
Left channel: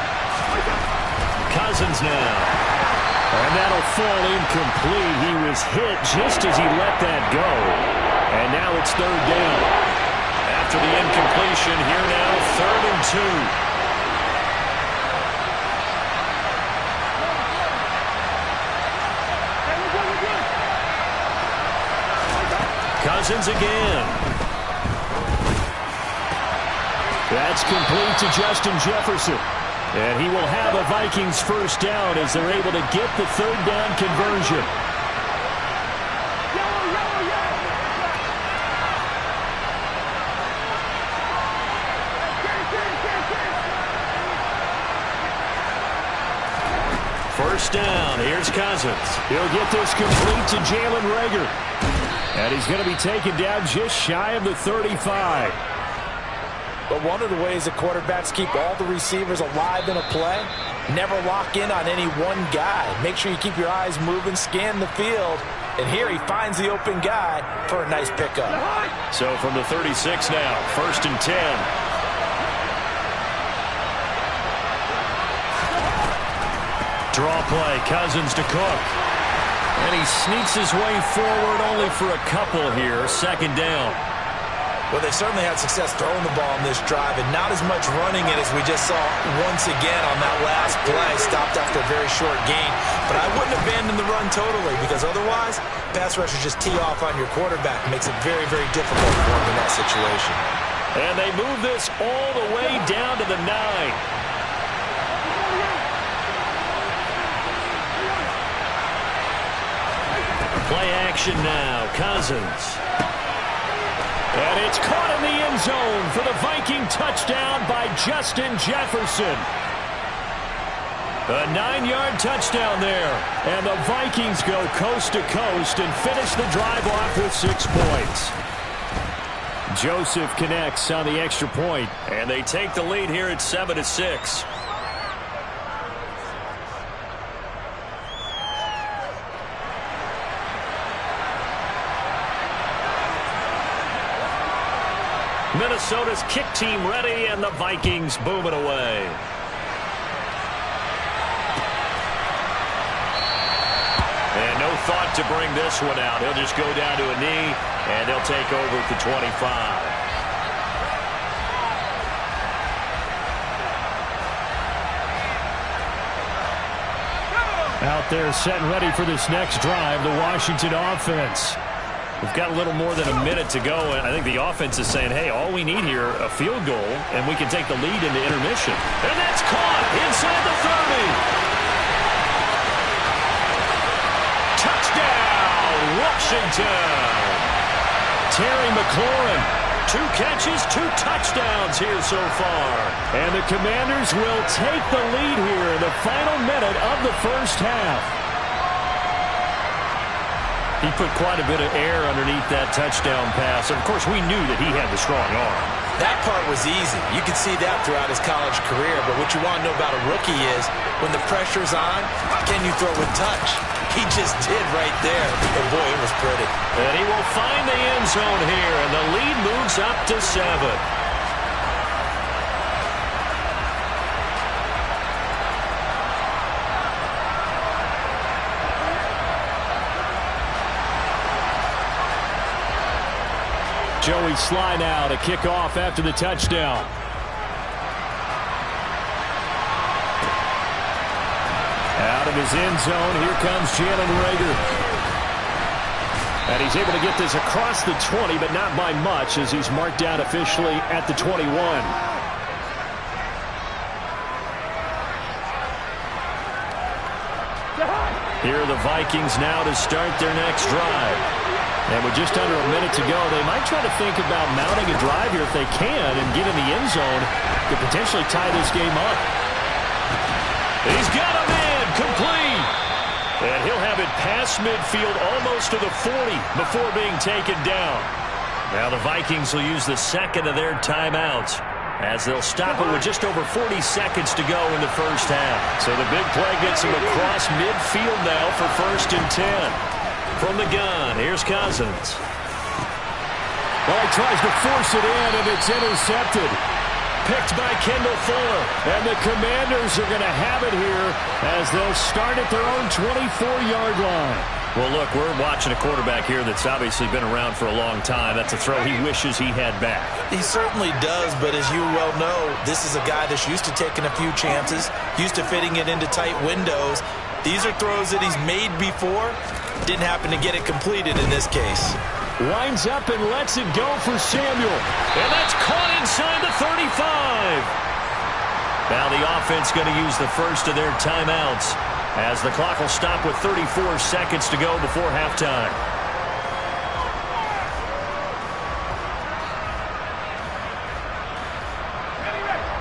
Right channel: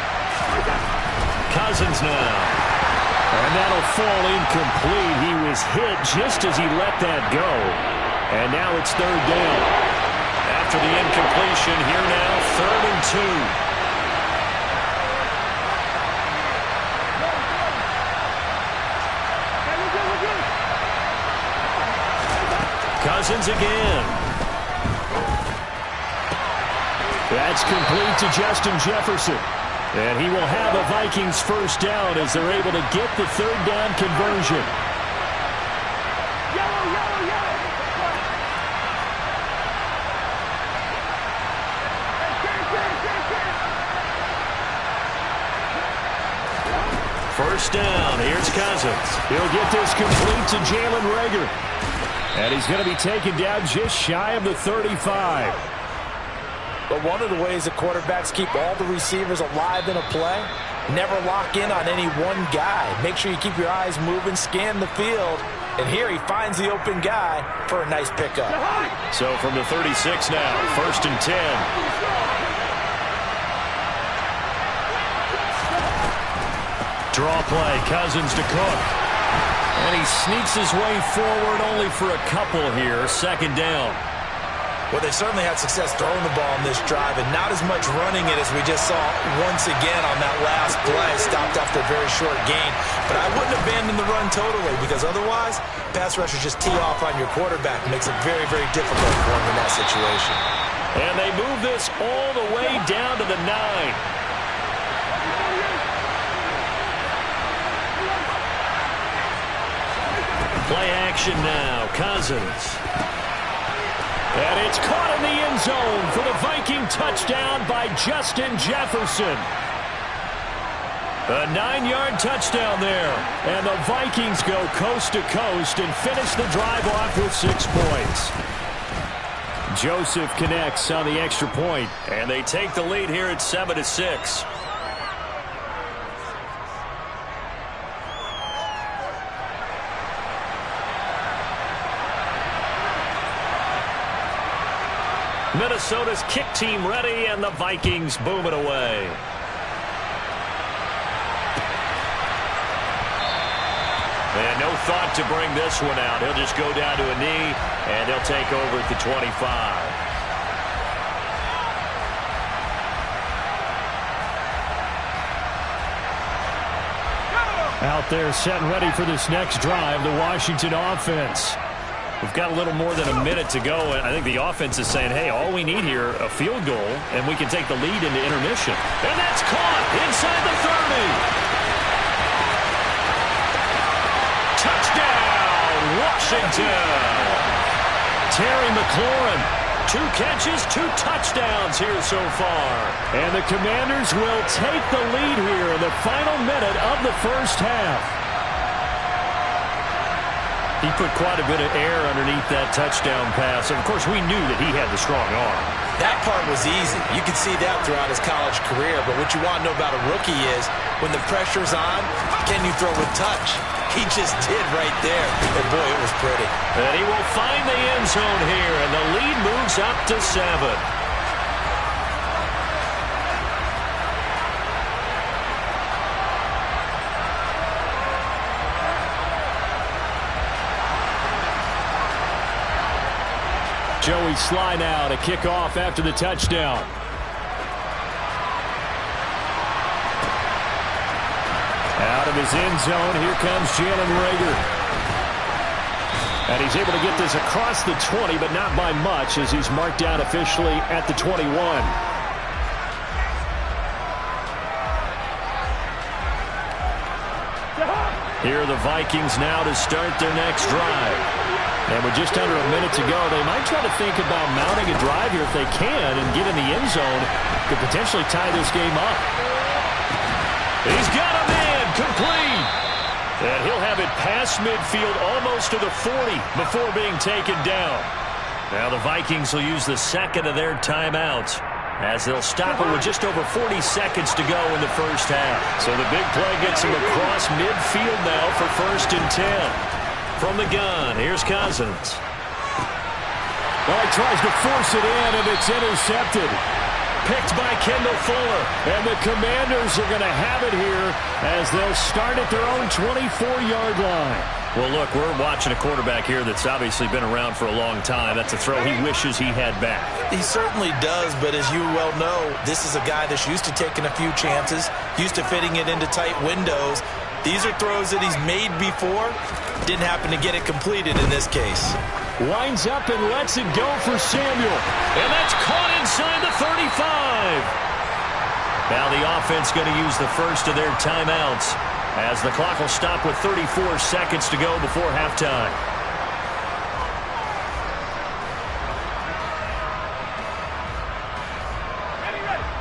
Cousins now. And that'll fall incomplete. He was hit just as he let that go. And now it's 3rd down. After the incompletion, here now, 3rd and 2. Cousins again. That's complete to Justin Jefferson. And he will have a Vikings 1st down as they're able to get the 3rd down conversion. Yellow, yellow, yellow. 1st down. Here's Cousins. He'll get this complete to Jalen Reagor. And he's going to be taken down just shy of the 35. But one of the ways that quarterbacks keep all the receivers alive in a play, never lock in on any one guy. Make sure you keep your eyes moving, scan the field. And here he finds the open guy for a nice pickup. So from the 36 now, 1st and 10. Draw play, Cousins to Cook. And he sneaks his way forward only for a couple here, 2nd down. Well, they certainly had success throwing the ball in this drive, and not as much running it as we just saw once again on that last play. Stopped after a very short gain. But I wouldn't abandon the run totally, because otherwise, pass rushers just tee off on your quarterback. Makes it very, very difficult for him in that situation. And they move this all the way down to the 9. Play action now, Cousins. And it's caught in the end zone for the Viking touchdown by Justin Jefferson. A 9-yard touchdown there. And the Vikings go coast to coast and finish the drive off with 6 points. Joseph connects on the extra point. And they take the lead here at 7-6. Minnesota's kick team ready, and the Vikings boom it away. And no thought to bring this one out. He'll just go down to a knee, and they'll take over at the 25. Out there set and ready for this next drive, the Washington offense. We've got a little more than a minute to go, and I think the offense is saying, hey, all we need here, a field goal, and we can take the lead into intermission. And that's caught inside the 30. Touchdown, Washington. Terry McLaurin, 2 catches, 2 touchdowns here so far. And the Commanders will take the lead here in the final minute of the 1st half. He put quite a bit of air underneath that touchdown pass. And, of course, we knew that he had the strong arm. That part was easy. You could see that throughout his college career. But what you want to know about a rookie is when the pressure's on, can you throw with touch? He just did right there. And, boy, it was pretty. And he will find the end zone here. And the lead moves up to 7. Joey Sly now to kick off after the touchdown. Out of his end zone, here comes Jalen Reagor. And he's able to get this across the 20, but not by much, as he's marked down officially at the 21. Here are the Vikings now to start their next drive. And with just under a minute to go, they might try to think about mounting a drive here if they can and get in the end zone. Could potentially tie this game up. He's got a man complete. And he'll have it past midfield almost to the 40 before being taken down. Now the Vikings will use the second of their timeouts as they'll stop it with just over 40 seconds to go in the first half. So the big play gets him across midfield now for 1st and 10. From the gun, here's Cousins. Well, he tries to force it in, and it's intercepted. Picked by Kendall Fuller. And the Commanders are going to have it here as they'll start at their own 24-yard line. Well, look, we're watching a quarterback here that's obviously been around for a long time. That's a throw he wishes he had back. He certainly does, but as you well know, this is a guy that's used to taking a few chances, used to fitting it into tight windows. These are throws that he's made before. Didn't happen to get it completed in this case. Winds up and lets it go for Samuel. And that's caught inside the 35. Now the offense going to use the first of their timeouts as the clock will stop with 34 seconds to go before halftime.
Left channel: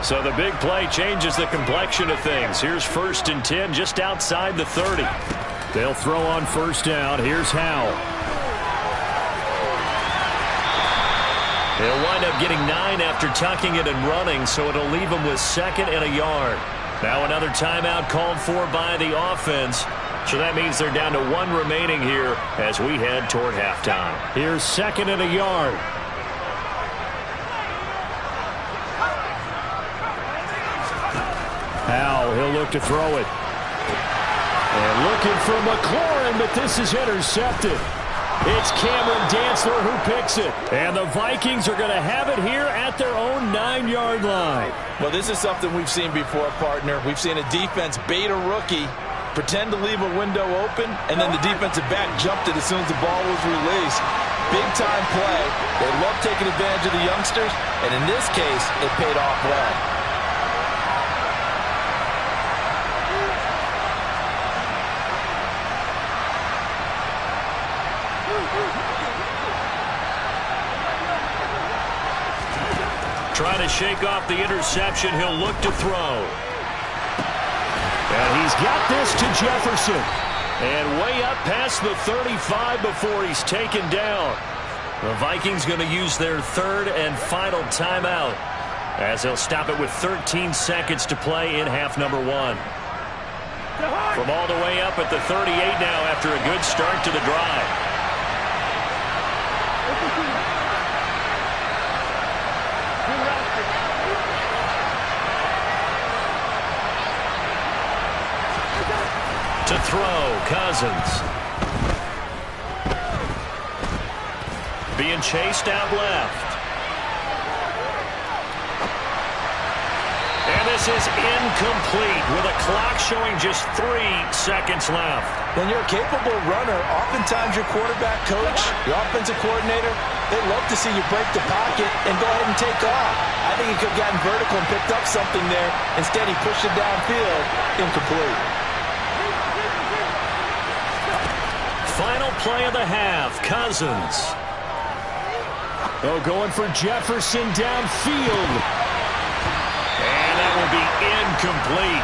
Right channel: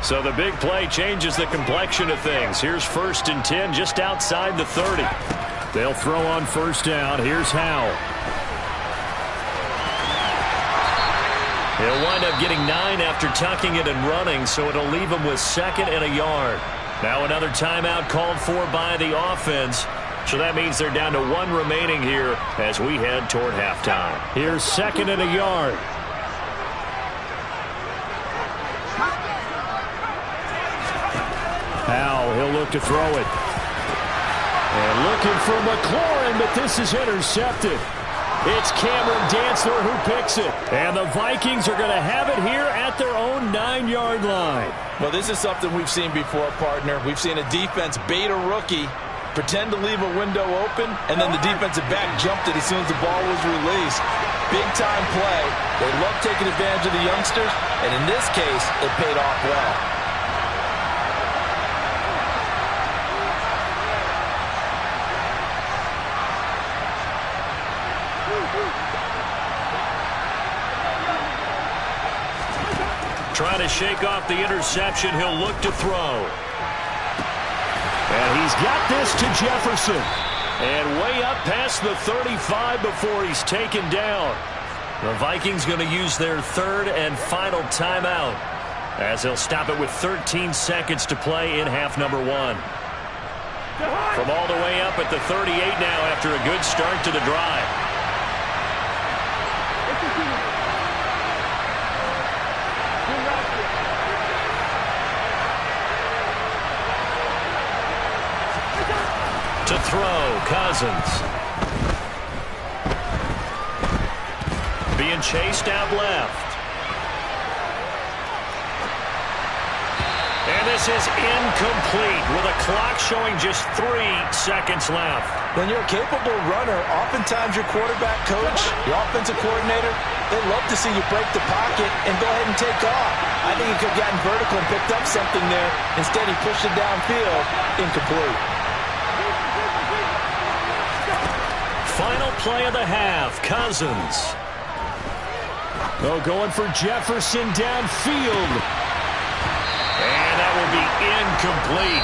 So the big play changes the complexion of things. Here's 1st and 10 just outside the 30. They'll throw on 1st down. Here's Howell. He'll wind up getting 9 after tucking it and running, so it'll leave him with 2nd and a yard. Now another timeout called for by the offense. So that means they're down to 1 remaining here as we head toward halftime. Here's 2nd and a yard. Howell, he'll look to throw it. And looking for McLaurin, but this is intercepted. It's Cameron Dantzler who picks it. And the Vikings are going to have it here at their own 9-yard line. Well, this is something we've seen before, partner. We've seen a defense bait a rookie, pretend to leave a window open, and then the defensive back jumped it as soon as the ball was released. Big-time play. They love taking advantage of the youngsters, and in this case, it paid off well. Trying to shake off the interception. He'll look to throw. And he's got this to Jefferson. And way up past the 35 before he's taken down. The Vikings going to use their 3rd and final timeout as they'll stop it with 13 seconds to play in half number 1. From all the way up at the 38 now after a good start to the drive. To throw, Cousins. Being chased out left. And this is incomplete with a clock showing just 3 seconds left. When you're a capable runner, oftentimes your quarterback coach, your offensive coordinator, they love to see you break the pocket and go ahead and take off. I think he could have gotten vertical and picked up something there. Instead, he pushed it downfield, incomplete. Final play of the half, Cousins. Oh, going for Jefferson downfield. And that will be incomplete.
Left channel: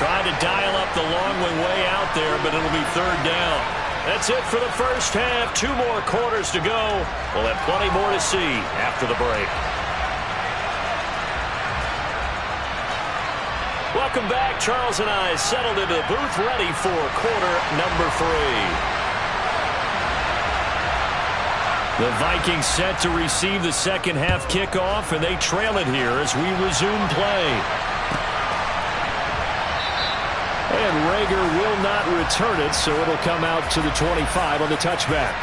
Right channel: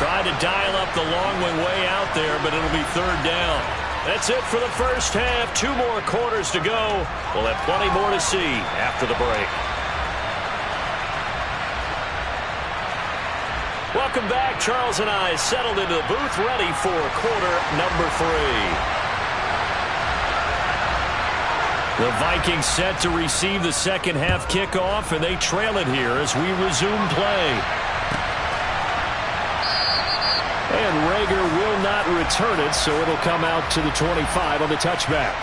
Tried to dial up the long way out there, but it'll be 3rd down. That's it for the first half. 2 more quarters to go. We'll have plenty more to see after the break. Welcome back. Charles and I settled into the booth ready for quarter number 3. The Vikings set to receive the second half kickoff, and they trail it here as we resume play. And Rager will not return it, so it'll come out to the 25 on the touchback.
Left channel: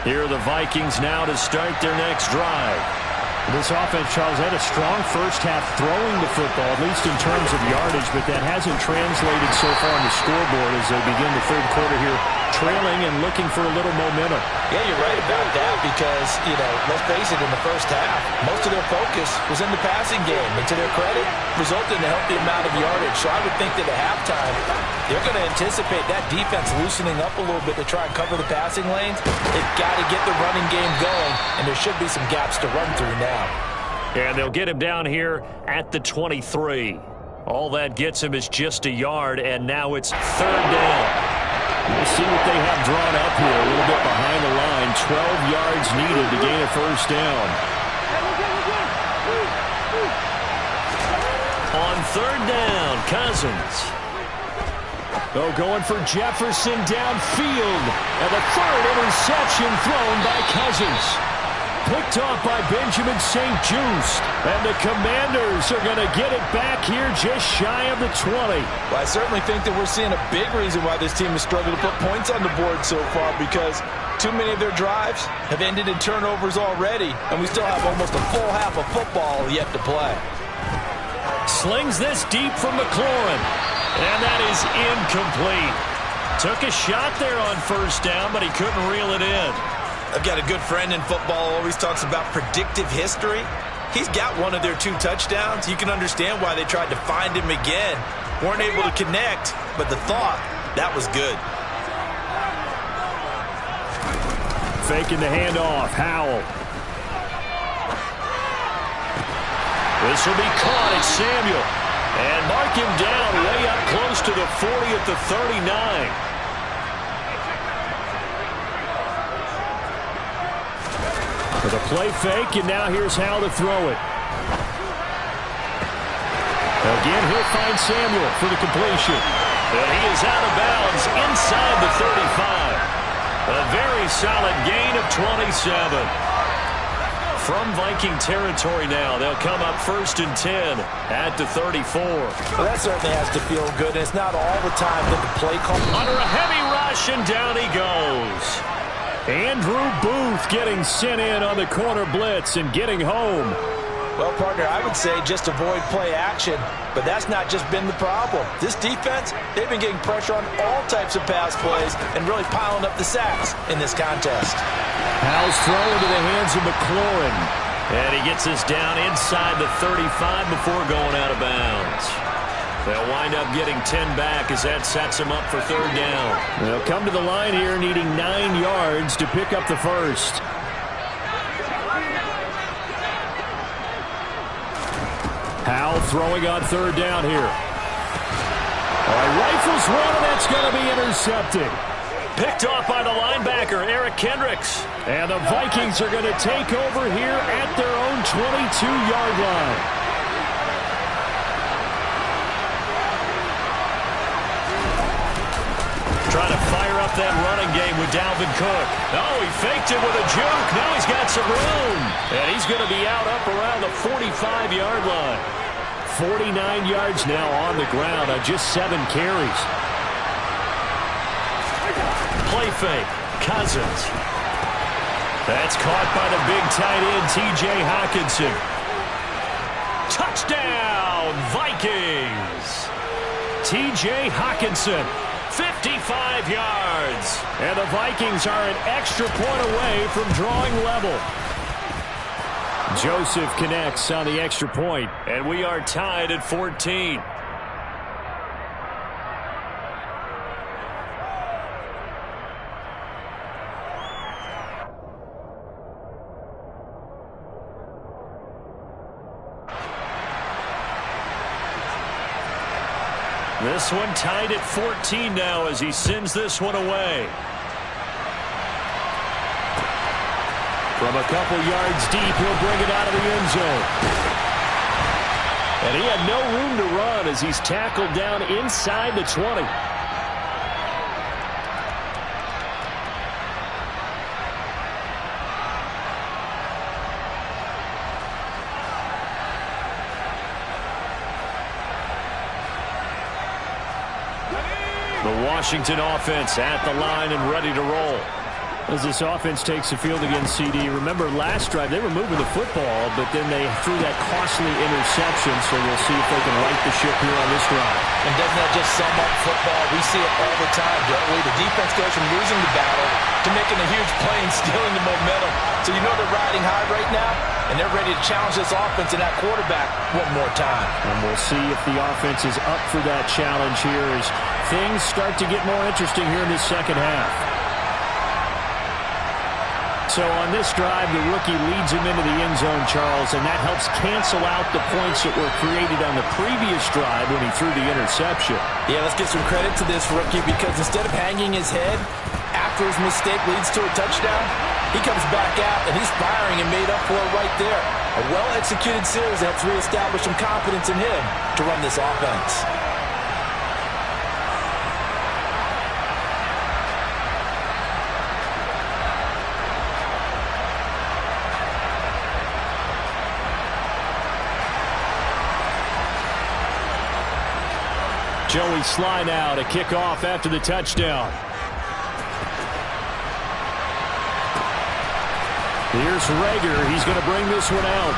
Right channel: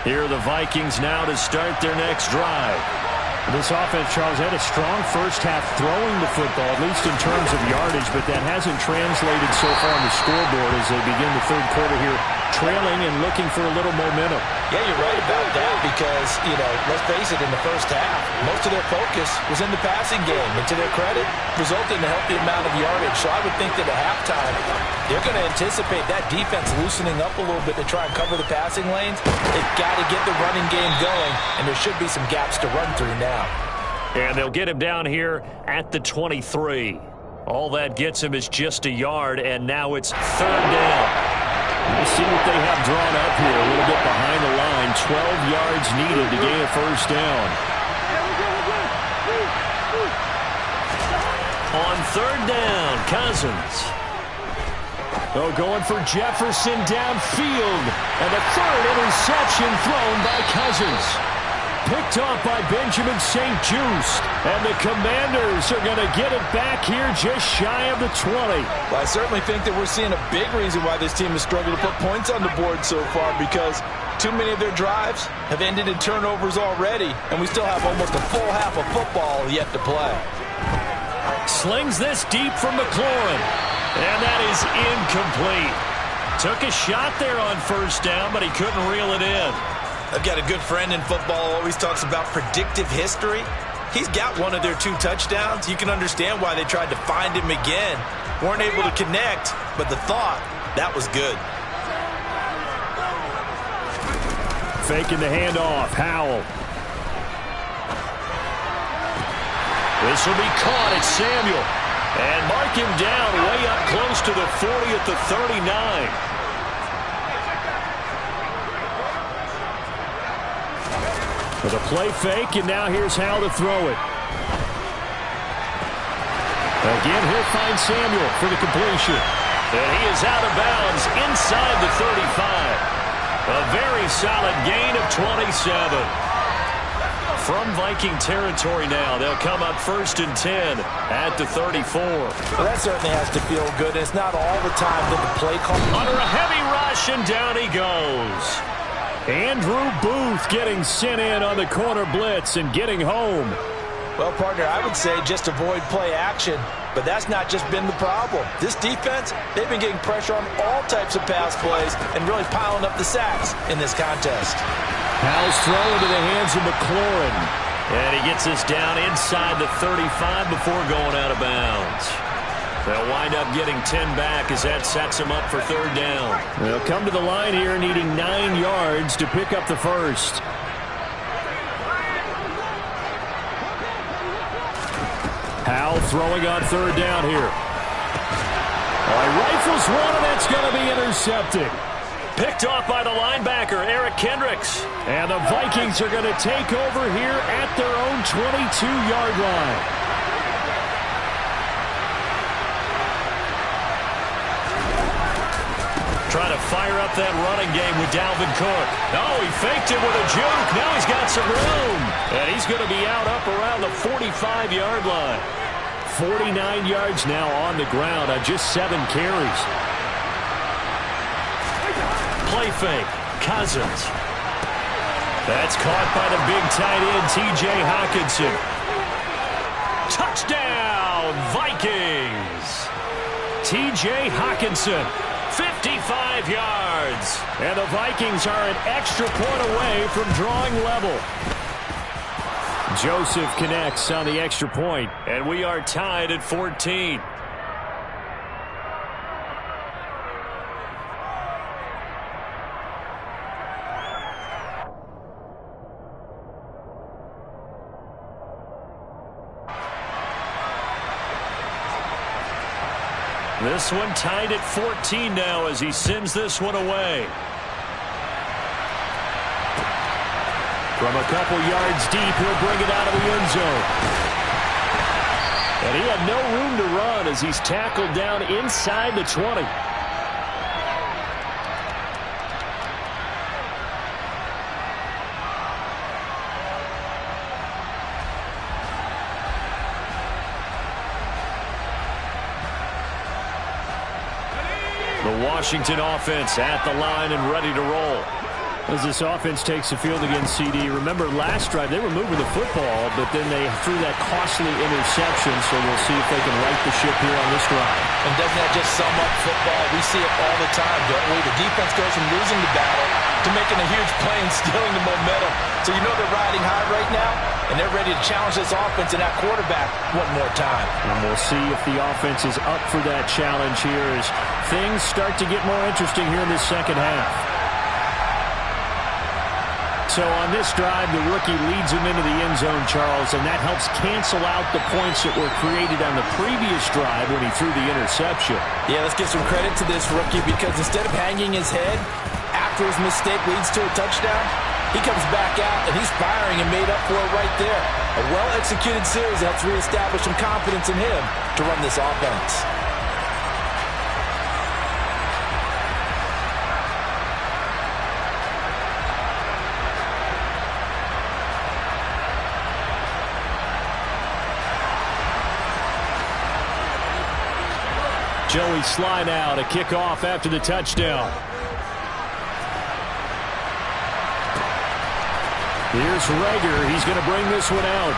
Here are the Vikings now to start their next drive. This offense, Charles, had a strong first half throwing the football, at least in terms of yardage, but that hasn't translated so far on the scoreboard as they begin the 3rd quarter here trailing and looking for a little momentum. Yeah, you're right about that because, let's face it, in the first half, most of their focus was in the passing game. And to their credit, resulted in a healthy amount of yardage. So I would think that at halftime, they're going to anticipate that defense loosening up a little bit to try and cover the passing lanes. They've got to get the running game going, and there should be some gaps to run through now. And they'll get him down here at the 23. All that gets him is just a yard, and now it's third down. We'll see what they have drawn up here. A little bit behind the line. 12 yards needed to gain a first down. On third down, Cousins. Going for Jefferson downfield. And the third interception thrown by Cousins. Picked off by Benjamin St-Juste. And the Commanders are going to get it back here just shy of the 20. Well, I certainly think that we're seeing a big reason why this team has struggled to put points on the board so far, because too many of their drives have ended in turnovers already, and we still have almost a full half of football yet to play. Slings this deep from McLaurin. And that is incomplete. Took a shot there on first down, but he couldn't reel it in. I've got a good friend in football who always talks about predictive history. He's got one of their 2 touchdowns. You can understand why they tried to find him again. Weren't able to connect, but the thought, that was good. Faking the handoff, Howell. This will be caught. It's Samuel. And mark him down way up close to the 40 at the 39. With a play fake, and now here's how to throw it. Again, he'll find Samuel for the completion. And he is out of bounds inside the 35. A very solid gain of 27. From Viking territory now, they'll come up 1st and 10 at the 34. Well, that certainly has to feel good. It's not all the time that the play call. Under a heavy rush, and down he goes. Andrew Booth getting sent in on the corner blitz and getting home. Well, partner, I would say just avoid play action, but that's not just been the problem. This defense, they've been getting pressure on all types of pass plays and really piling up the sacks in this contest. Howell's throw into the hands of McLaurin. And he gets us down inside the 35 before going out of bounds. They'll wind up getting 10 back as that sets them up for third down. They'll come to the line here needing 9 yards to pick up the first. Howell throwing on third down here. All right, rifles one, and that's going to be intercepted. Picked off by the linebacker, Eric Kendricks. And the Vikings are going to take over here at their own 22-yard line. Trying to fire up that running game with Dalvin Cook. No, he faked it with a juke. Now he's got some room. And he's going to be out up around the 45-yard line. 49 yards now on the ground on just 7 carries. Play fake. Cousins. That's caught by the big tight end, T.J. Hockenson. Touchdown, Vikings. T.J. Hockenson. 55 yards. And the Vikings are an extra point away from drawing level. Joseph connects on the extra point, and we are tied at 14. This one tied at 14 now as he sends this one away. From a couple yards deep, he'll bring it out of the end zone. And he had no room to run as he's tackled down inside the 20. The Washington offense at the line and ready to roll. As this offense takes the field against CD, remember last drive they were moving the football, but then they threw that costly interception, so we'll see if they can right the ship here on this drive. And doesn't that just sum up football? We see it all the time, don't we? The defense goes from losing the battle to making a huge play and stealing the momentum. So you know they're riding high right now, and they're ready to challenge this offense and that quarterback one more time. And we'll see if the offense is up for that challenge here as things start to get more interesting here in this second half. So on this drive, the rookie leads him into the end zone, Charles, and that helps cancel out the points that were created on the previous drive when he threw the interception. Yeah, let's give some credit to this rookie because instead of hanging his head after his mistake leads to a touchdown, he comes back out and he's firing and made up for it right there. A well-executed series helps reestablish some confidence in him to run this offense. Joey Sly now to kick off after the touchdown. Here's Rager. He's going to bring this one out.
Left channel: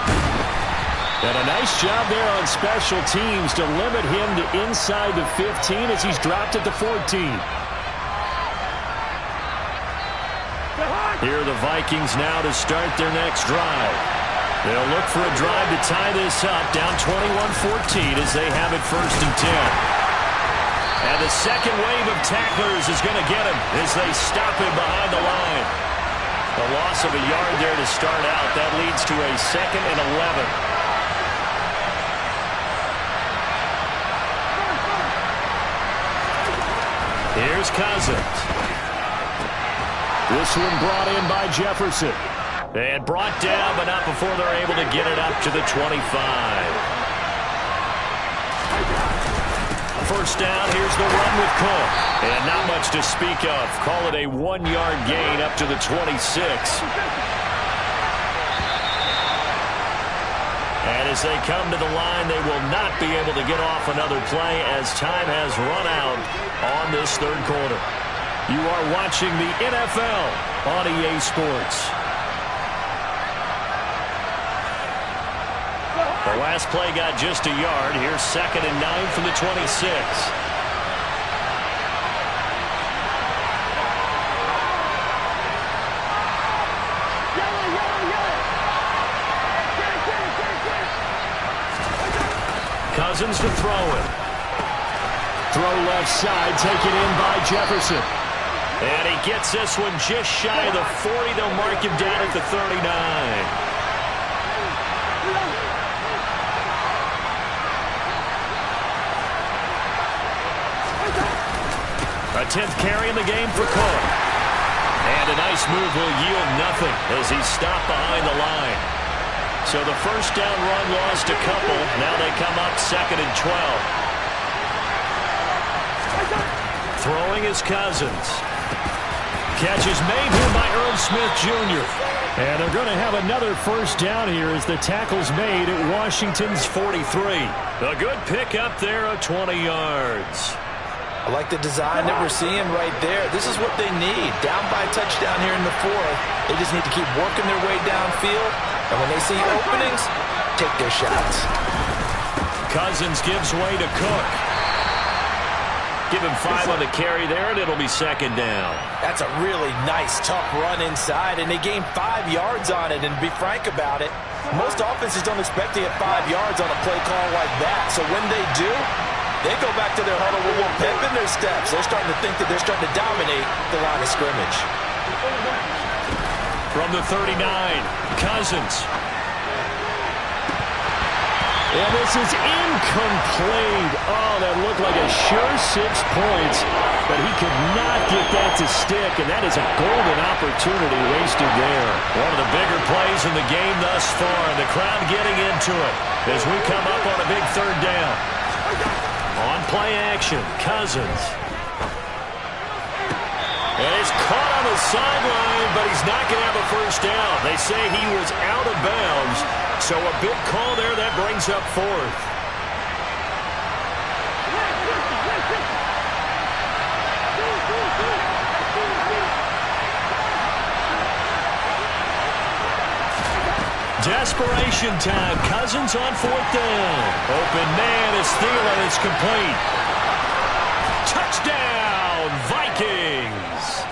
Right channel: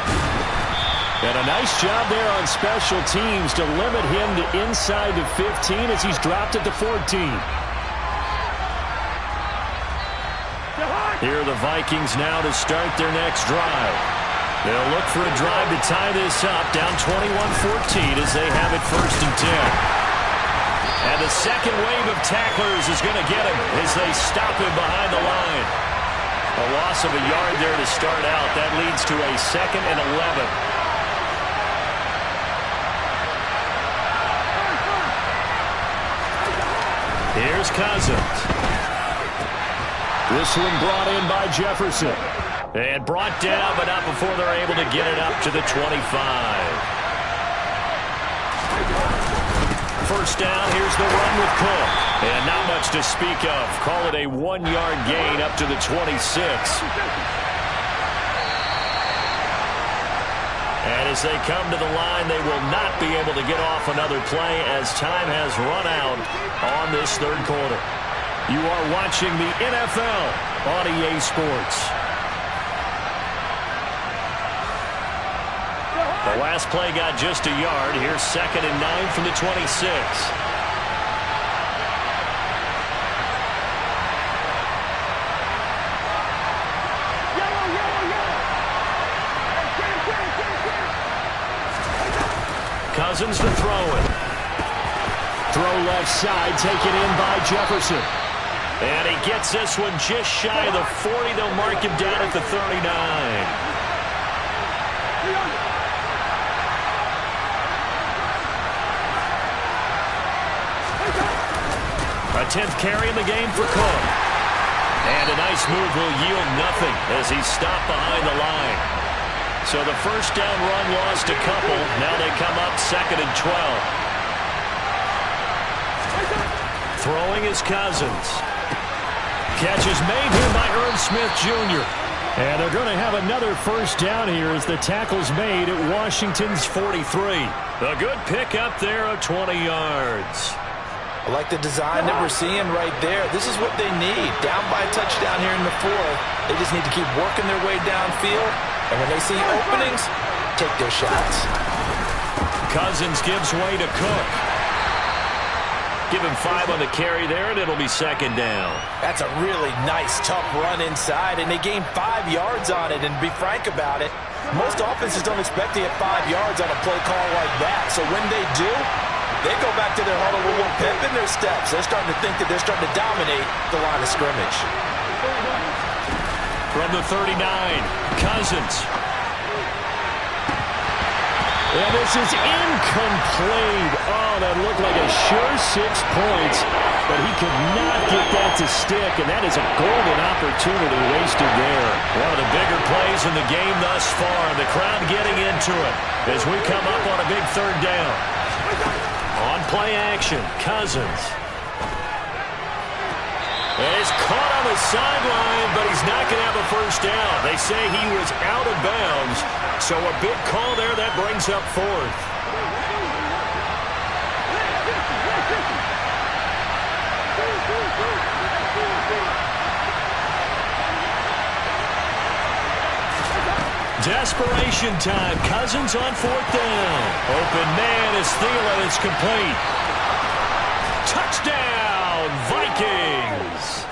And a nice job there on special teams to limit him to inside the 15 as he's dropped at the 14. Here are the Vikings now to start their next drive. They'll look for a drive to tie this up, down 21-14 as they have it 1st and 10. And the second wave of tacklers is going to get him as they stop him behind the line. A loss of a yard there to start out. That leads to a 2nd and 11. Here's Cousins. This one brought in by Jefferson. And brought down, but not before they're able to get it up to the 25. First down, here's the run with Cook. And not much to speak of. Call it a 1-yard gain up to the 26. And as they come to the line, they will not be able to get off another play as time has run out on this 3rd quarter. You are watching the NFL on EA Sports. The last play got just a yard. Here's 2nd and 9 from the 26. Cousins to throw it. Throw left side, taken in by Jefferson. And he gets this one just shy of the 40. They'll mark him down at the 39. A 10th carry in the game for Cook. And a nice move will yield nothing as he's stopped behind the line. So the first down run lost a couple. Now they come up 2nd and 12. Throwing is Cousins. Catch is made here by Irv Smith Jr. And they're going to have another first down here as the tackle's made at Washington's 43. A good pickup there of 20 yards. I like the design that we're seeing right there. This is what they need. Down by a touchdown here in the 4th. They just need to keep working their way downfield. And when they see openings, take their shots. Cousins gives way to Cook. Give him 5 on the carry there, and it'll be 2nd down. That's a really nice, tough run inside, and they gained 5 yards on it. And to be frank about it, most offenses don't expect to get 5 yards on a play call like that. So when they do, they go back to their huddle with a little pep in their steps. They're starting to think that they're starting to dominate the line of scrimmage. From the 39, Cousins. And this is incomplete. Oh, that looked like a sure 6 points, but he could not get that to stick, and that is a golden opportunity wasted there. One of the bigger plays in the game thus far, and the crowd getting into it as we come up on a big 3rd down. On play action, Cousins. And he's caught on the sideline, but he's not going to have a first down. They say he was out of bounds, so a big call there that brings up 4th. Desperation time. Cousins on 4th down. Open man is Thielen. It's complete. Touchdown, Vikings.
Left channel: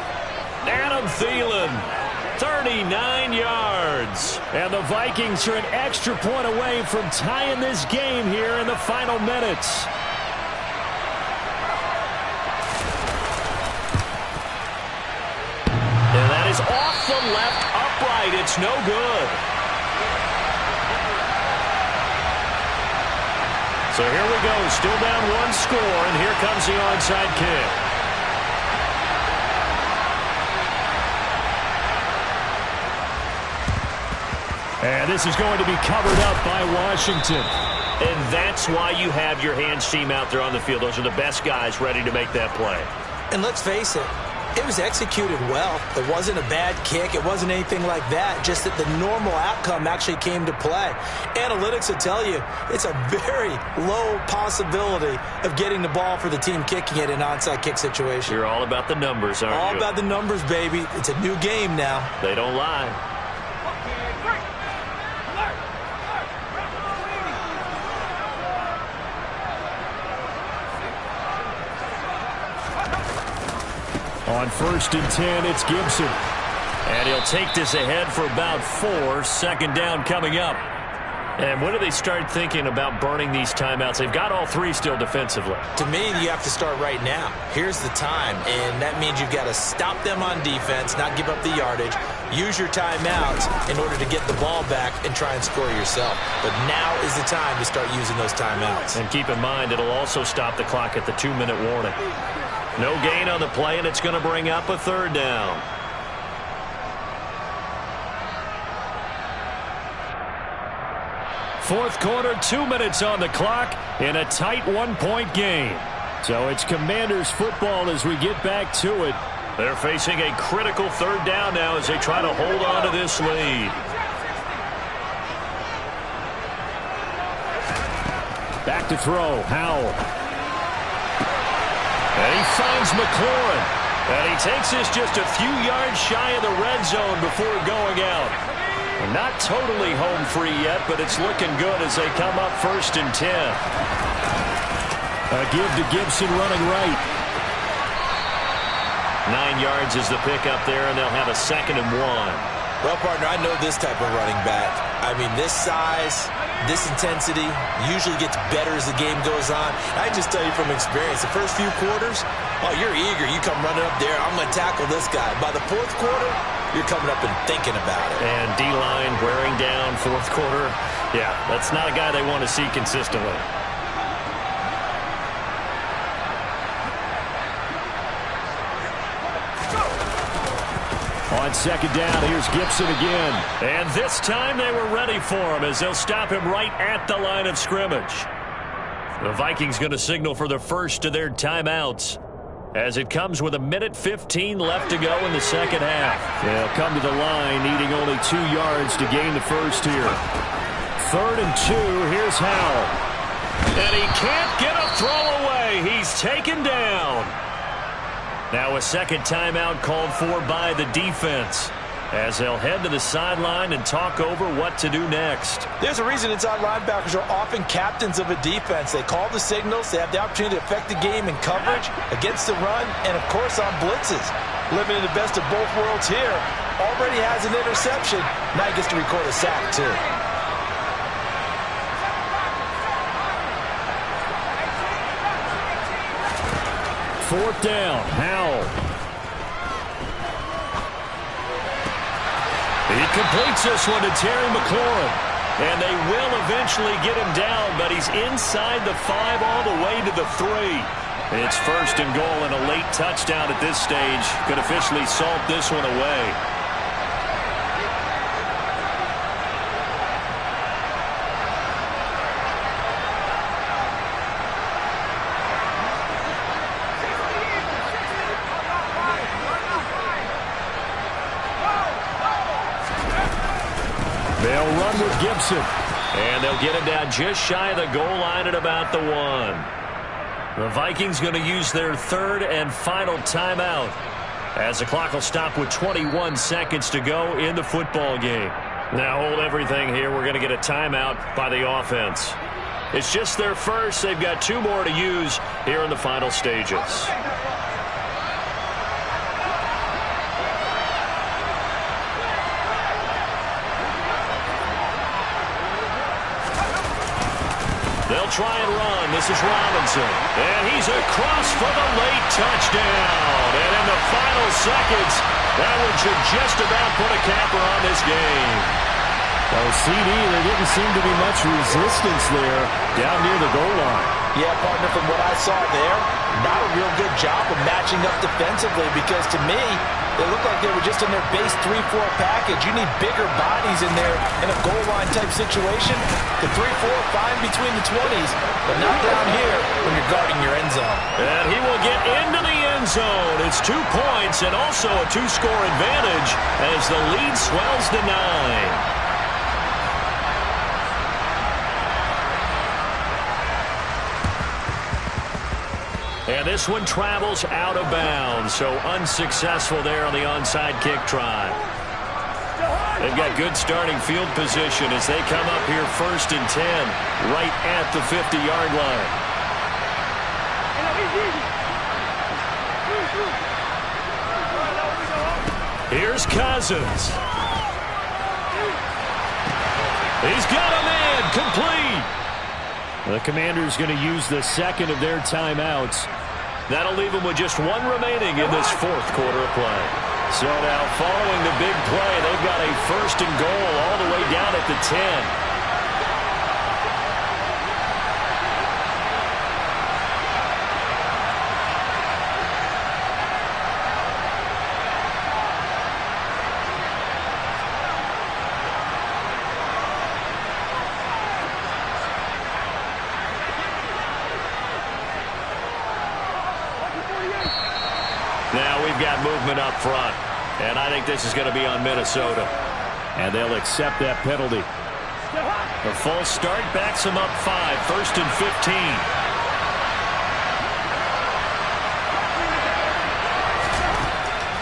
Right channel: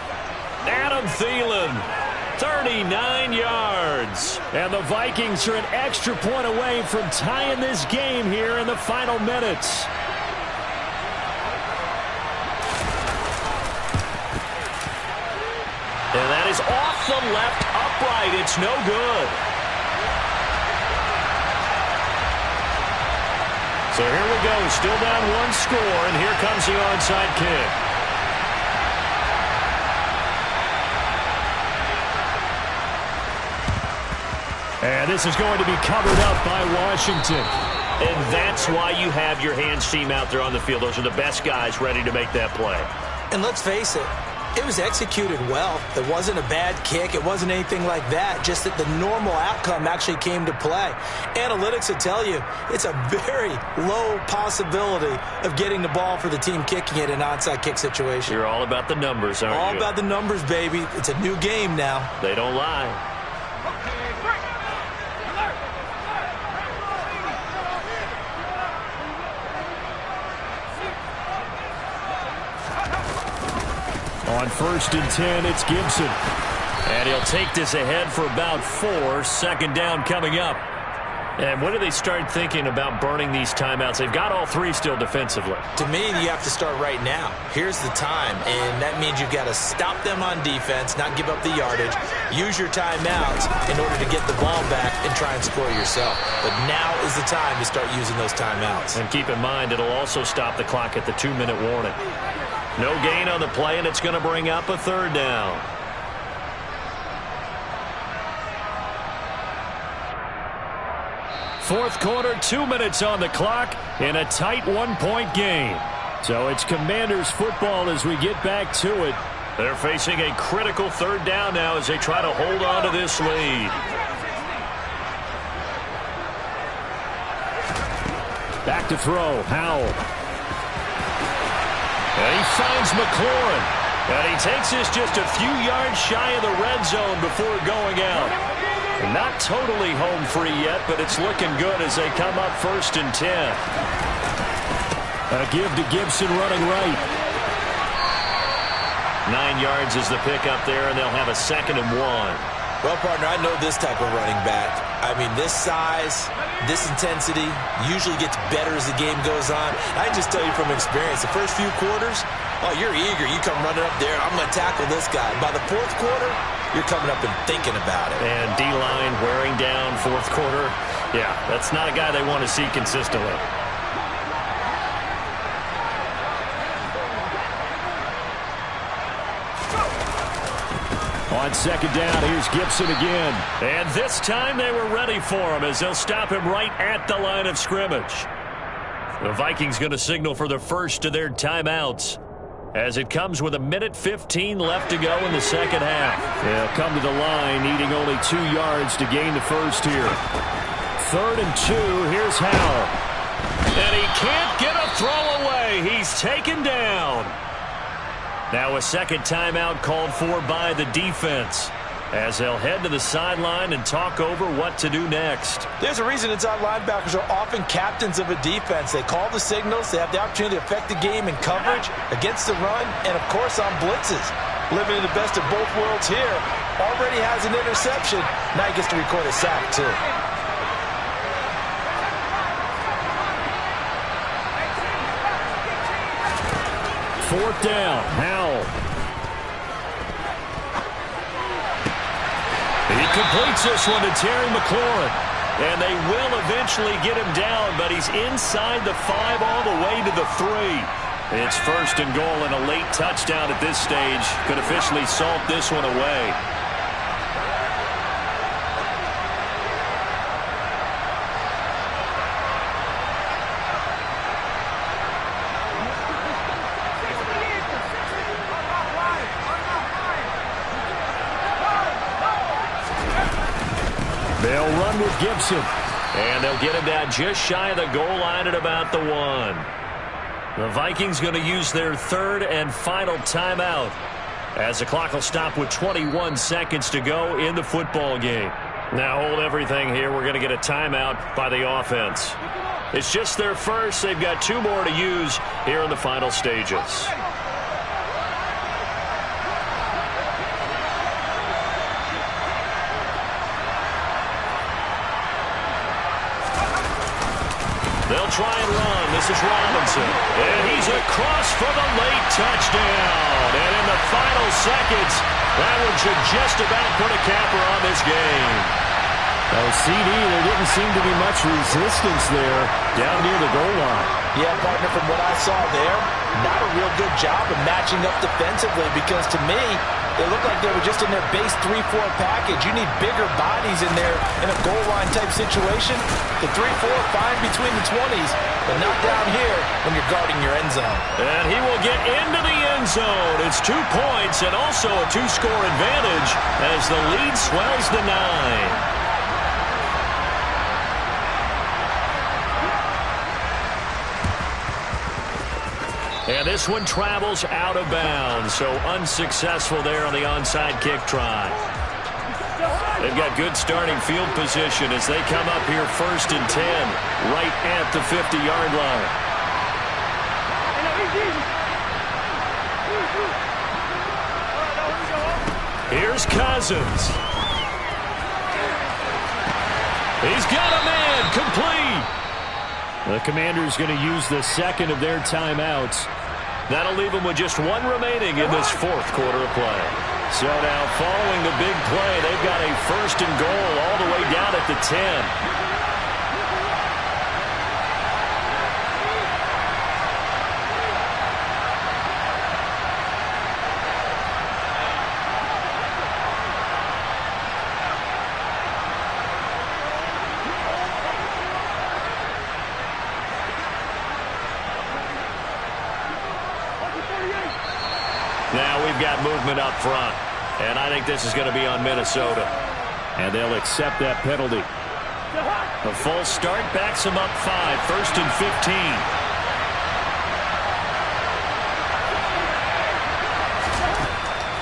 Adam Thielen, 39 yards. And the Vikings are an extra point away from tying this game here in the final minutes. And that is off the left upright. It's no good. So here we go. Still down 1 score, and here comes the onside kick. And this is going to be covered up by Washington. And that's why you have your hands team out there on the field. Those are the best guys ready to make that play. And let's face it, it was executed well. It wasn't a bad kick. It wasn't anything like that. Just that the normal outcome actually came to play. Analytics will tell you it's a very low possibility of getting the ball for the team kicking it in an onside kick situation. You're all about the numbers, aren't you? All about the numbers, baby. It's a new game now. They don't lie. On 1st and 10, it's Gibson. And he'll take this ahead for about 4. 2nd down coming up. And when do they start thinking about burning these timeouts? They've got all 3 still defensively. To me, you have to start right now. Here's the time, and that means you've got to stop them on defense, not give up the yardage, use your timeouts in order to get the ball back and try and score yourself. But now is the time to start using those timeouts. And keep in mind, it'll also stop the clock at the 2-minute warning. No gain on the play, and it's going to bring up a 3rd down. Fourth quarter, 2 minutes on the clock in a tight 1-point game. So it's Commanders football as we get back to it. They're facing a critical 3rd down now as they try to hold on to this lead. Back to throw, Howell. And he finds McLaurin. And he takes this just a few yards shy of the red zone before going out. And not totally home free yet, but it's looking good as they come up 1st and 10. A give to Gibson running right. 9 yards is the pickup there, and they'll have a 2nd and 1. Well, partner, I know this type of running back. I mean, this size, this intensity usually gets better as the game goes on. I just tell you from experience, the first few quarters, oh, you're eager. You come running up there, I'm going to tackle this guy. By the 4th quarter, you're coming up and thinking about it. And D-line wearing down 4th quarter. Yeah, that's not a guy they want to see consistently. On 2nd down, here's Gibson again. And this time they were ready for him as they'll stop him right at the line of scrimmage. The Vikings going to signal for the first of their timeouts as it comes with 1:15 left to go in the 2nd half. They'll come to the line needing only 2 yards to gain the first here. 3rd and 2, here's Howell. And he can't get a throw away. He's taken down. Now a 2nd timeout called for by the defense as they'll head to the sideline and talk over what to do next. There's a reason inside linebackers are often captains of a defense. They call the signals. They have the opportunity to affect the game in coverage, against the run, and, of course, on blitzes. Living in the best of both worlds here. Already has an interception. Now he gets to record a sack, too. Fourth down, Howell. He completes this one to Terry McLaurin. And they will eventually get him down, but he's inside the 5 all the way to the 3. It's 1st and goal and a late touchdown at this stage. Could officially salt this one away. They'll run with Gibson. And they'll get him down just shy of the goal line at about the 1. The Vikings going to use their 3rd and final timeout as the clock will stop with 21 seconds to go in the football game. Now hold everything here. We're going to get a timeout by the offense. It's just their first. They've got 2 more to use here in the final stages. They'll try and run. This is Robinson. And he's across for the late touchdown. And in the final seconds, that one should just about put a capper on this game. Oh, CD, there didn't seem to be much resistance there down near the goal line. Yeah, partner, from what I saw there, not a real good job of matching up defensively because to me, they looked like they were just in their base 3-4 package. You need bigger bodies in there in a goal line type situation. The 3-4, fine between the 20s, but not down here when you're guarding your end zone. And he will get into the end zone. It's 2 points and also a 2-score advantage as the lead swells to 9. And this one travels out of bounds, so unsuccessful there on the onside kick try. They've got good starting field position as they come up here 1st and 10, right at the 50-yard line. Here's Cousins. He's got a man, complete. The Commanders going to use the second of their timeouts. That'll leave them with just 1 remaining in this 4th quarter of play. So now following the big play, they've got a 1st and goal all the way down at the 10. Now we've got movement up front, and I think this is going to be on Minnesota. And they'll accept that penalty. The false start backs them up 5, 1st and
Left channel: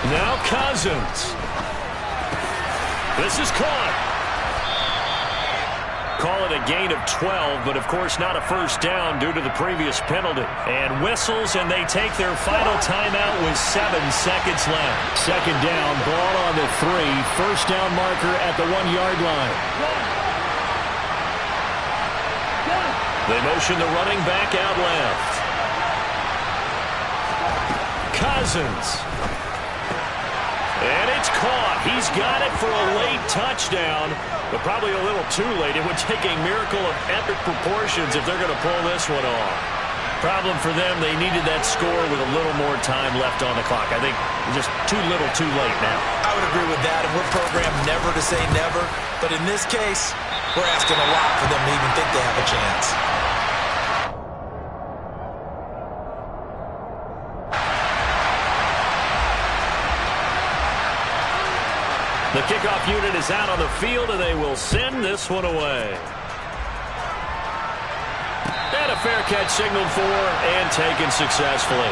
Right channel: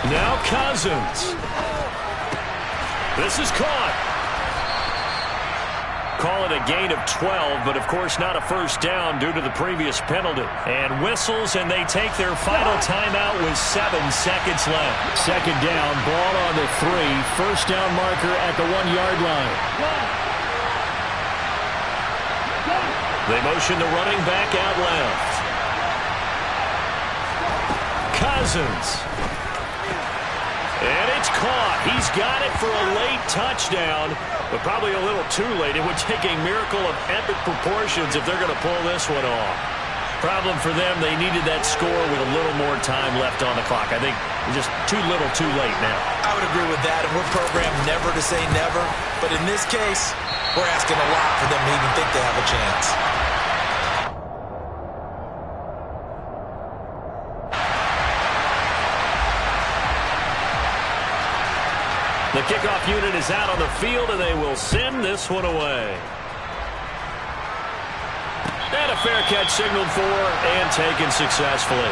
15. Now Cousins. This is caught. Call it a gain of 12, but of course not a first down due to the previous penalty. And whistles, and they take their final timeout with 7 seconds left. 2nd down, ball on the 3. 1st down marker at the 1-yard line. They motion the running back out left. Cousins. And it's caught. He's got it for a late touchdown, but probably a little too late. It would take a miracle of epic proportions if they're going to pull this one off. Problem for them, they needed that score with a little more time left on the clock. I think just too little too late now. I would agree with that, and we're programmed never to say never. But in this case, we're asking a lot for them to even think they have a chance. The kickoff unit is out on the field, and they will send this one away. And a fair catch signaled for and taken successfully.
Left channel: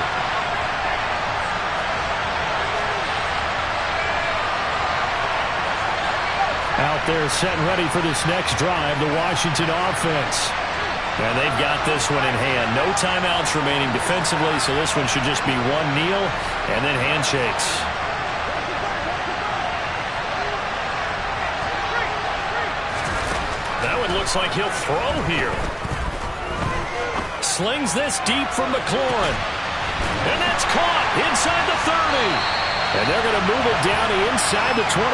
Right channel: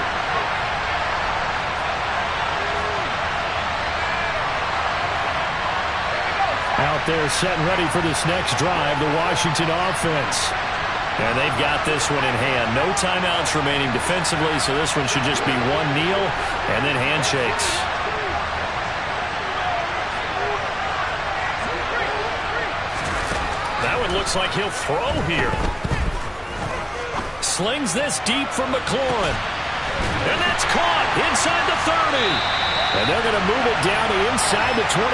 Out there set and ready for this next drive, the Washington offense. And they've got this one in hand. No timeouts remaining defensively, so this one should just be one kneel and then handshakes. That one looks like he'll throw here. Slings this deep from McLaurin. And that's caught inside the 30. And they're going to move it down to inside the 25.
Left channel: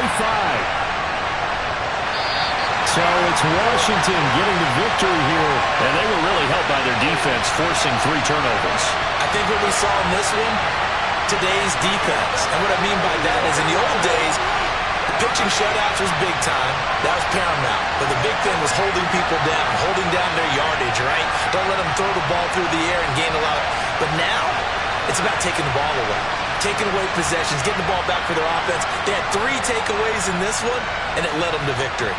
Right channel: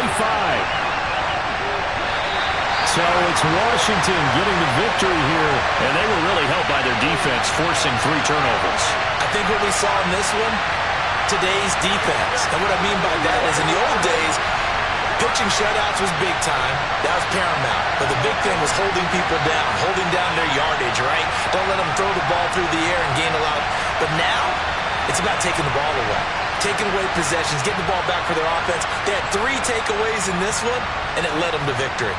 So it's Washington getting the victory here. And they were really helped by their defense, forcing 3 turnovers. I think what we saw in this one, today's defense. And what I mean by that is in the old days, pitching shutouts was big time. That was paramount. But the big thing was holding people down, holding down their yardage, right? Don't let them throw the ball through the air and gain a lot. But now, it's about taking the ball away. Taking away possessions, getting the ball back for their offense. They had 3 takeaways in this one, and it led them to victory.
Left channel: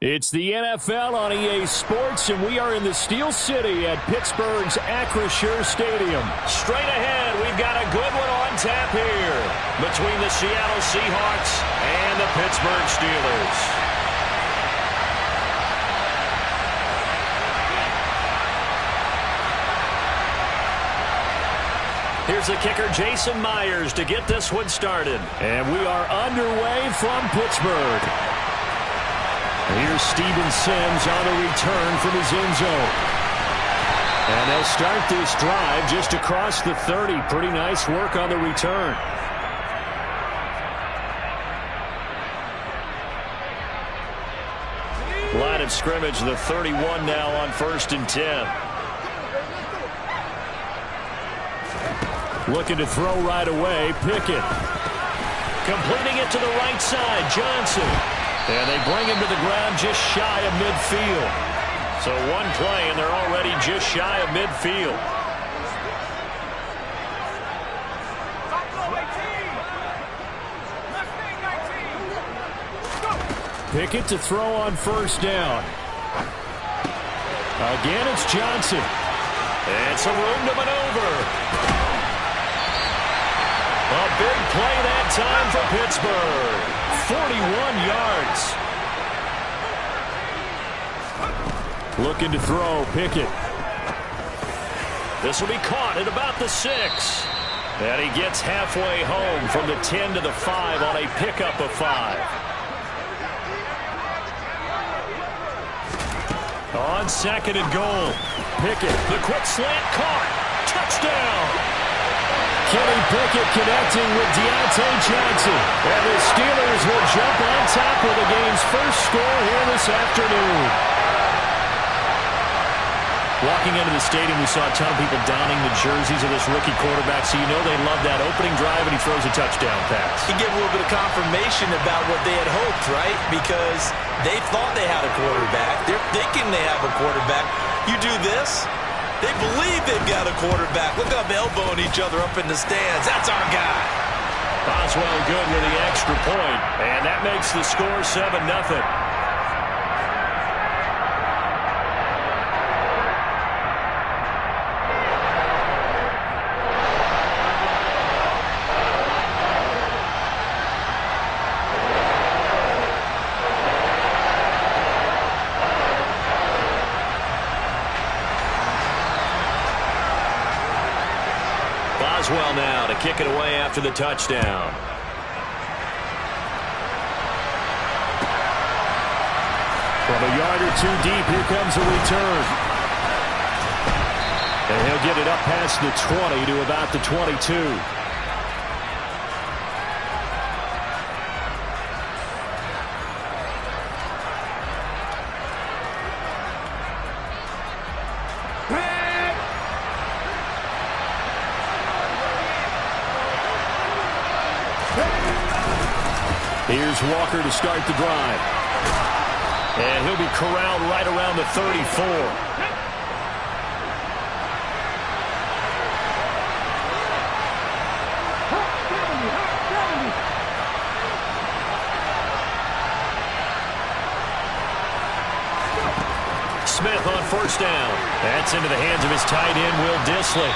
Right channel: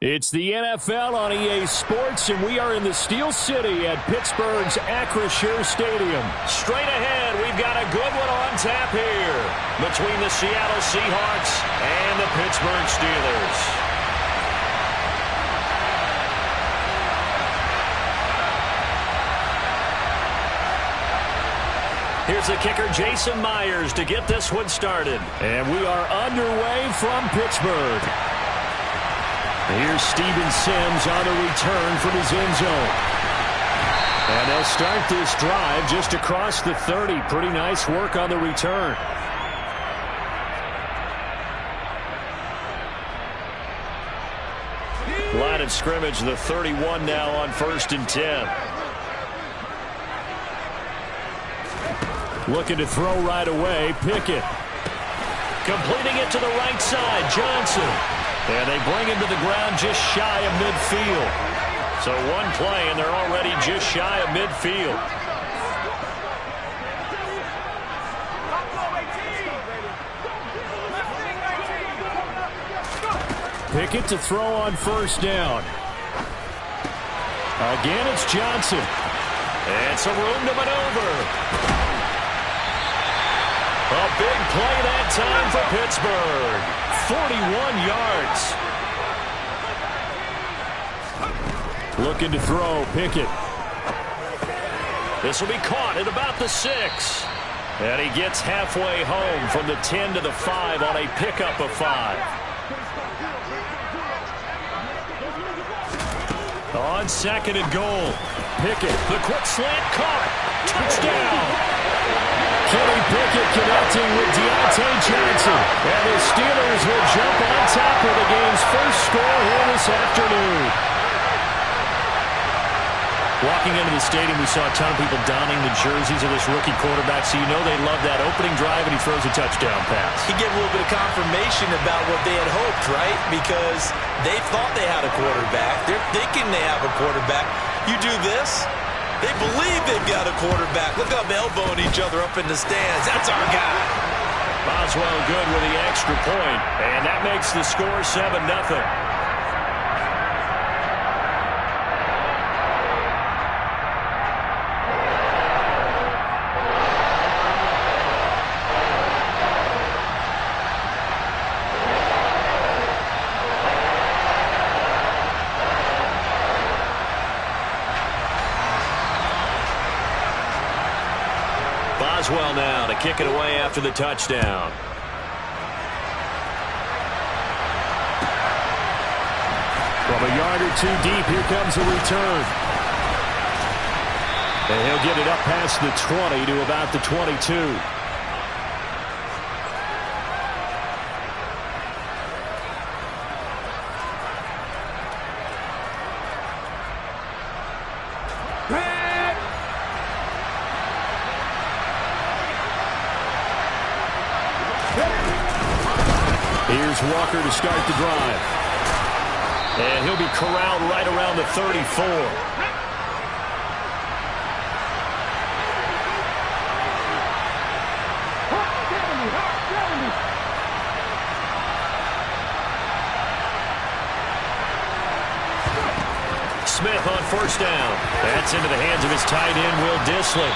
It's the NFL on EA Sports, and we are in the Steel City at Pittsburgh's Acrisure Stadium. Straight ahead, we've got a good one on tap here between the Seattle Seahawks and the Pittsburgh Steelers. Here's the kicker, Jason Myers, to get this one started. And we are underway from Pittsburgh. Here's Steven Sims on the return from his end zone. And they'll start this drive just across the 30. Pretty nice work on the return. Line of scrimmage, the 31 now on 1st and 10. Looking to throw right away, Pickett. Completing it to the right side, Johnson. And they bring him to the ground just shy of midfield. So one play, and they're already just shy of midfield. Pickett to throw on 1st down. Again, it's Johnson. And some room to maneuver. A big play that time for Pittsburgh. 41 yards. Looking to throw, Pickett. This will be caught at about the 6. And he gets halfway home from the 10 to the 5 on a pickup of 5. On 2nd and goal, Pickett. The quick slant caught. Touchdown. Kenny Pickett connecting with Deontay Johnson. And the Steelers will jump on top of the game's first score here this afternoon. Walking into the stadium, we saw a ton of people donning the jerseys of this rookie quarterback, so you know they love that opening drive, and he throws a touchdown pass. He gave a little bit of confirmation about what they had hoped, right? Because they thought they had a quarterback. They're thinking they have a quarterback. You do this, they believe they've got a quarterback. Look up, elbowing each other up in the stands. That's our guy. Boswell good with the extra point, and that makes the score 7-0. Boswell now to kick it away after the touchdown. From a yard or two deep, here comes a return. And he'll get it up past the 20 to about the 22. Here's Walker to start the drive. And he'll be corralled right around the 34. Smith on 1st down. That's into the hands of his tight end, Will Dissly.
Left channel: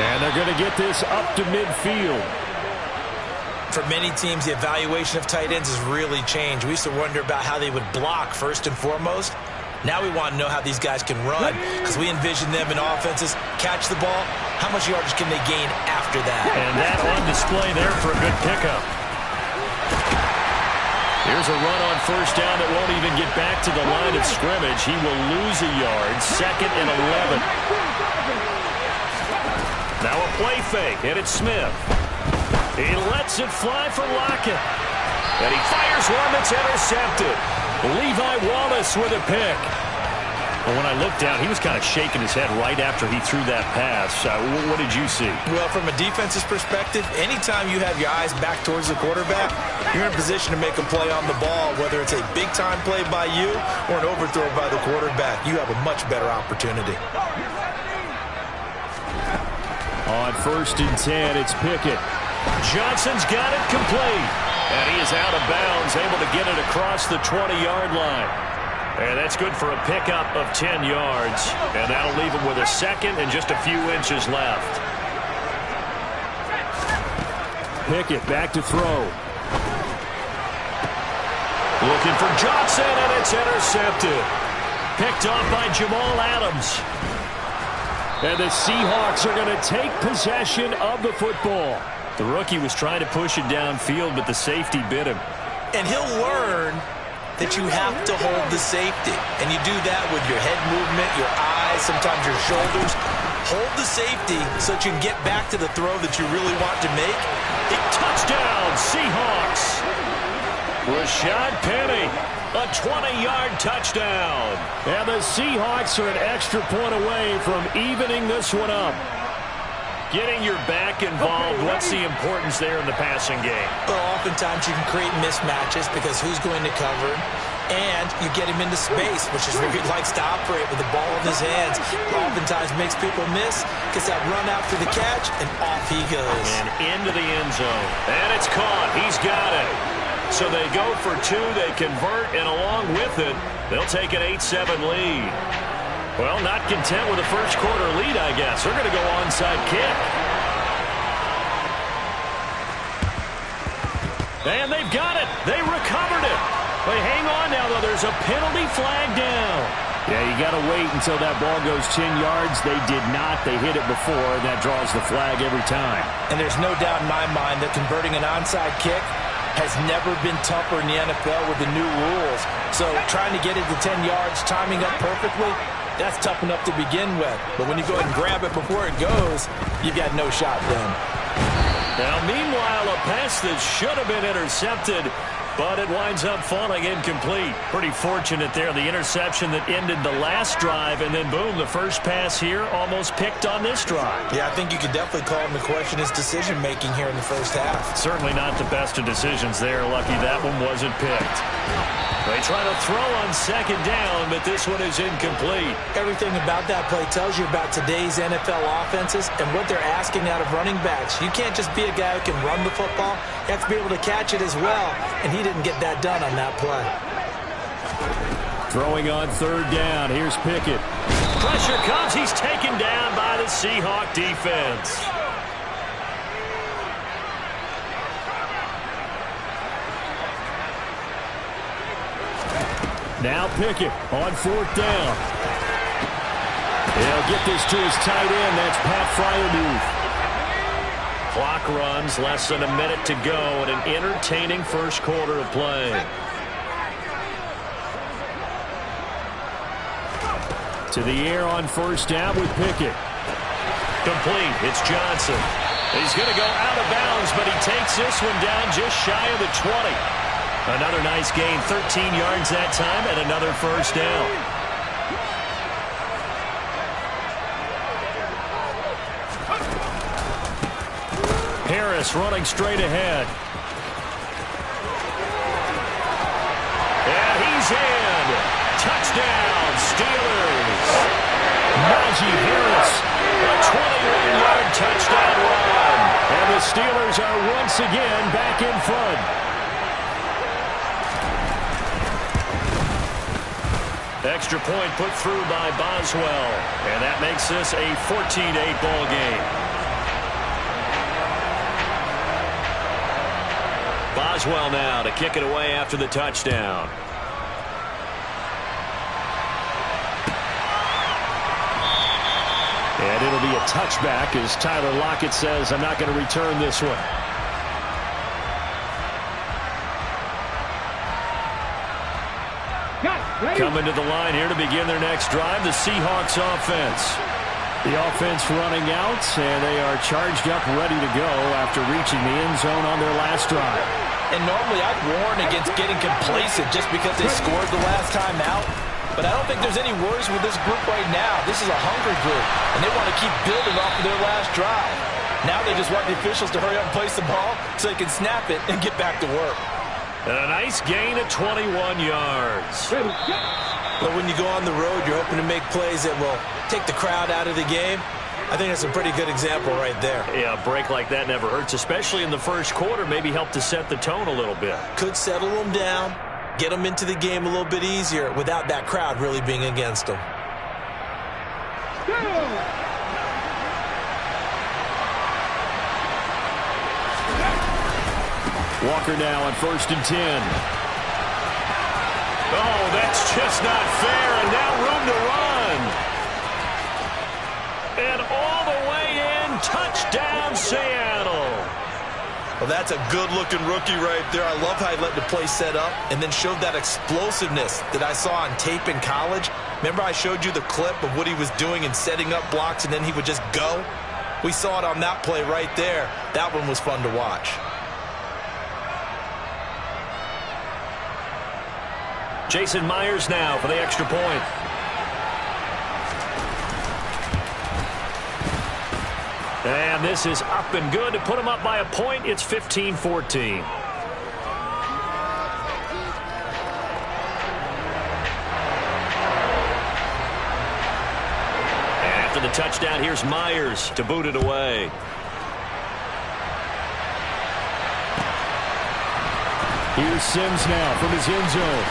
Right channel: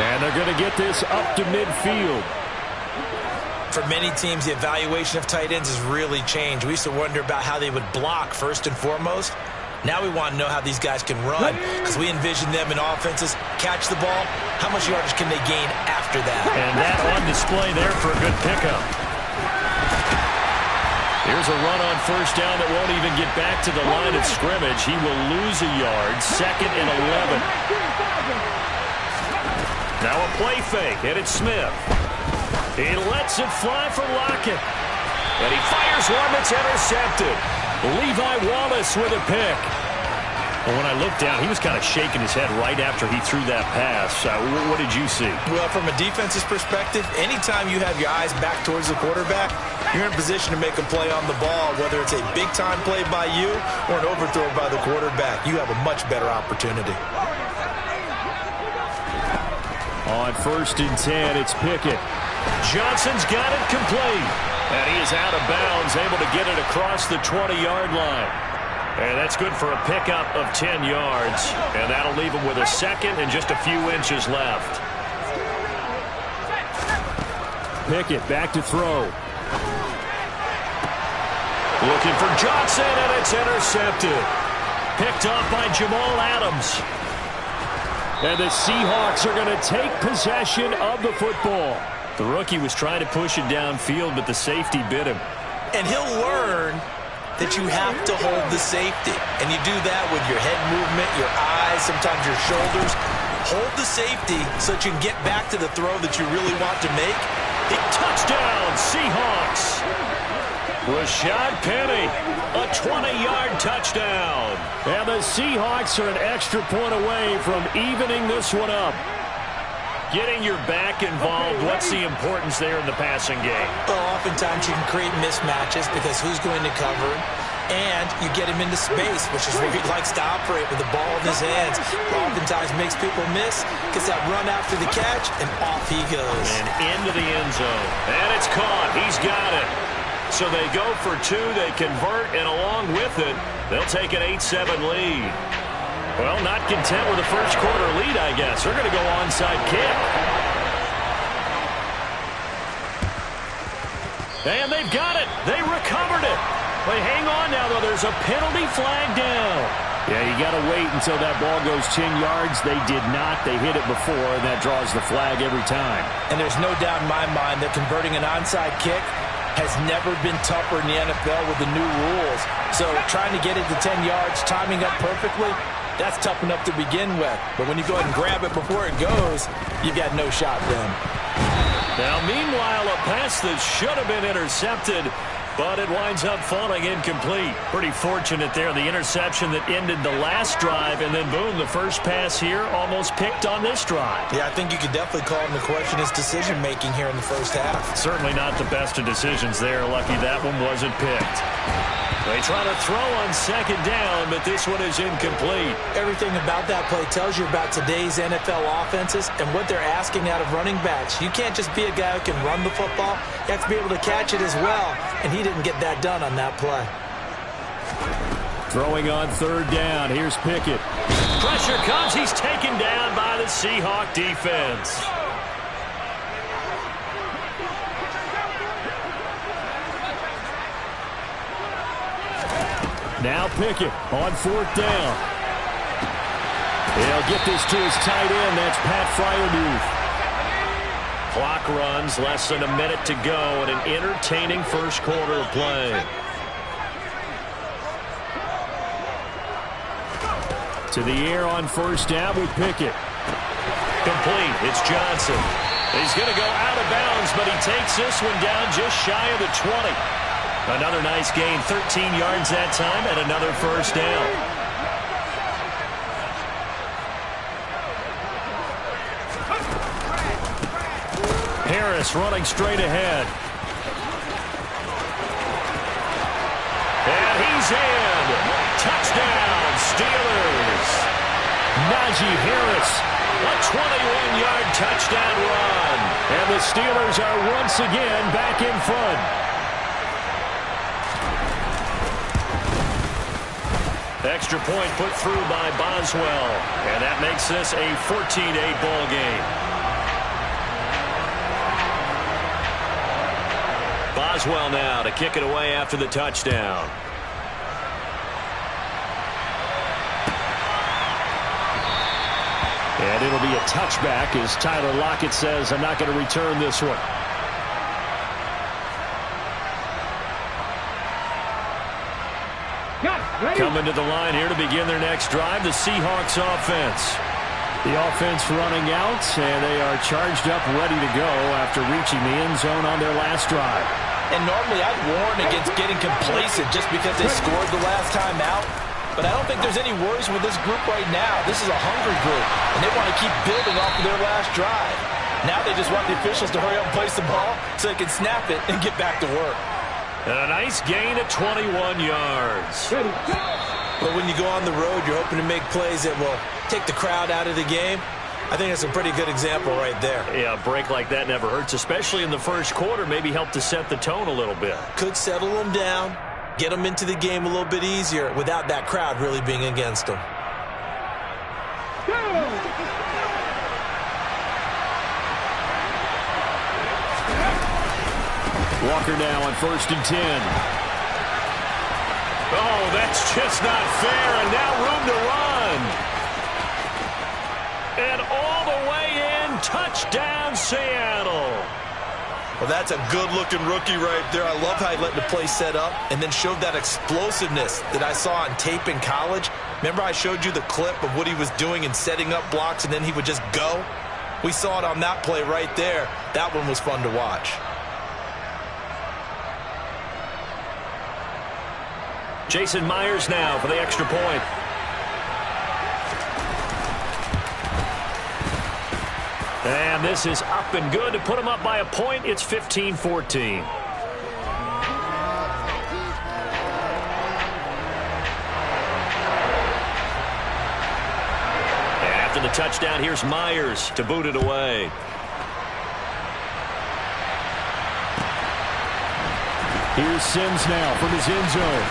And they're going to get this up to midfield. For many teams, the evaluation of tight ends has really changed. We used to wonder about how they would block first and foremost. Now we want to know how these guys can run, because we envision them in offenses, catch the ball, how much yardage can they gain after that? And that on display there for a good pickup. Here's a run on 1st down that won't even get back to the line of scrimmage. He will lose a yard, 2nd and 11. Now a play fake, and it's Smith. He lets it fly for Lockett. And he fires one that's intercepted. Levi Wallace with a pick. Well, when I looked down, he was kind of shaking his head right after he threw that pass. What did you see? Well, from a defense's perspective, anytime you have your eyes back towards the quarterback, you're in a position to make a play on the ball, whether it's a big-time play by you or an overthrow by the quarterback. You have a much better opportunity. On 1st and 10, it's Pickett. Johnson's got it complete. And he is out of bounds, able to get it across the 20-yard line. And that's good for a pickup of 10 yards. And that'll leave him with a second and just a few inches left. Pickett back to throw. Looking for Johnson, and it's intercepted. Picked off by Jamal Adams. And the Seahawks are going to take possession of the football. The rookie was trying to push it downfield, but the safety bit him. And he'll learn that you have to hold the safety. And you do that with your head movement, your eyes, sometimes your shoulders. Hold the safety so that you can get back to the throw that you really want to make. Touchdown, Seahawks. Rashad Penny, a 20-yard touchdown. And the Seahawks are an extra point away from evening this one up. Getting your back involved, what's the importance there in the passing game? Well, oftentimes you can create mismatches because who's going to cover him? And you get him into space, which is where he likes to operate with the ball in his hands. Oftentimes makes people miss, gets that run after the catch, and off he goes. And into the end zone. And it's caught. He's got it. So they go for two, they convert, and along with it, they'll take an 8-7 lead. Well, not content with a first quarter lead, I guess. They're going to go onside kick. And they've got it. They recovered it. But hang on now, though. There's a penalty flag down. Yeah, you got to wait until that ball goes 10 yards. They did not. They hit it before, and that draws the flag every time. And there's no doubt in my mind that converting an onside kick has never been tougher in the NFL with the new rules. So trying to get it to 10 yards, timing up perfectly, that's tough enough to begin with. But when you go ahead and grab it before it goes, you've got no shot then. Now, meanwhile, a pass that should have been intercepted, but it winds up falling incomplete. Pretty fortunate there, the interception that ended the last drive, and then boom, the first pass here almost picked on this drive. Yeah, I think you could definitely call him to question his decision-making here in the first half. Certainly not the best of decisions there. Lucky that one wasn't picked. They try to throw on second down, but this one is incomplete. Everything about that play tells you about today's NFL offenses and what they're asking out of running backs. You can't just be a guy who can run the football. You have to be able to catch it as well, and he didn't get that done on that play. Throwing on third down. Here's Pickett. Pressure comes. He's taken down by the Seahawk defense. Now Pickett on fourth down. He'll get this to his tight end. That's Pat Freiermuth. Clock runs, less than a minute to go, and an entertaining first quarter of play. To the air on first down with Pickett. Complete. It's Johnson. He's going to go out of bounds, but he takes this one down just shy of the 20. Another nice gain, 13 yards that time, and another first down. Harris running straight ahead. And he's in. Touchdown, Steelers. Najee Harris. A 21-yard touchdown run. And the Steelers are once again back in front. Extra point put through by Boswell. And that makes this a 14-8 ball game. Boswell now to kick it away after the touchdown. And it'll be a touchback as Tyler Lockett says, I'm not going to return this one. Coming to the line here to begin their next drive, the Seahawks offense. The offense running out, and they are charged up, ready to go after reaching the end zone on their last drive. And normally I'd warn against getting complacent just because they scored the last time out. But I don't think there's any worries with this group right now. This is a hungry group, and they want to keep building off of their last drive. Now they just want the officials to hurry up and place the ball so they can snap it and get back to work. And a nice gain of 21 yards. But when you go on the road, you're hoping to make plays that will take the crowd out of the game. I think that's a pretty good example right there. Yeah, a break like that never hurts, especially in the first quarter. Maybe help to set the tone a little bit. Could settle them down. get them into the game a little bit easier without that crowd really being against them. Walker now on 1st and 10. Oh, that's just not fair, and now room to run. And all the way in, touchdown Seattle. Well, that's a good-looking rookie right there. I love how he let the play set up and then showed that explosiveness that I saw on tape in college. Remember I showed you the clip of what he was doing and setting up blocks, and then he would just go? We saw it on that play right there. That one was fun to watch. Jason Myers now for the extra point. And this is up and good to put them up by a point. It's 15-14. After the touchdown, here's Myers to boot it away. Here's Sims now from his end zone.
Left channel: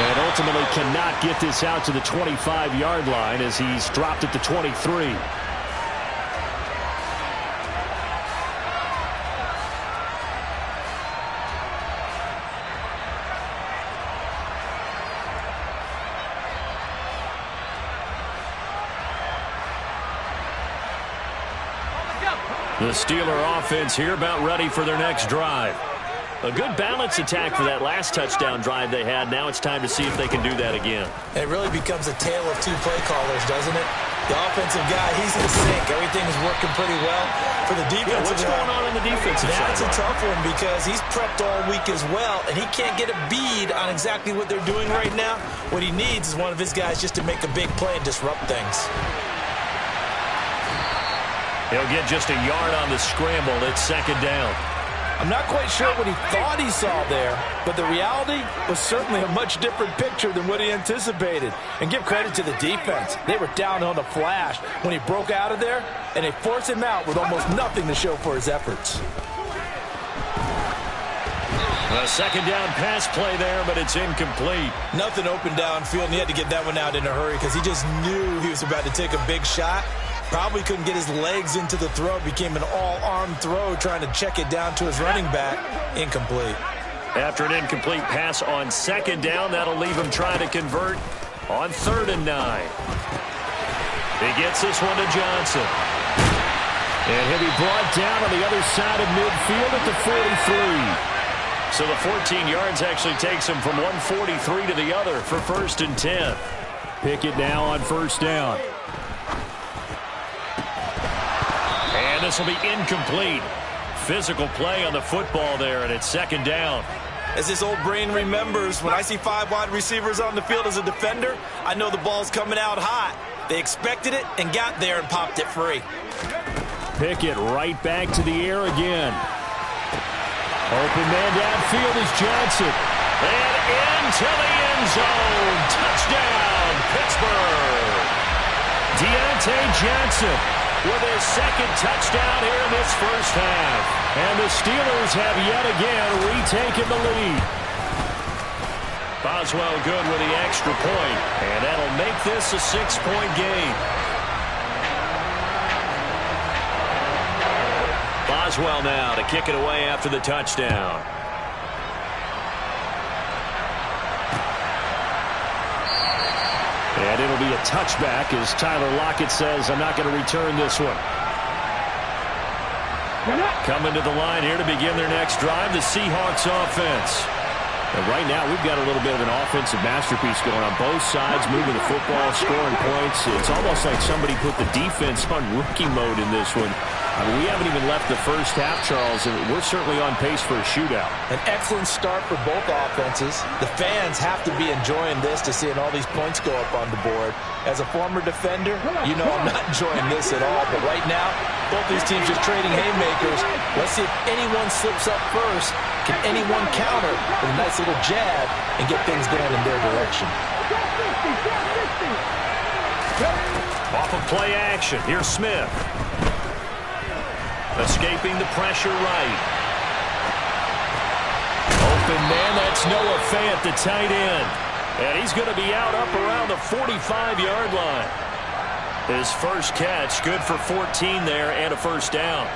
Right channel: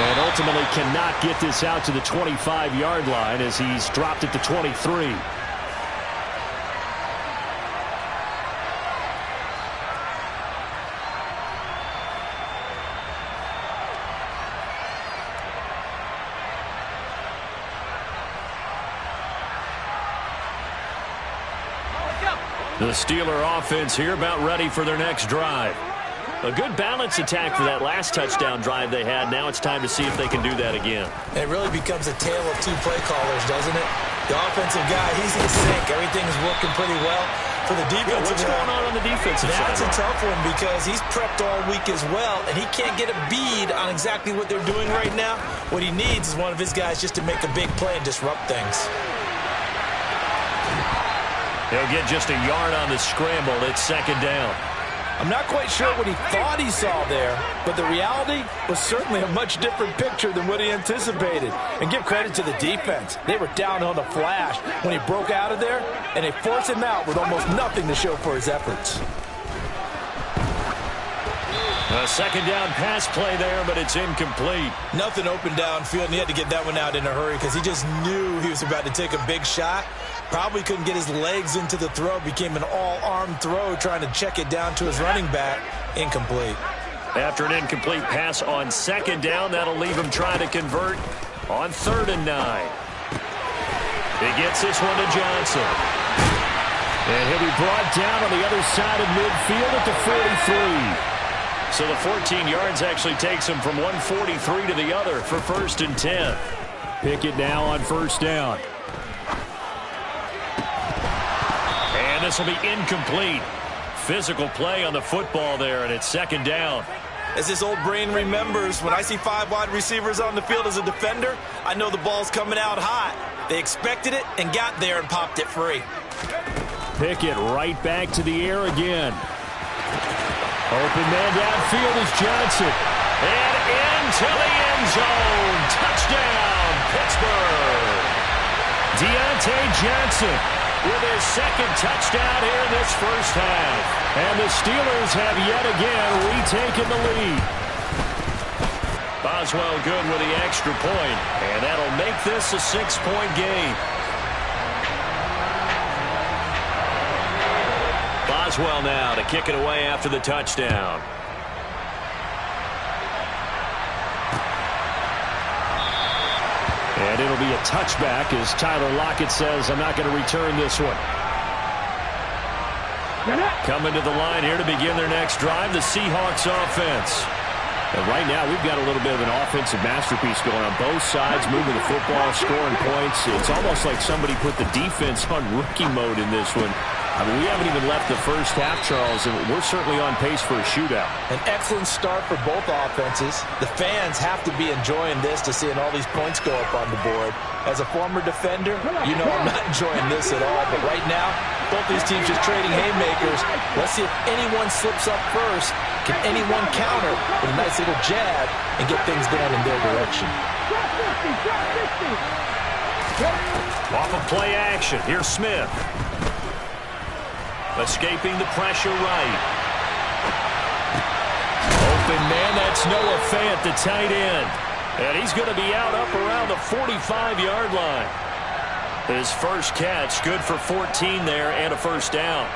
And ultimately cannot get this out to the 25-yard line as he's dropped at the 23. The Steeler offense here about ready for their next drive. A good balance attack for that last touchdown drive they had. Now it's time to see if they can do that again. And it really becomes a tale of two play callers, doesn't it? The offensive guy, he's in sync. Everything is working pretty well. For the defensive what's going on the defensive side? That's a tough one because he's prepped all week as well, and he can't get a bead on exactly what they're doing right now. What he needs is one of his guys just to make a big play and disrupt things. He'll get just a yard on the scramble. It's 2nd down. I'm not quite sure what he thought he saw there, but the reality was certainly a much different picture than what he anticipated. And give credit to the defense. They were down on the flash when he broke out of there, and they forced him out with almost nothing to show for his efforts. A 2nd down pass play there, but it's incomplete. Nothing open downfield, and he had to get that one out in a hurry because he just knew he was about to take a big shot. Probably couldn't get his legs into the throw. Became an all-arm throw trying to check it down to his running back. Incomplete. After an incomplete pass on 2nd down, that'll leave him trying to convert on 3rd and 9. He gets this one to Johnson. And he'll be brought down on the other side of midfield at the 43. So the 14 yards actually takes him from 143 to the other for 1st and 10. Pickett now on 1st down. And this will be incomplete. Physical play on the football there, and it's 2nd down. As his old brain remembers, when I see 5 wide receivers on the field as a defender, I know the ball's coming out hot. They expected it and got there and popped it free. Pickett right back to the air again. Open man downfield is Johnson. And into the end zone. Touchdown, Pittsburgh. Deontay Johnson with his 2nd touchdown here in this first half. And the Steelers have yet again retaken the lead. Boswell good with the extra point, and that'll make this a 6-point game. Boswell now to kick it away after the touchdown. And it'll be a touchback as Tyler Lockett says, I'm not going to return this one. Coming to the line here to begin their next drive, the Seahawks offense. And right now, we've got a little bit of an offensive masterpiece going on both sides, moving the football, scoring points. It's almost like somebody put the defense on rookie mode in this one. I mean, we haven't even left the first half, Charles, and we're certainly on pace for a shootout. An excellent start for both offenses. The fans have to be enjoying this to seeing all these points go up on the board. As a former defender, you know I'm not enjoying this at all. But right now, both these teams just trading haymakers. Let's see if anyone slips up first. Can anyone counter with a nice little jab and get things going in their direction? Off of play action, here's Smith. Escaping the pressure right. Open man, that's Noah Fant, the tight end. And he's going to be out up around the 45-yard line. His first catch, good for 14 there and a first down.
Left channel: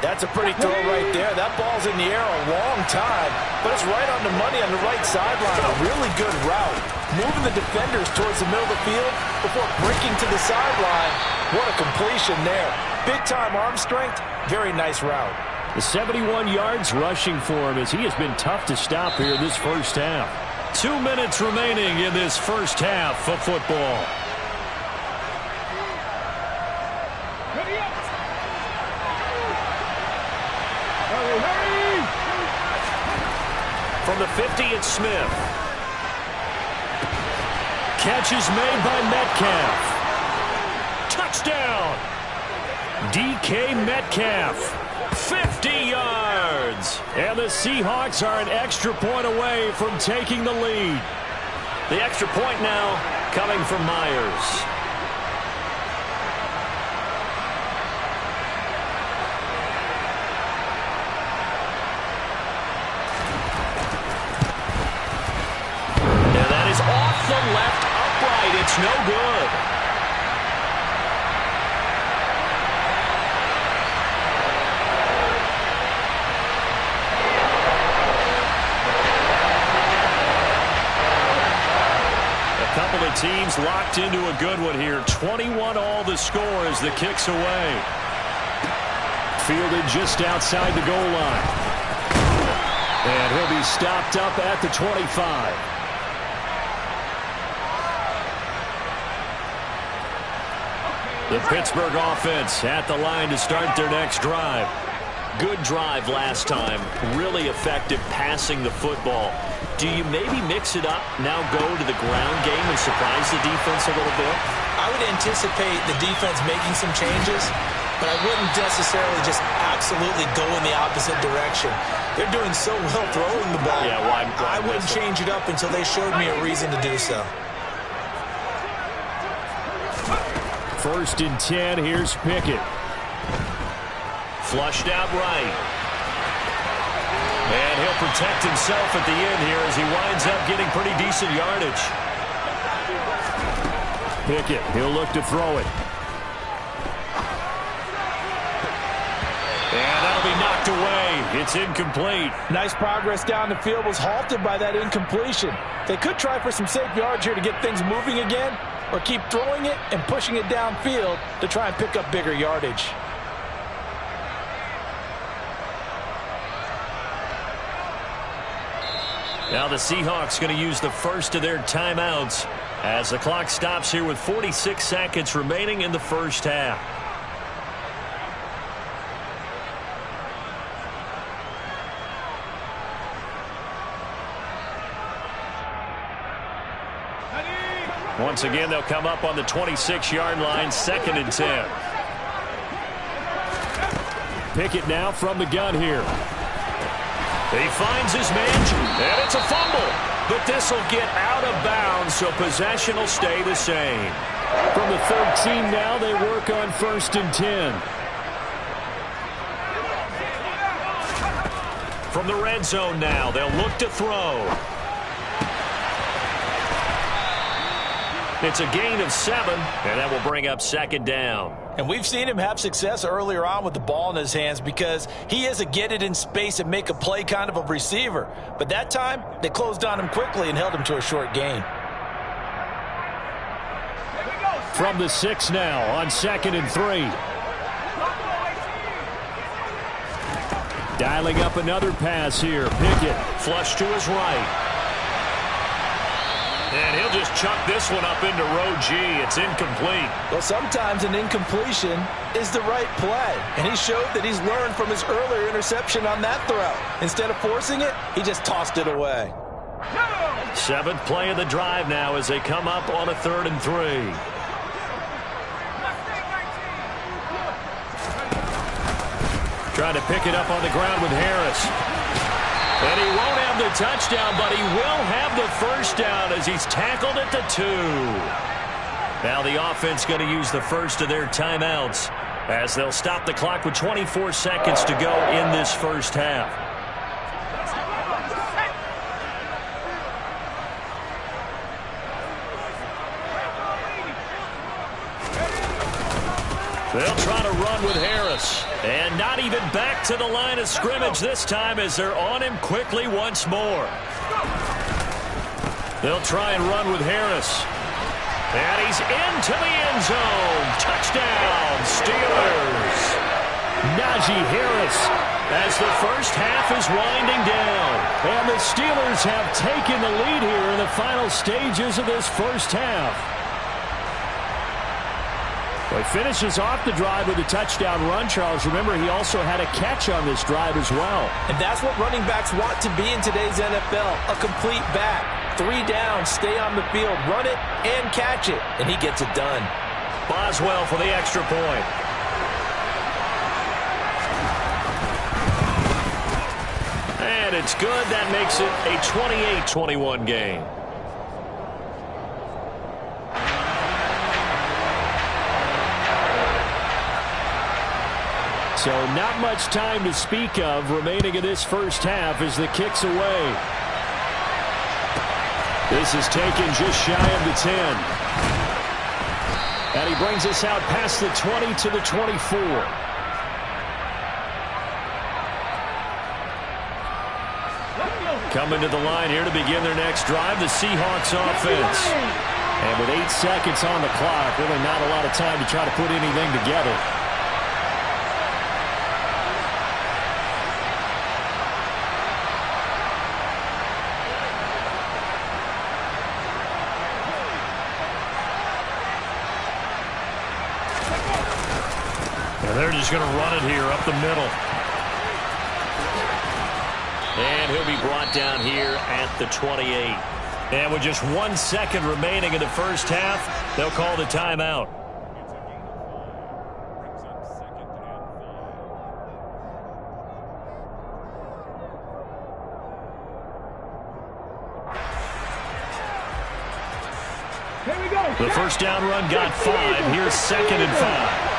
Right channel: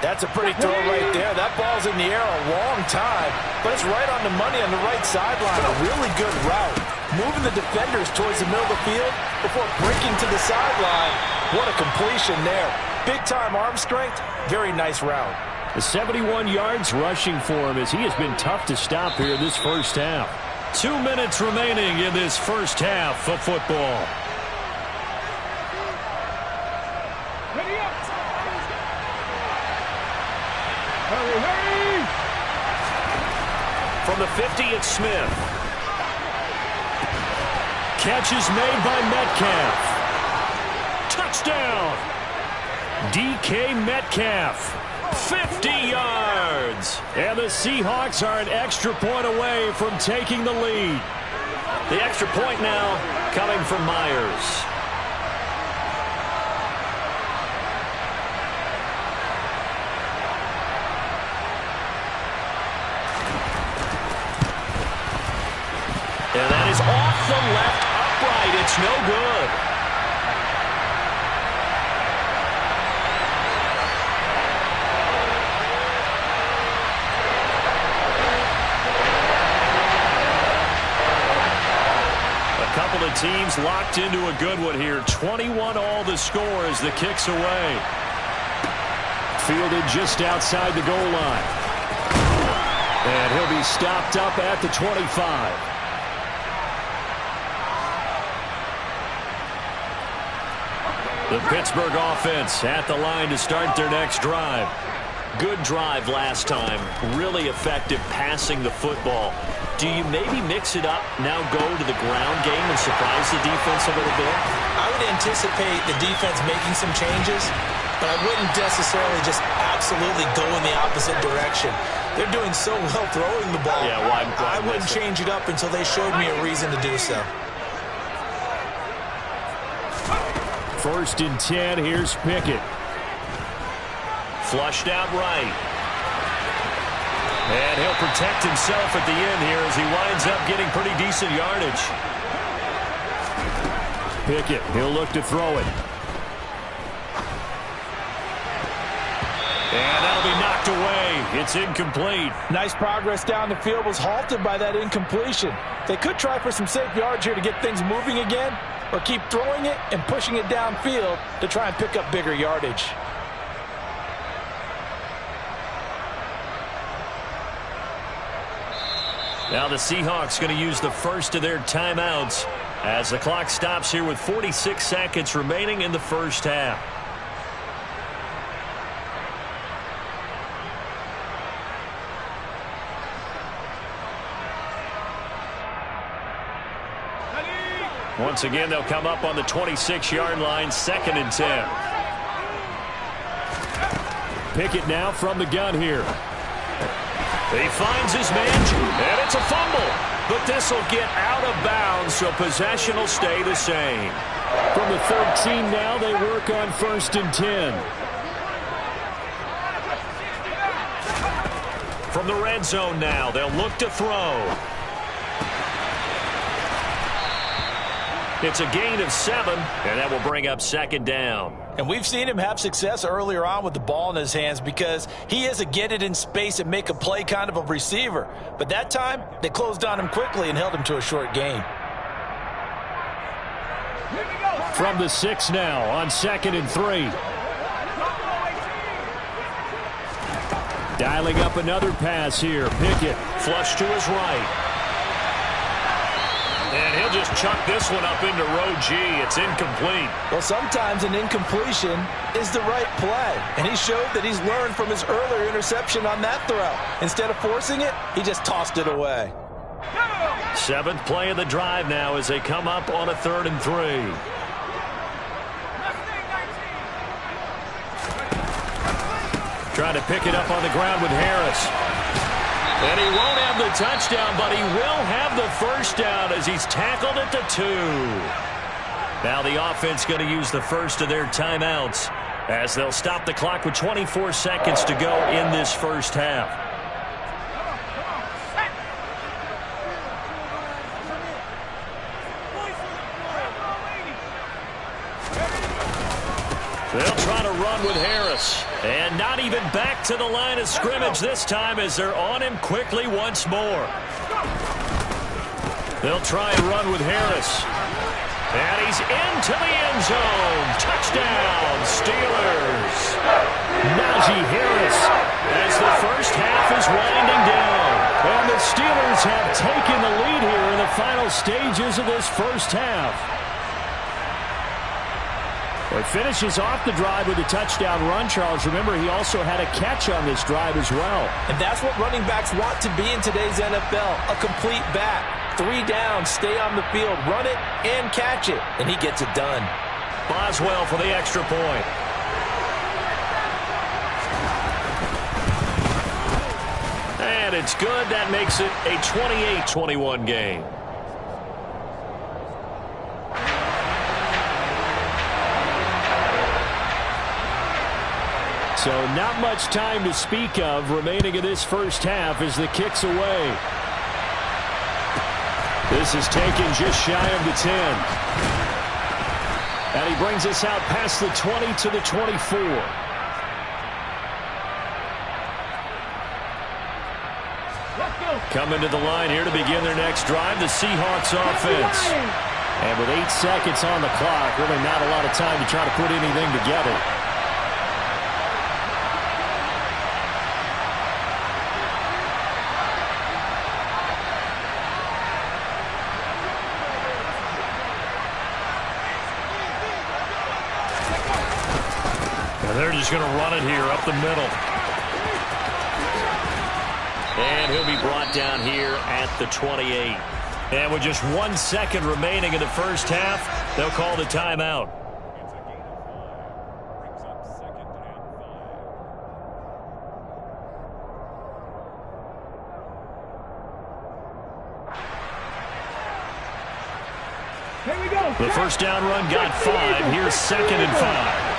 That's a pretty throw right there. That ball's in the air a long time, but it's right on the money on the right sideline. A really good route. Moving the defenders towards the middle of the field before breaking to the sideline. What a completion there. Big-time arm strength. Very nice route. The 71 yards rushing for him as he has been tough to stop here in this first half. 2 minutes remaining in this first half of football. Ready up. Hurry, hurry. From the 50, it's Smith. Catch is made by Metcalf. Touchdown. DK Metcalf. 50 yards. And the Seahawks are an extra point away from taking the lead. The extra point now coming from Myers. And that is off the left upright. It's no good. Couple of teams locked into a good one here. 21 all the score as the kick's away. Fielded just outside the goal line. And he'll be stopped up at the 25. The Pittsburgh offense at the line to start their next drive. Good drive last time. Really effective passing the football. Do you maybe mix it up, now go to the ground game and surprise the defense a little bit? I would anticipate the defense making some changes, but I wouldn't necessarily just absolutely go in the opposite direction. They're doing so well throwing the ball. Yeah, why I wouldn't change it up until they showed me a reason to do so. 1st and 10, here's Pickett. Flushed out right. And he'll protect himself at the end here as he winds up getting pretty decent yardage. Pickett, he'll look to throw it. And that'll be knocked away. It's incomplete. Nice progress down the field, was halted by that incompletion. They could try for some safe yards here to get things moving again, or keep throwing it and pushing it downfield to try and pick up bigger yardage. Now the Seahawks going to use the first of their timeouts as the clock stops here with 46 seconds remaining in the first half. Once again, they'll come up on the 26-yard line, 2nd and 10. Pickett now from the gun here. He finds his man, and it's a fumble. But this will get out of bounds, so possession will stay the same. From the 13 now, they work on 1st and 10. From the red zone now, they'll look to throw. It's a gain of 7, and that will bring up 2nd down. And we've seen him have success earlier on with the ball in his hands because he is a get it in space and make a play kind of a receiver. But that time, they closed on him quickly and held him to a short gain. From the 6 now on 2nd and 3. Dialing up another pass here. Pickett flush to his right. And he'll just chuck this one up into row G. It's incomplete. Well, sometimes an incompletion is the right play. And he showed that he's learned from his earlier interception on that throw. Instead of forcing it, he just tossed it away. 7th play of the drive now as they come up on a 3rd and 3. Trying to pick it up on the ground with Harris. And he won't have the touchdown, but he will have the first down as he's tackled at the 2. Now the offense going to use the first of their timeouts as they'll stop the clock with 24 seconds to go in this first half. They'll try to run with Harris. And not even back to the line of scrimmage this time as they're on him quickly once more. They'll try and run with Harris. And he's into the end zone. Touchdown, Steelers. Najee Harris as the first half is winding down. And the Steelers have taken the lead here in the final stages of this first half. Well, he finishes off the drive with a touchdown run, Charles. Remember, he also had a catch on this drive as well. And that's what running backs want to be in today's NFL, a complete back. 3 down, stay on the field, run it, and catch it. And he gets it done. Boswell for the extra point. And it's good. That makes it a 28-21 game. So not much time to speak of remaining in this first half as the kick's away. This is taken just shy of the 10. And he brings us out past the 20 to the 24. Coming to the line here to begin their next drive, the Seahawks offense. And with 8 seconds on the clock, really not a lot of time to try to put anything together. And they're just going to run it here up the middle. And he'll be brought down here at the 28. And with just 1 second remaining in the first half, they'll call the timeout. Here we go. The first down run got 5. Here's 2nd and 5.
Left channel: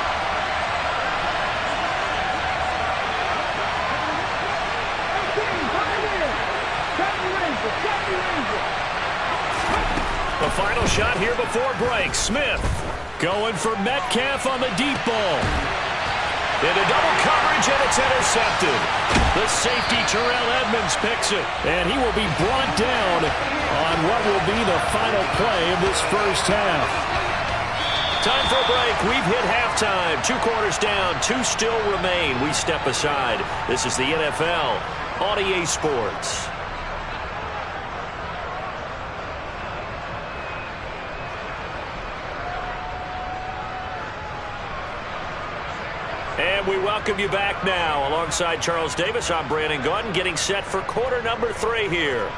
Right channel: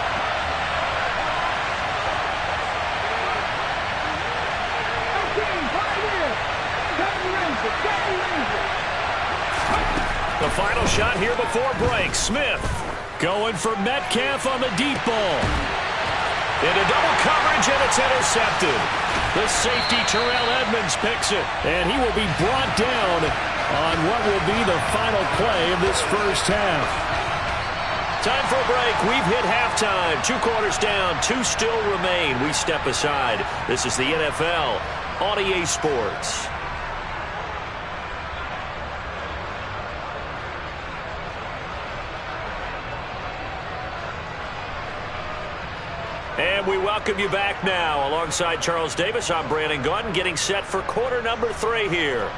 The final shot here before break. Smith going for Metcalf on the deep ball. Into double coverage, and it's intercepted. The safety, Terrell Edmonds, picks it. And he will be brought down on what will be the final play of this first half. Time for a break. We've hit halftime. 2 quarters down, 2 still remain. We step aside. This is the NFL on EA Sports. And we welcome you back now. Alongside Charles Davis, I'm Brandon Gaudin, getting set for quarter number 3 here.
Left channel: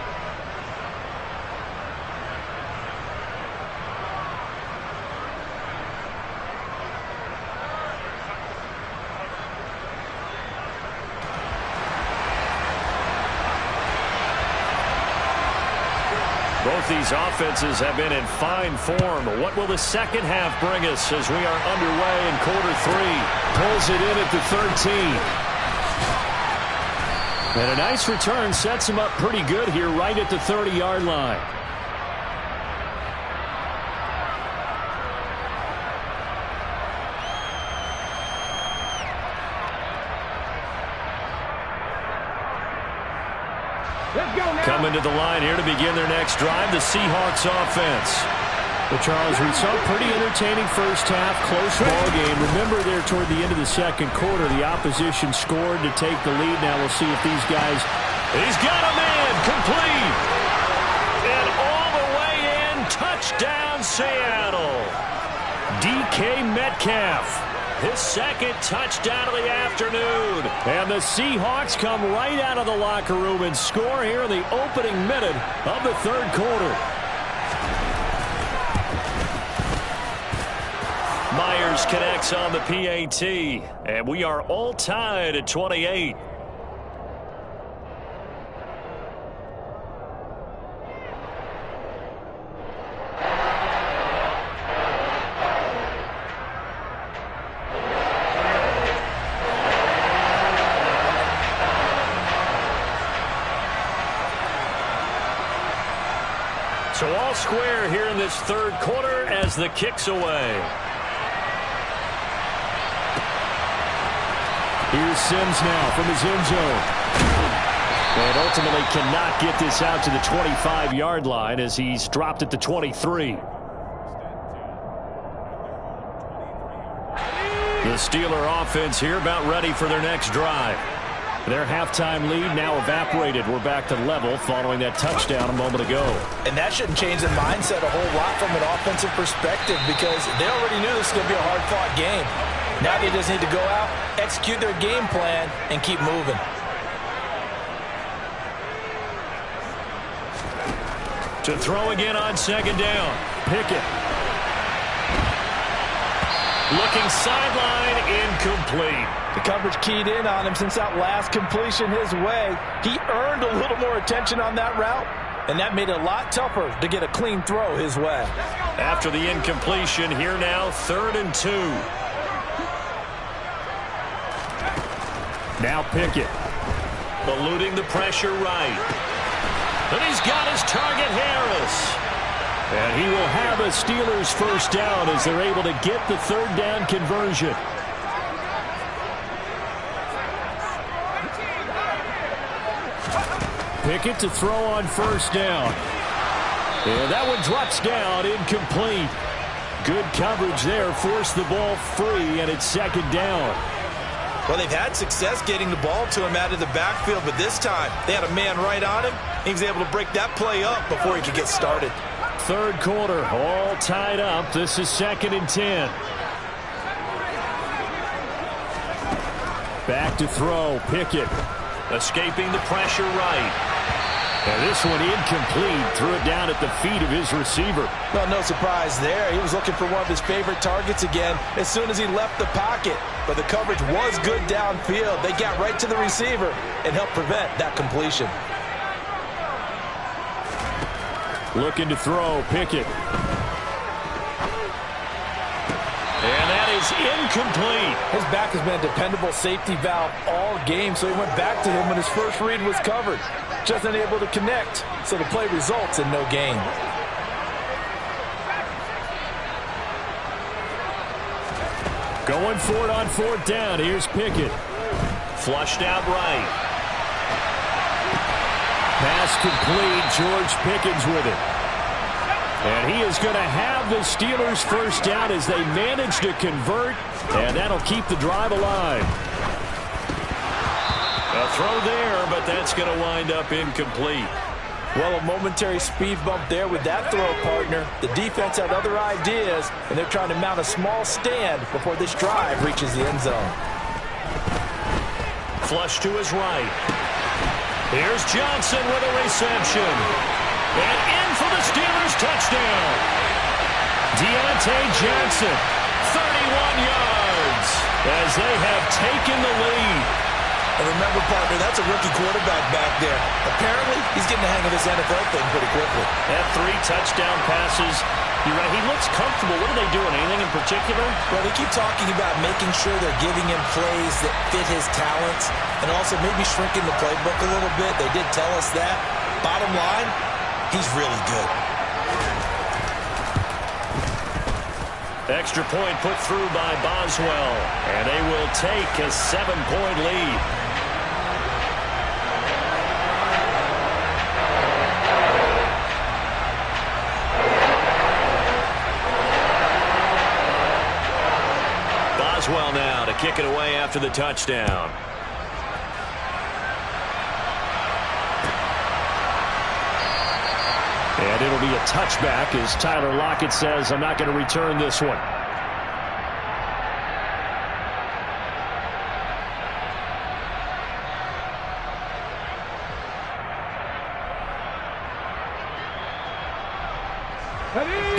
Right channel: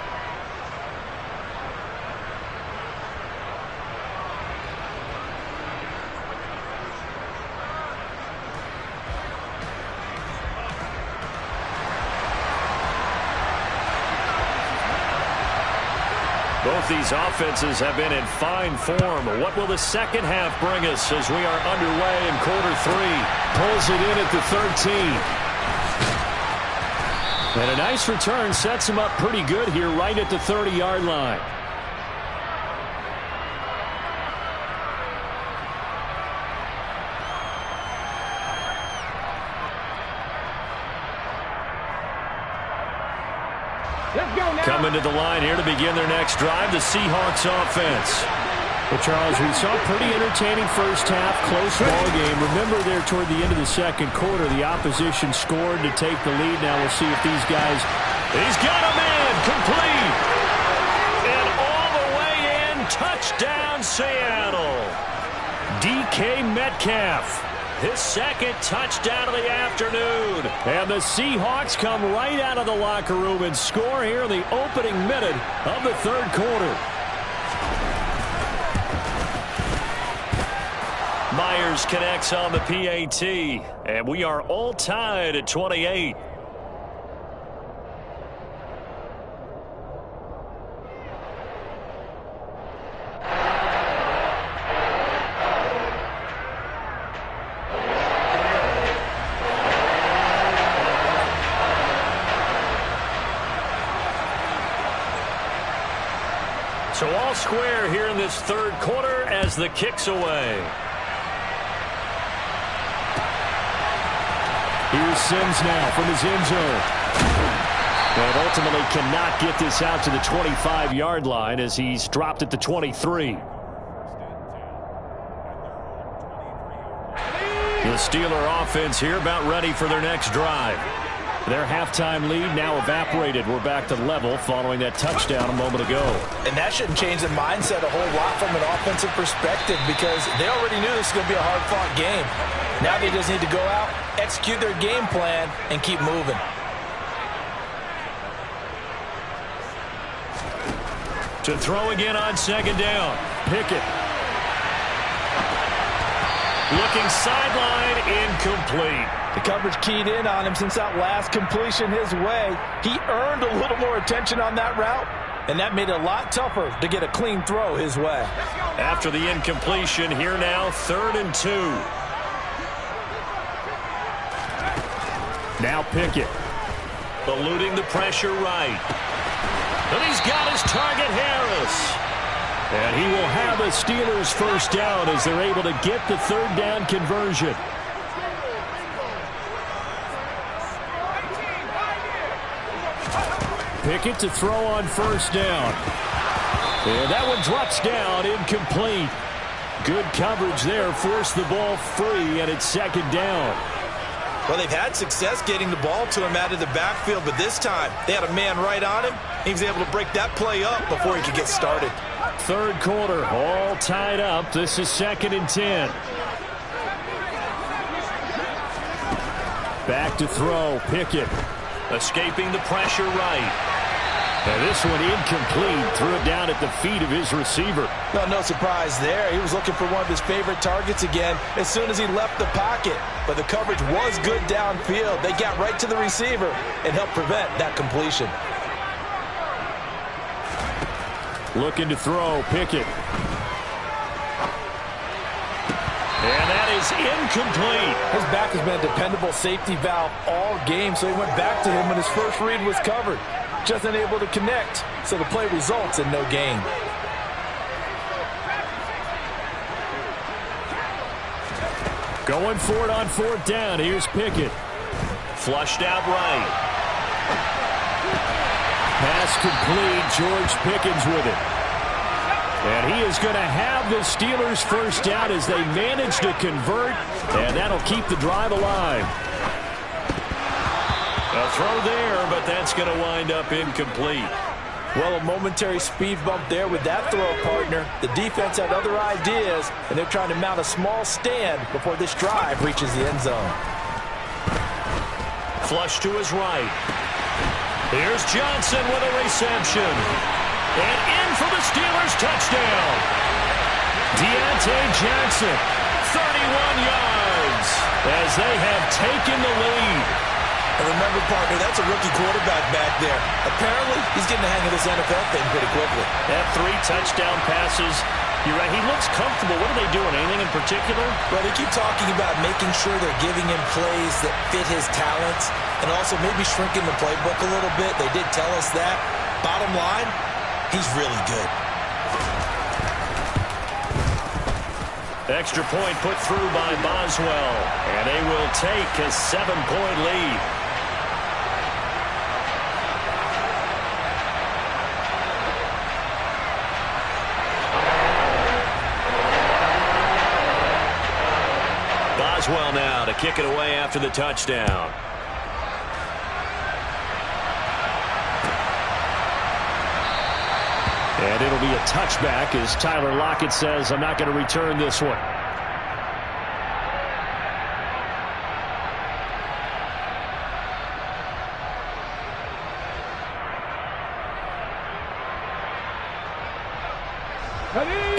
Both these offenses have been in fine form. What will the second half bring us as we are underway in quarter 3? Pulls it in at the 13. And a nice return sets him up pretty good here right at the 30-yard line. Let's go now. Coming to the line here to begin their next drive, the Seahawks offense. Well, Charles, we saw a pretty entertaining first half, close ball game. Remember there toward the end of the second quarter, the opposition scored to take the lead. Now we'll see if these guys... He's got a man, complete. And all the way in, touchdown Seattle. DK Metcalf. His second touchdown of the afternoon. And the Seahawks come right out of the locker room and score here in the opening minute of the third quarter. Myers connects on the PAT. And we are all tied at 28. So all square here in this third quarter as the kick's away. Here's Sims now from his end zone. And ultimately cannot get this out to the 25-yard line as he's dropped at the 23. The Steeler offense here about ready for their next drive. Their halftime lead now evaporated. We're back to level following that touchdown a moment ago. And that shouldn't change the mindset a whole lot from an offensive perspective because they already knew this was going to be a hard-fought game. Now they just need to go out, execute their game plan, and keep moving. To throw again on second down. Pickett. Looking sideline, incomplete. The coverage keyed in on him since that last completion his way. He earned a little more attention on that route, and that made it a lot tougher to get a clean throw his way. After the incompletion, here now, 3rd and 2. Now Pickett. Eluding the pressure right. And he's got his target, Harris. And he will have a Steelers first down as they're able to get the 3rd down conversion. Pickett to throw on first down. And that one drops down, incomplete. Good coverage there, forced the ball free, and it's 2nd down. Well, they've had success getting the ball to him out of the backfield, but this time they had a man right on him. He was able to break that play up before he could get started. 3rd quarter, all tied up. This is 2nd and 10. Back to throw, Pickett. Escaping the pressure right. And this one incomplete. Threw it down at the feet of his receiver. Well, no surprise there. He was looking for one of his favorite targets again as soon as he left the pocket. But the coverage was good downfield. They got right to the receiver and helped prevent that completion. Looking to throw, Pickett. And that is incomplete. His back has been a dependable safety valve all game, so he went back to him when his first read was covered. Just unable to connect, so the play results in no gain. Going for it on 4th down. Here's Pickett. Flushed out right. Pass complete. George Pickens with it. And he is going to have the Steelers first down as they manage to convert, and that'll keep the drive alive. A throw there, but that's going to wind up incomplete. Well, a momentary speed bump there with that throw, partner. The defense had other ideas, and they're trying to mount a small stand before this drive reaches the end zone. Flush to his right. Here's Johnson with a reception. And in for the Steelers touchdown. Deontay Johnson, 31 yards, as they have taken the lead. And remember, partner, that's a rookie quarterback back there. Apparently, he's getting the hang of this NFL thing pretty quickly. They have 3 touchdown passes. You're right, he looks comfortable. What are they doing? Anything in particular? Well, they keep talking about making sure they're giving him plays that fit his talents and also maybe shrinking the playbook a little bit. They did tell us that. Bottom line, he's really good. Extra point put through by Boswell, and they will take a 7-point lead. Boswell now to kick it away after the touchdown. And it'll be a touchback as Tyler Lockett says, I'm not going to return this one.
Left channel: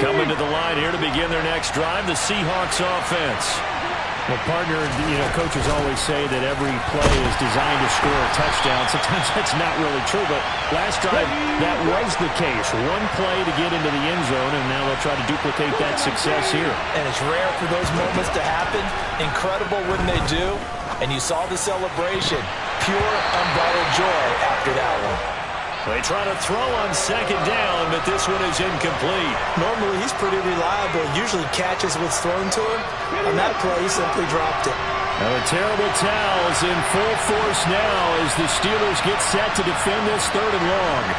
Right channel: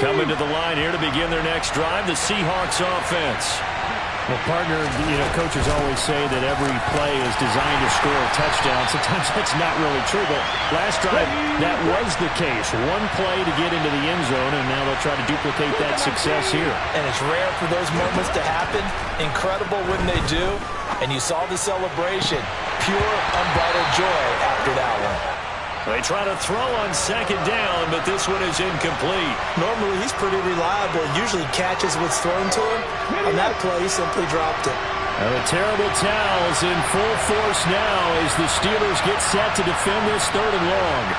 Coming to the line here to begin their next drive, the Seahawks offense. Well, partner, coaches always say that every play is designed to score a touchdown. Sometimes that's not really true, but last drive, that was the case. One play to get into the end zone, and now they'll try to duplicate that success here. And it's rare for those moments to happen. Incredible when they do. And you saw the celebration. Pure, unbridled joy after that one. They try to throw on second down, but this one is incomplete. Normally, he's pretty reliable. Usually catches what's thrown to him. On that play, he simply dropped it. Now the terrible towels in full force now as the Steelers get set to defend this 3rd and long.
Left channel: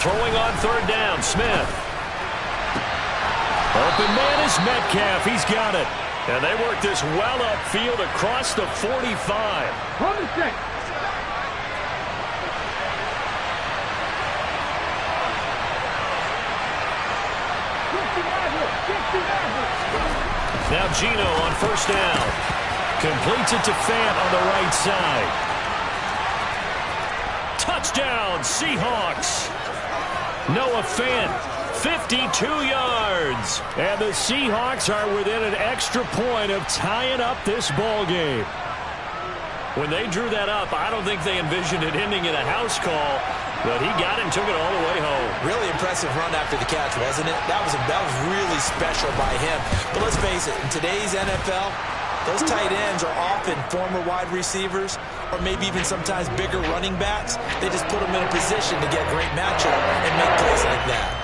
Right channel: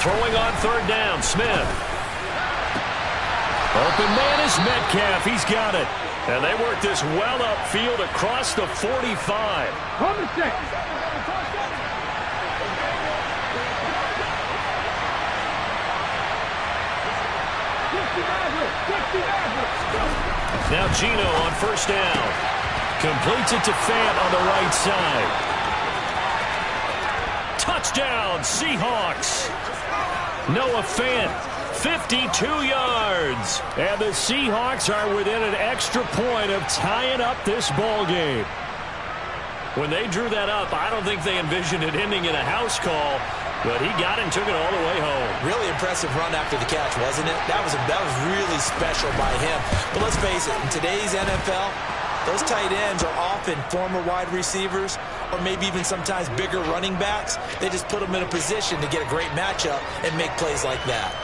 Throwing on 3rd down, Smith. Open man is Metcalf. He's got it. And they work this well upfield across the 45. On the check. Now Gino on 1st down. Completes it to Fant on the right side. Touchdown, Seahawks. Noah Fant, 52 yards. And the Seahawks are within an extra point of tying up this ball game. When they drew that up, I don't think they envisioned it ending in a house call, but he got it and took it all the way home. Really impressive run after the catch, wasn't it? That was really special by him. But let's face it, in today's NFL, those tight ends are often former wide receivers or maybe even sometimes bigger running backs. They just put them in a position to get a great matchup and make plays like that.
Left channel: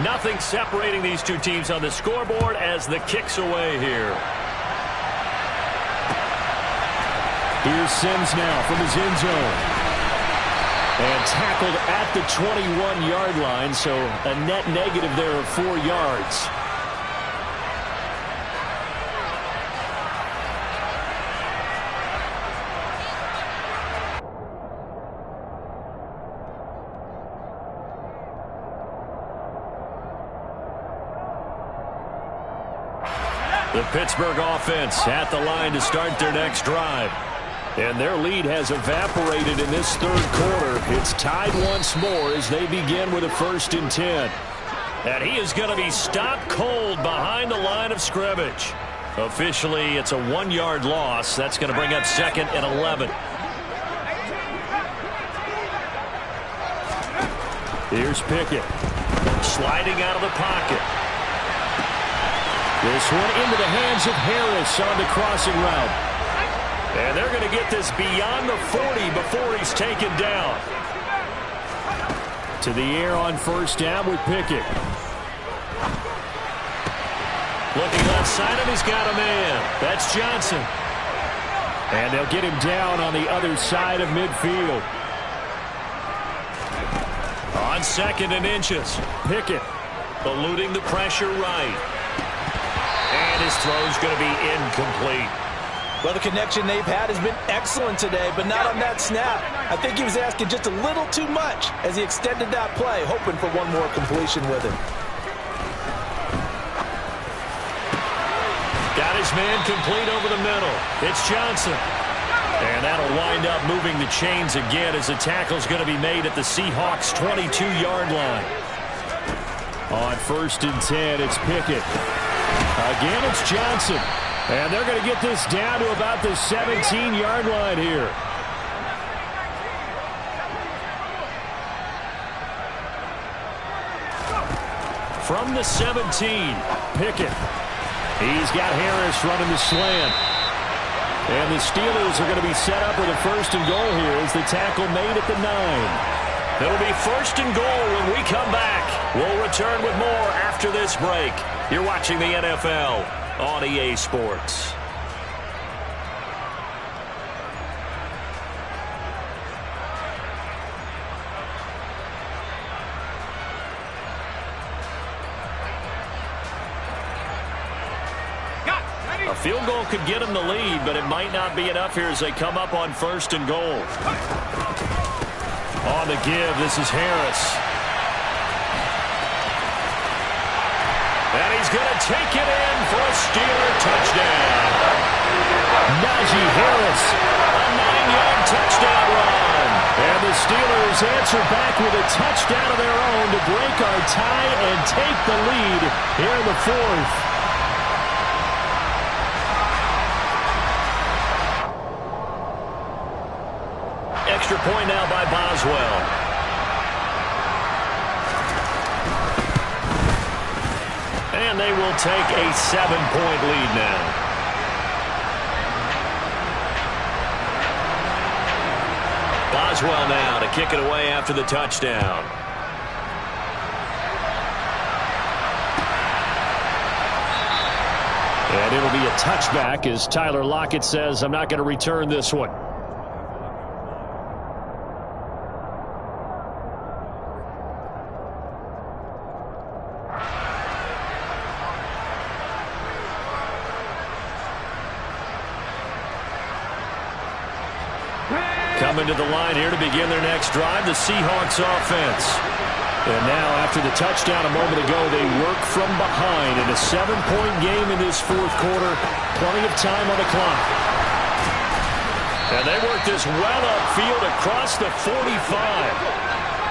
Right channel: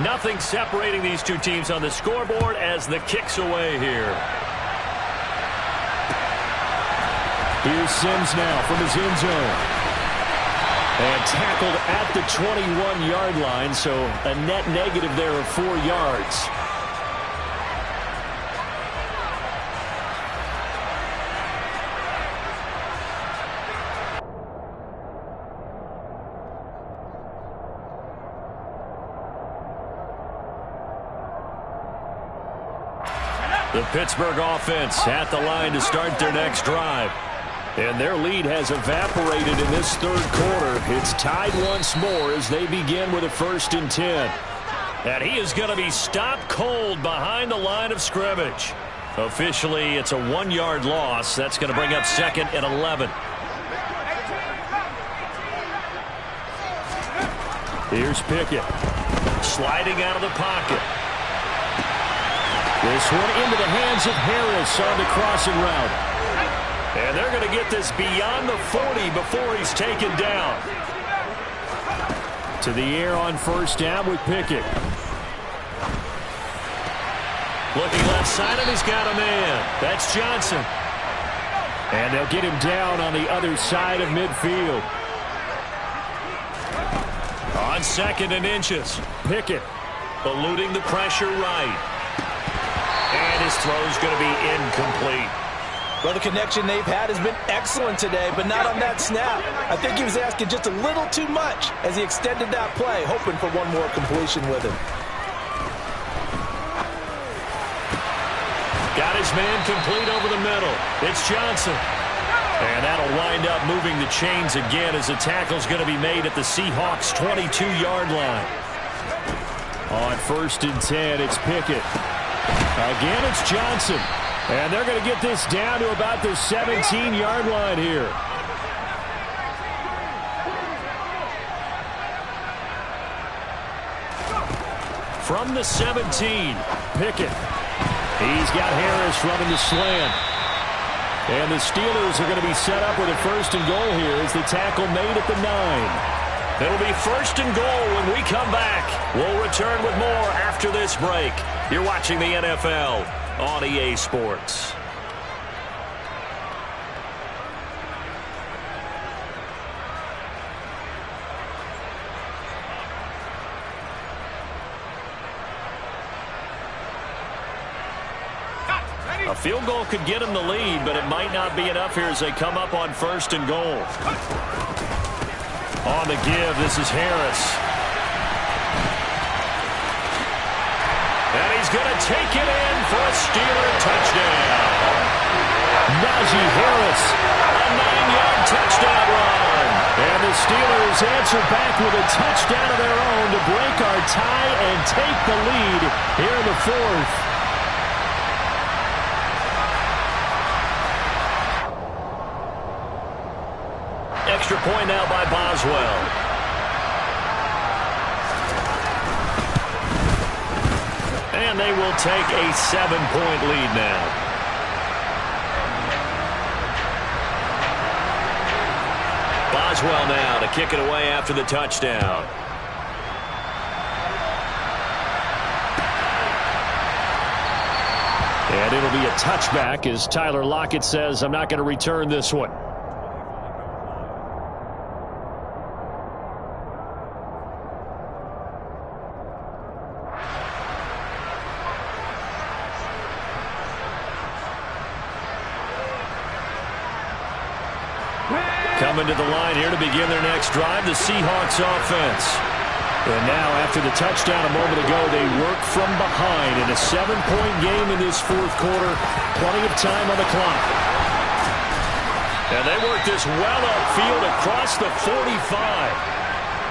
Nothing separating these two teams on the scoreboard as the kick's away here. Here's Sims now from his end zone. And tackled at the 21-yard line, so a net negative there of 4 yards. The Pittsburgh offense at the line to start their next drive. And their lead has evaporated in this 3rd quarter. It's tied once more as they begin with a 1st and 10. And he is going to be stopped cold behind the line of scrimmage. Officially, it's a 1-yard loss. That's going to bring up 2nd and 11. Here's Pickett. Sliding out of the pocket. This one into the hands of Harris on the crossing route. And they're going to get this beyond the 40 before he's taken down. To the air on 1st down with Pickett. Looking left side, and he's got a man. That's Johnson. And they'll get him down on the other side of midfield. On 2nd and inches. Pickett eluding the pressure right. And his throw's going to be incomplete. Well, the connection they've had has been excellent today, but not on that snap. I think he was asking just a little too much as he extended that play, hoping for one more completion with him. Got his man complete over the middle. It's Johnson. And that'll wind up moving the chains again as the tackle's going to be made at the Seahawks' 22-yard line. On 1st and 10, it's Pickett. Again, it's Johnson. And they're going to get this down to about the 17-yard line here. From the 17, Pickett. He's got Harris running the slant. And the Steelers are going to be set up with a 1st and goal here as the tackle made at the 9. It'll be 1st and goal when we come back. We'll return with more after this break. You're watching the NFL on EA Sports. A field goal could get them the lead, but it might not be enough here as they come up on 1st and goal. On the give, this is Harris. And he's going to take it in for a Steeler touchdown. Najee Harris, a 9-yard touchdown run. And the Steelers answer back with a touchdown of their own to break our tie and take the lead here in the fourth. Extra point now by Boswell. And they will take a 7-point lead now. Boswell now to kick it away after the touchdown. And it'll be a touchback as Tyler Lockett says, I'm not going to return this one. Coming to the line here to begin their next drive, the Seahawks offense. And now, after the touchdown a moment ago, they work from behind in a 7-point game in this fourth quarter. Plenty of time on the clock. And they work this well upfield across the 45.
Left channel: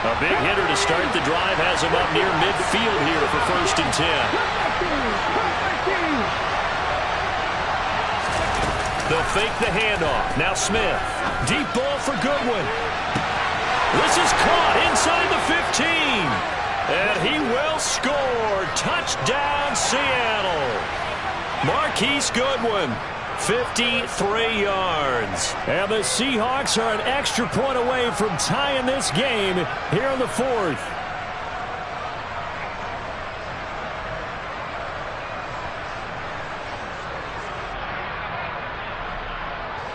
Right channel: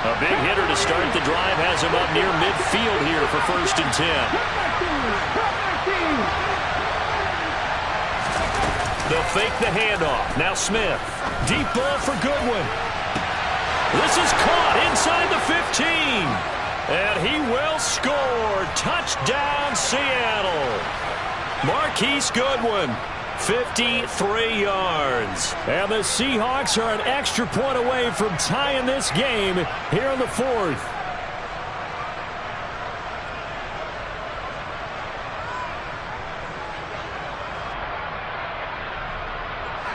A big hitter to start the drive has him up near midfield here for 1st and 10. They'll fake the handoff. Now Smith. Deep ball for Goodwin. This is caught inside the 15. And he will score. Touchdown, Seattle. Marquise Goodwin, 53 yards. And the Seahawks are an extra point away from tying this game here in the fourth.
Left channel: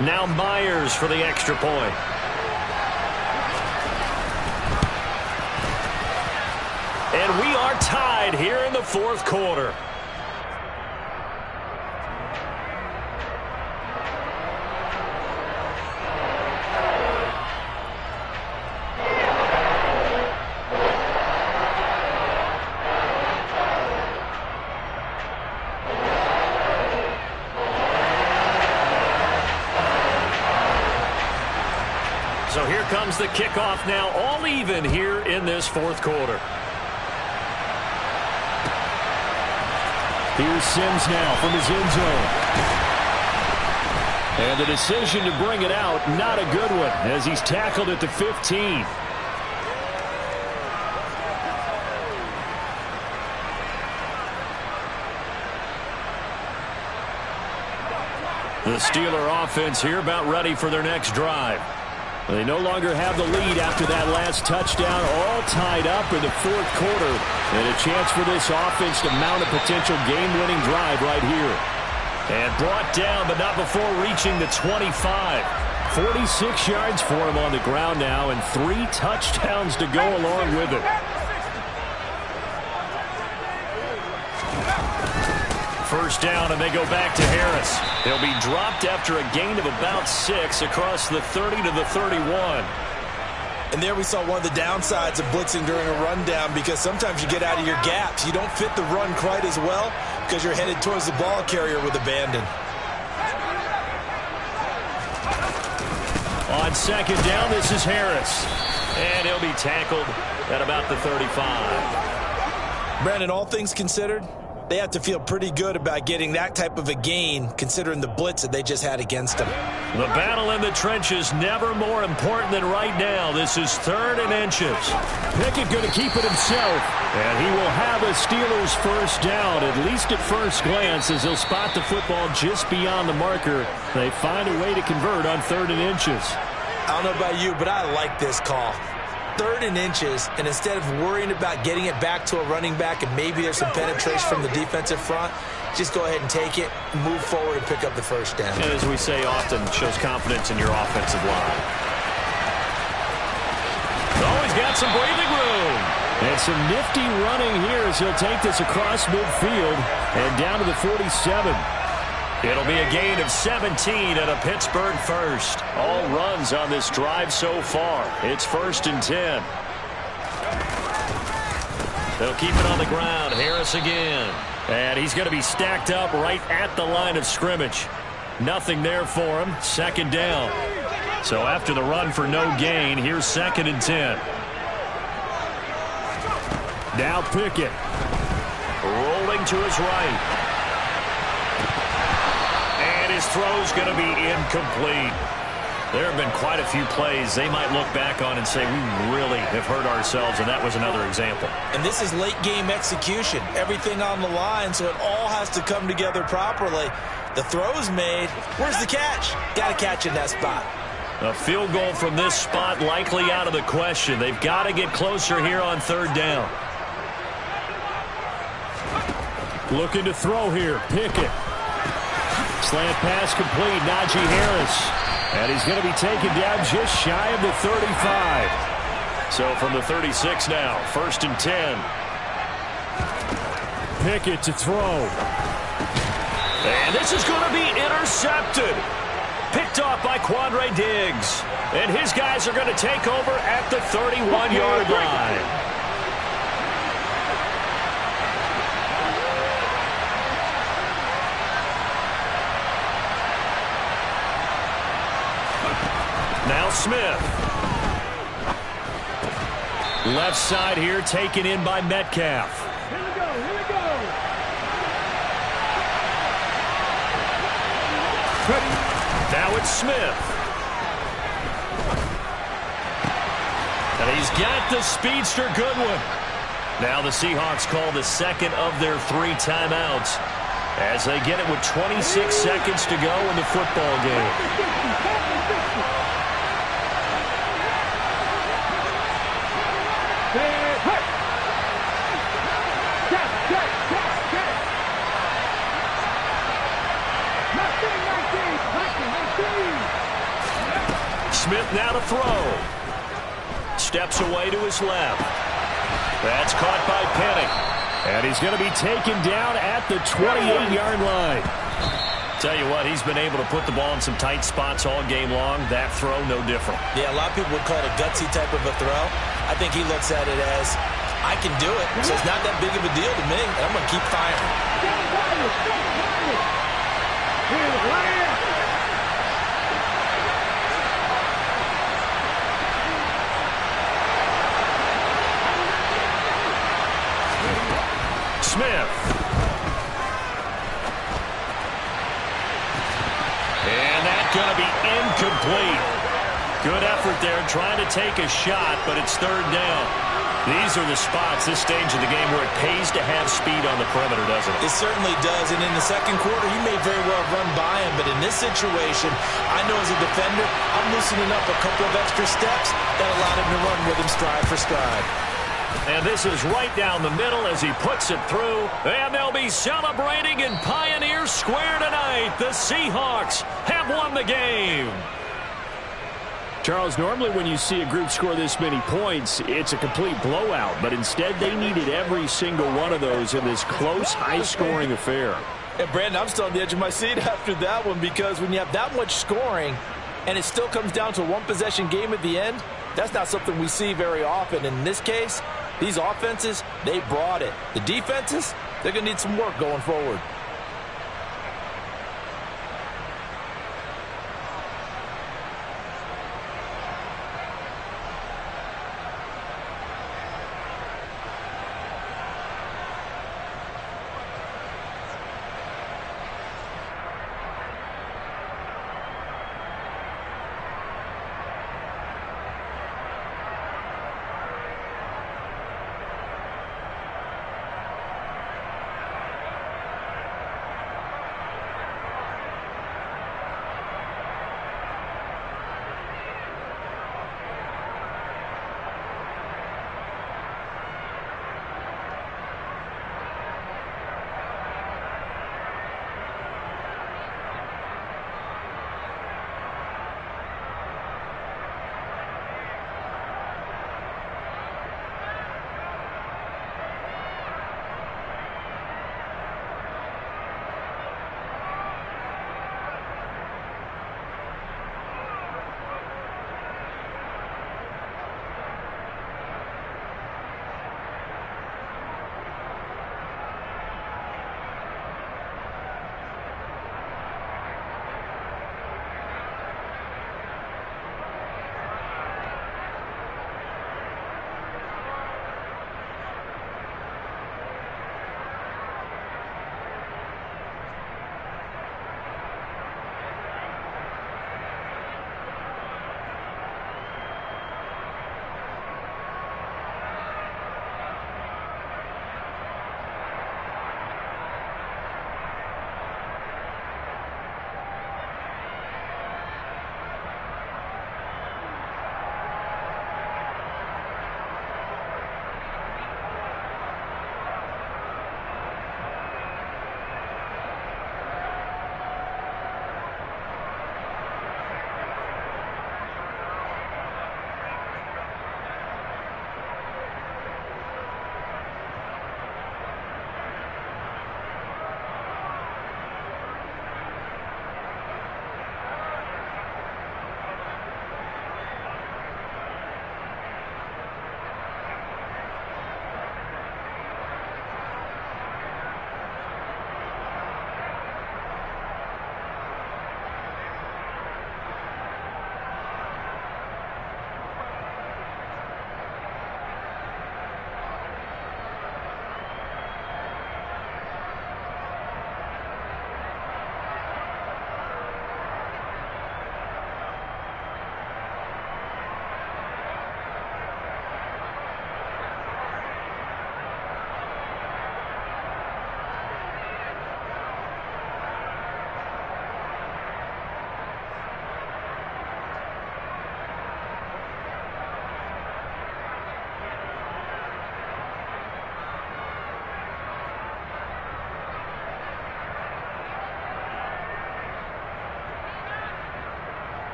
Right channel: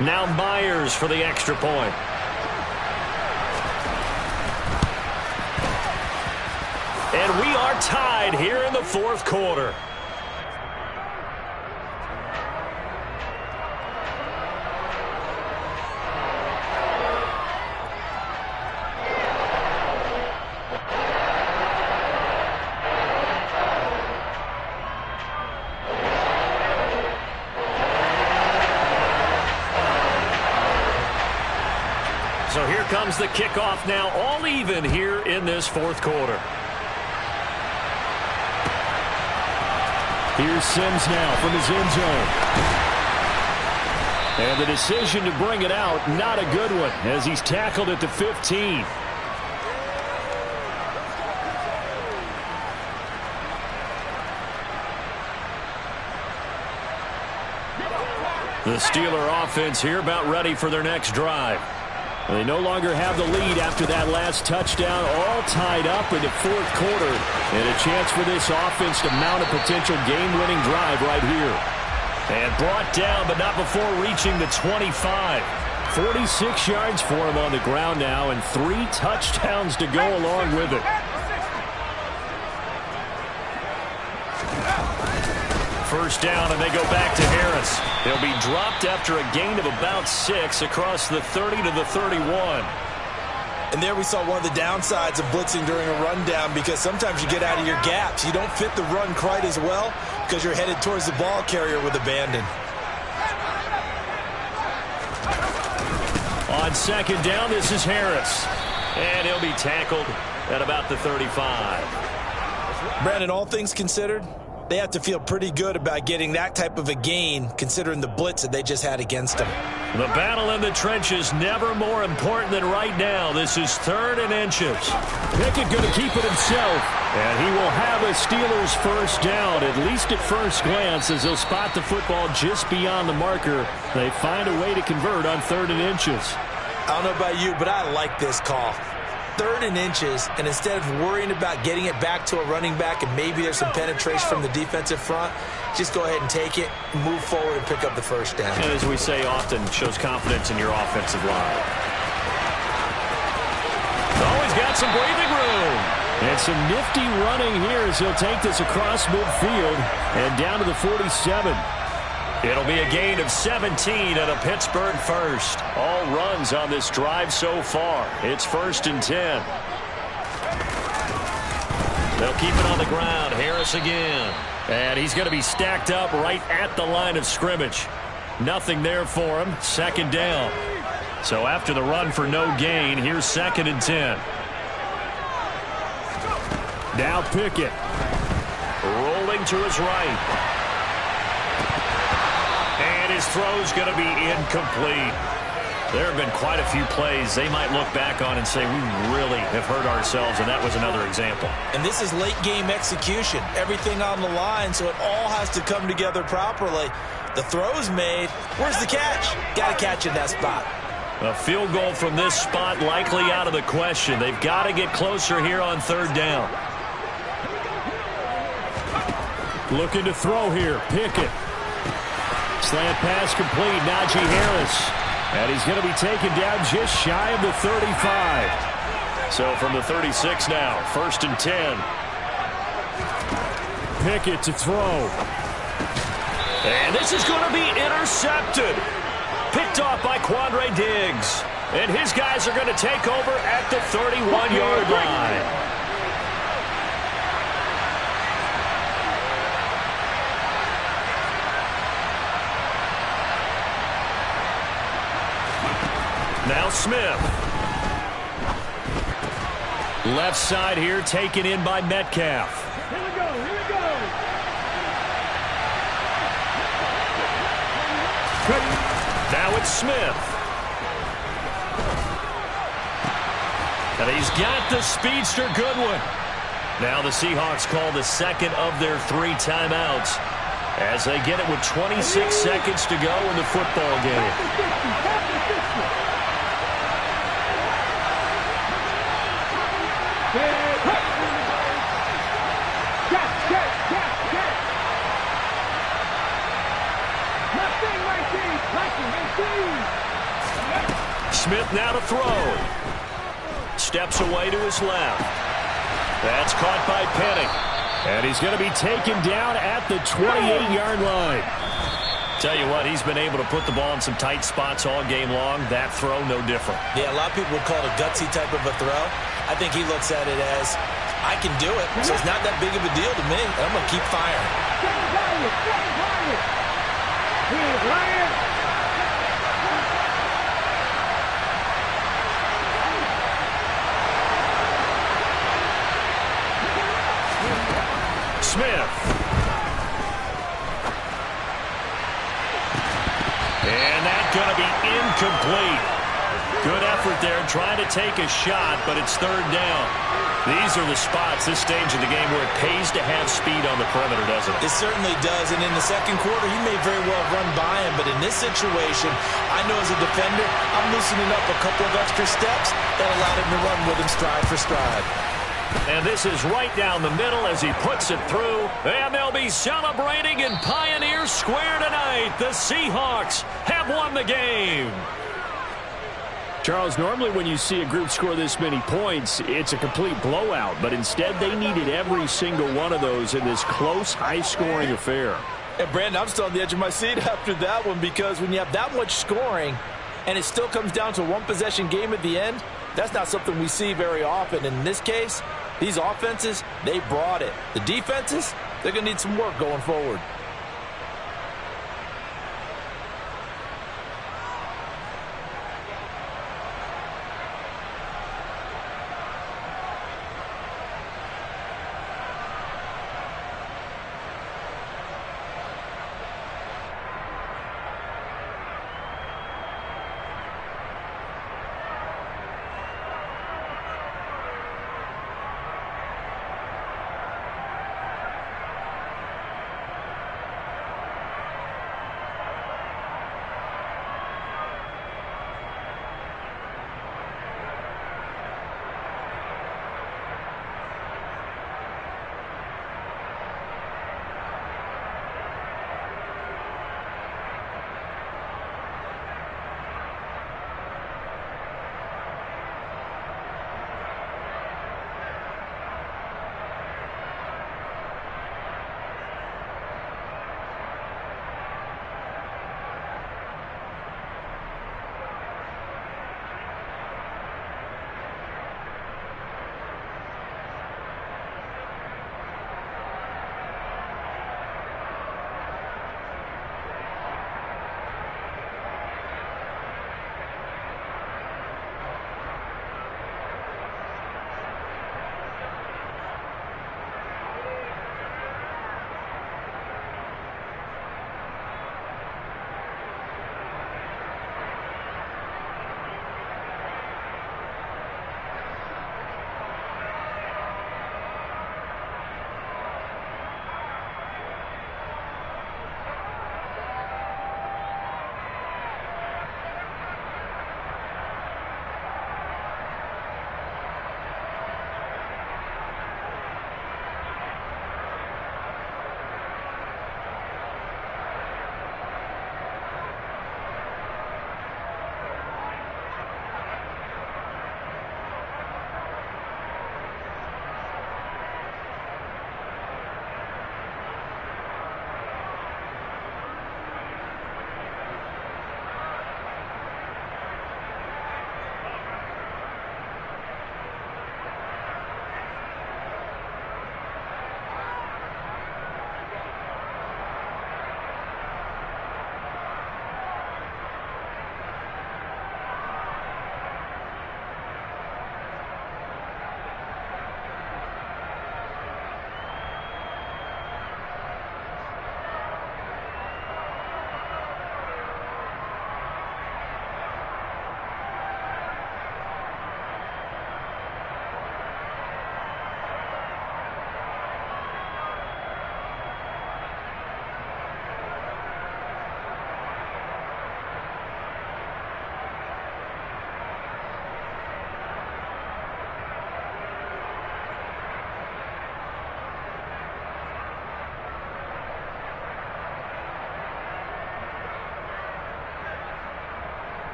Now Myers for the extra point. And we are tied here in the fourth quarter. So here comes the kickoff now, all even here in this fourth quarter. Here's Sims now from his end zone. And the decision to bring it out, not a good one, as he's tackled at the 15. The Steeler offense here about ready for their next drive. They no longer have the lead after that last touchdown, all tied up in the fourth quarter. And a chance for this offense to mount a potential game-winning drive right here. And brought down, but not before reaching the 25. 46 yards for him on the ground now, and 3 touchdowns to go along with it. First down, and they go back to Harris. He'll be dropped after a gain of about 6 across the 30 to the 31. And there we saw one of the downsides of blitzing during a rundown, because sometimes you get out of your gaps. You don't fit the run quite as well because you're headed towards the ball carrier with abandon. On second down, this is Harris. And he'll be tackled at about the 35. Brandon, all things considered, they have to feel pretty good about getting that type of a gain, considering the blitz that they just had against them. The battle in the trenches never more important than right now. This is 3rd and inches. Pickett going to keep it himself. And he will have a Steelers first down, at least at first glance, as he'll spot the football just beyond the marker. They find a way to convert on 3rd and inches. I don't know about you, but I like this call. 3rd and inches, and instead of worrying about getting it back to a running back and maybe there's some penetration from the defensive front, just go ahead and take it, move forward, and pick up the first down. And as we say often, shows confidence in your offensive line. Always got some breathing room. And some nifty running here as he'll take this across midfield and down to the 47. It'll be a gain of 17 at a Pittsburgh first. All runs on this drive so far. It's 1st and 10. They'll keep it on the ground. Harris again. And he's going to be stacked up right at the line of scrimmage. Nothing there for him. Second down. So after the run for no gain, here's 2nd and 10. Now Pickett. Rolling to his right. And his throw's going to be incomplete. There have been quite a few plays they might look back on and say, we really have hurt ourselves, and that was another example. And this is late-game execution. Everything on the line, so it all has to come together properly. The throw's made. Where's the catch? Got to catch in that spot. A field goal from this spot likely out of the question. They've got to get closer here on 3rd down. Looking to throw here. Pickett. Slant pass complete. Najee Harris. And he's going to be taken down just shy of the 35. So from the 36 now, 1st and 10. Pickett to throw. And this is going to be intercepted. Picked off by Quandre Diggs. And his guys are going to take over at the 31-yard line. Now Smith. Left side here taken in by Metcalf. Here we go, here we go. Now it's Smith. And he's got the speedster Goodwin. Now the Seahawks call the 2nd of their 3 timeouts as they get it with 26 seconds to go in the football game. Smith now to throw. Steps away to his left. That's caught by Penny. And he's going to be taken down at the 28-yard line. Tell you what, he's been able to put the ball in some tight spots all game long. That throw, no different. Yeah, a lot of people would call it a gutsy type of a throw. I think he looks at it as, I can do it, so it's not that big of a deal to me, and I'm going to keep firing. Smith. And that's going to be incomplete. Good effort there trying to take a shot, but it's 3rd down. These are the spots, this stage of the game, where it pays to have speed on the perimeter, doesn't it? It certainly does, and in the 2nd quarter, he may very well run by him, but in this situation, I know as a defender, I'm loosening up a couple of extra steps that allowed him to run with him stride for stride. And this is right down the middle as he puts it through. And they'll be celebrating in Pioneer Square tonight. The Seahawks have won the game. Charles, normally when you see a group score this many points, it's a complete blowout. But instead, they needed every single one of those in this close, high-scoring affair. And, Brandon, I'm still on the edge of my seat after that one, because when you have that much scoring and it still comes down to a one-possession game at the end, that's not something we see very often. In this case, these offenses, they brought it. The defenses, they're going to need some work going forward.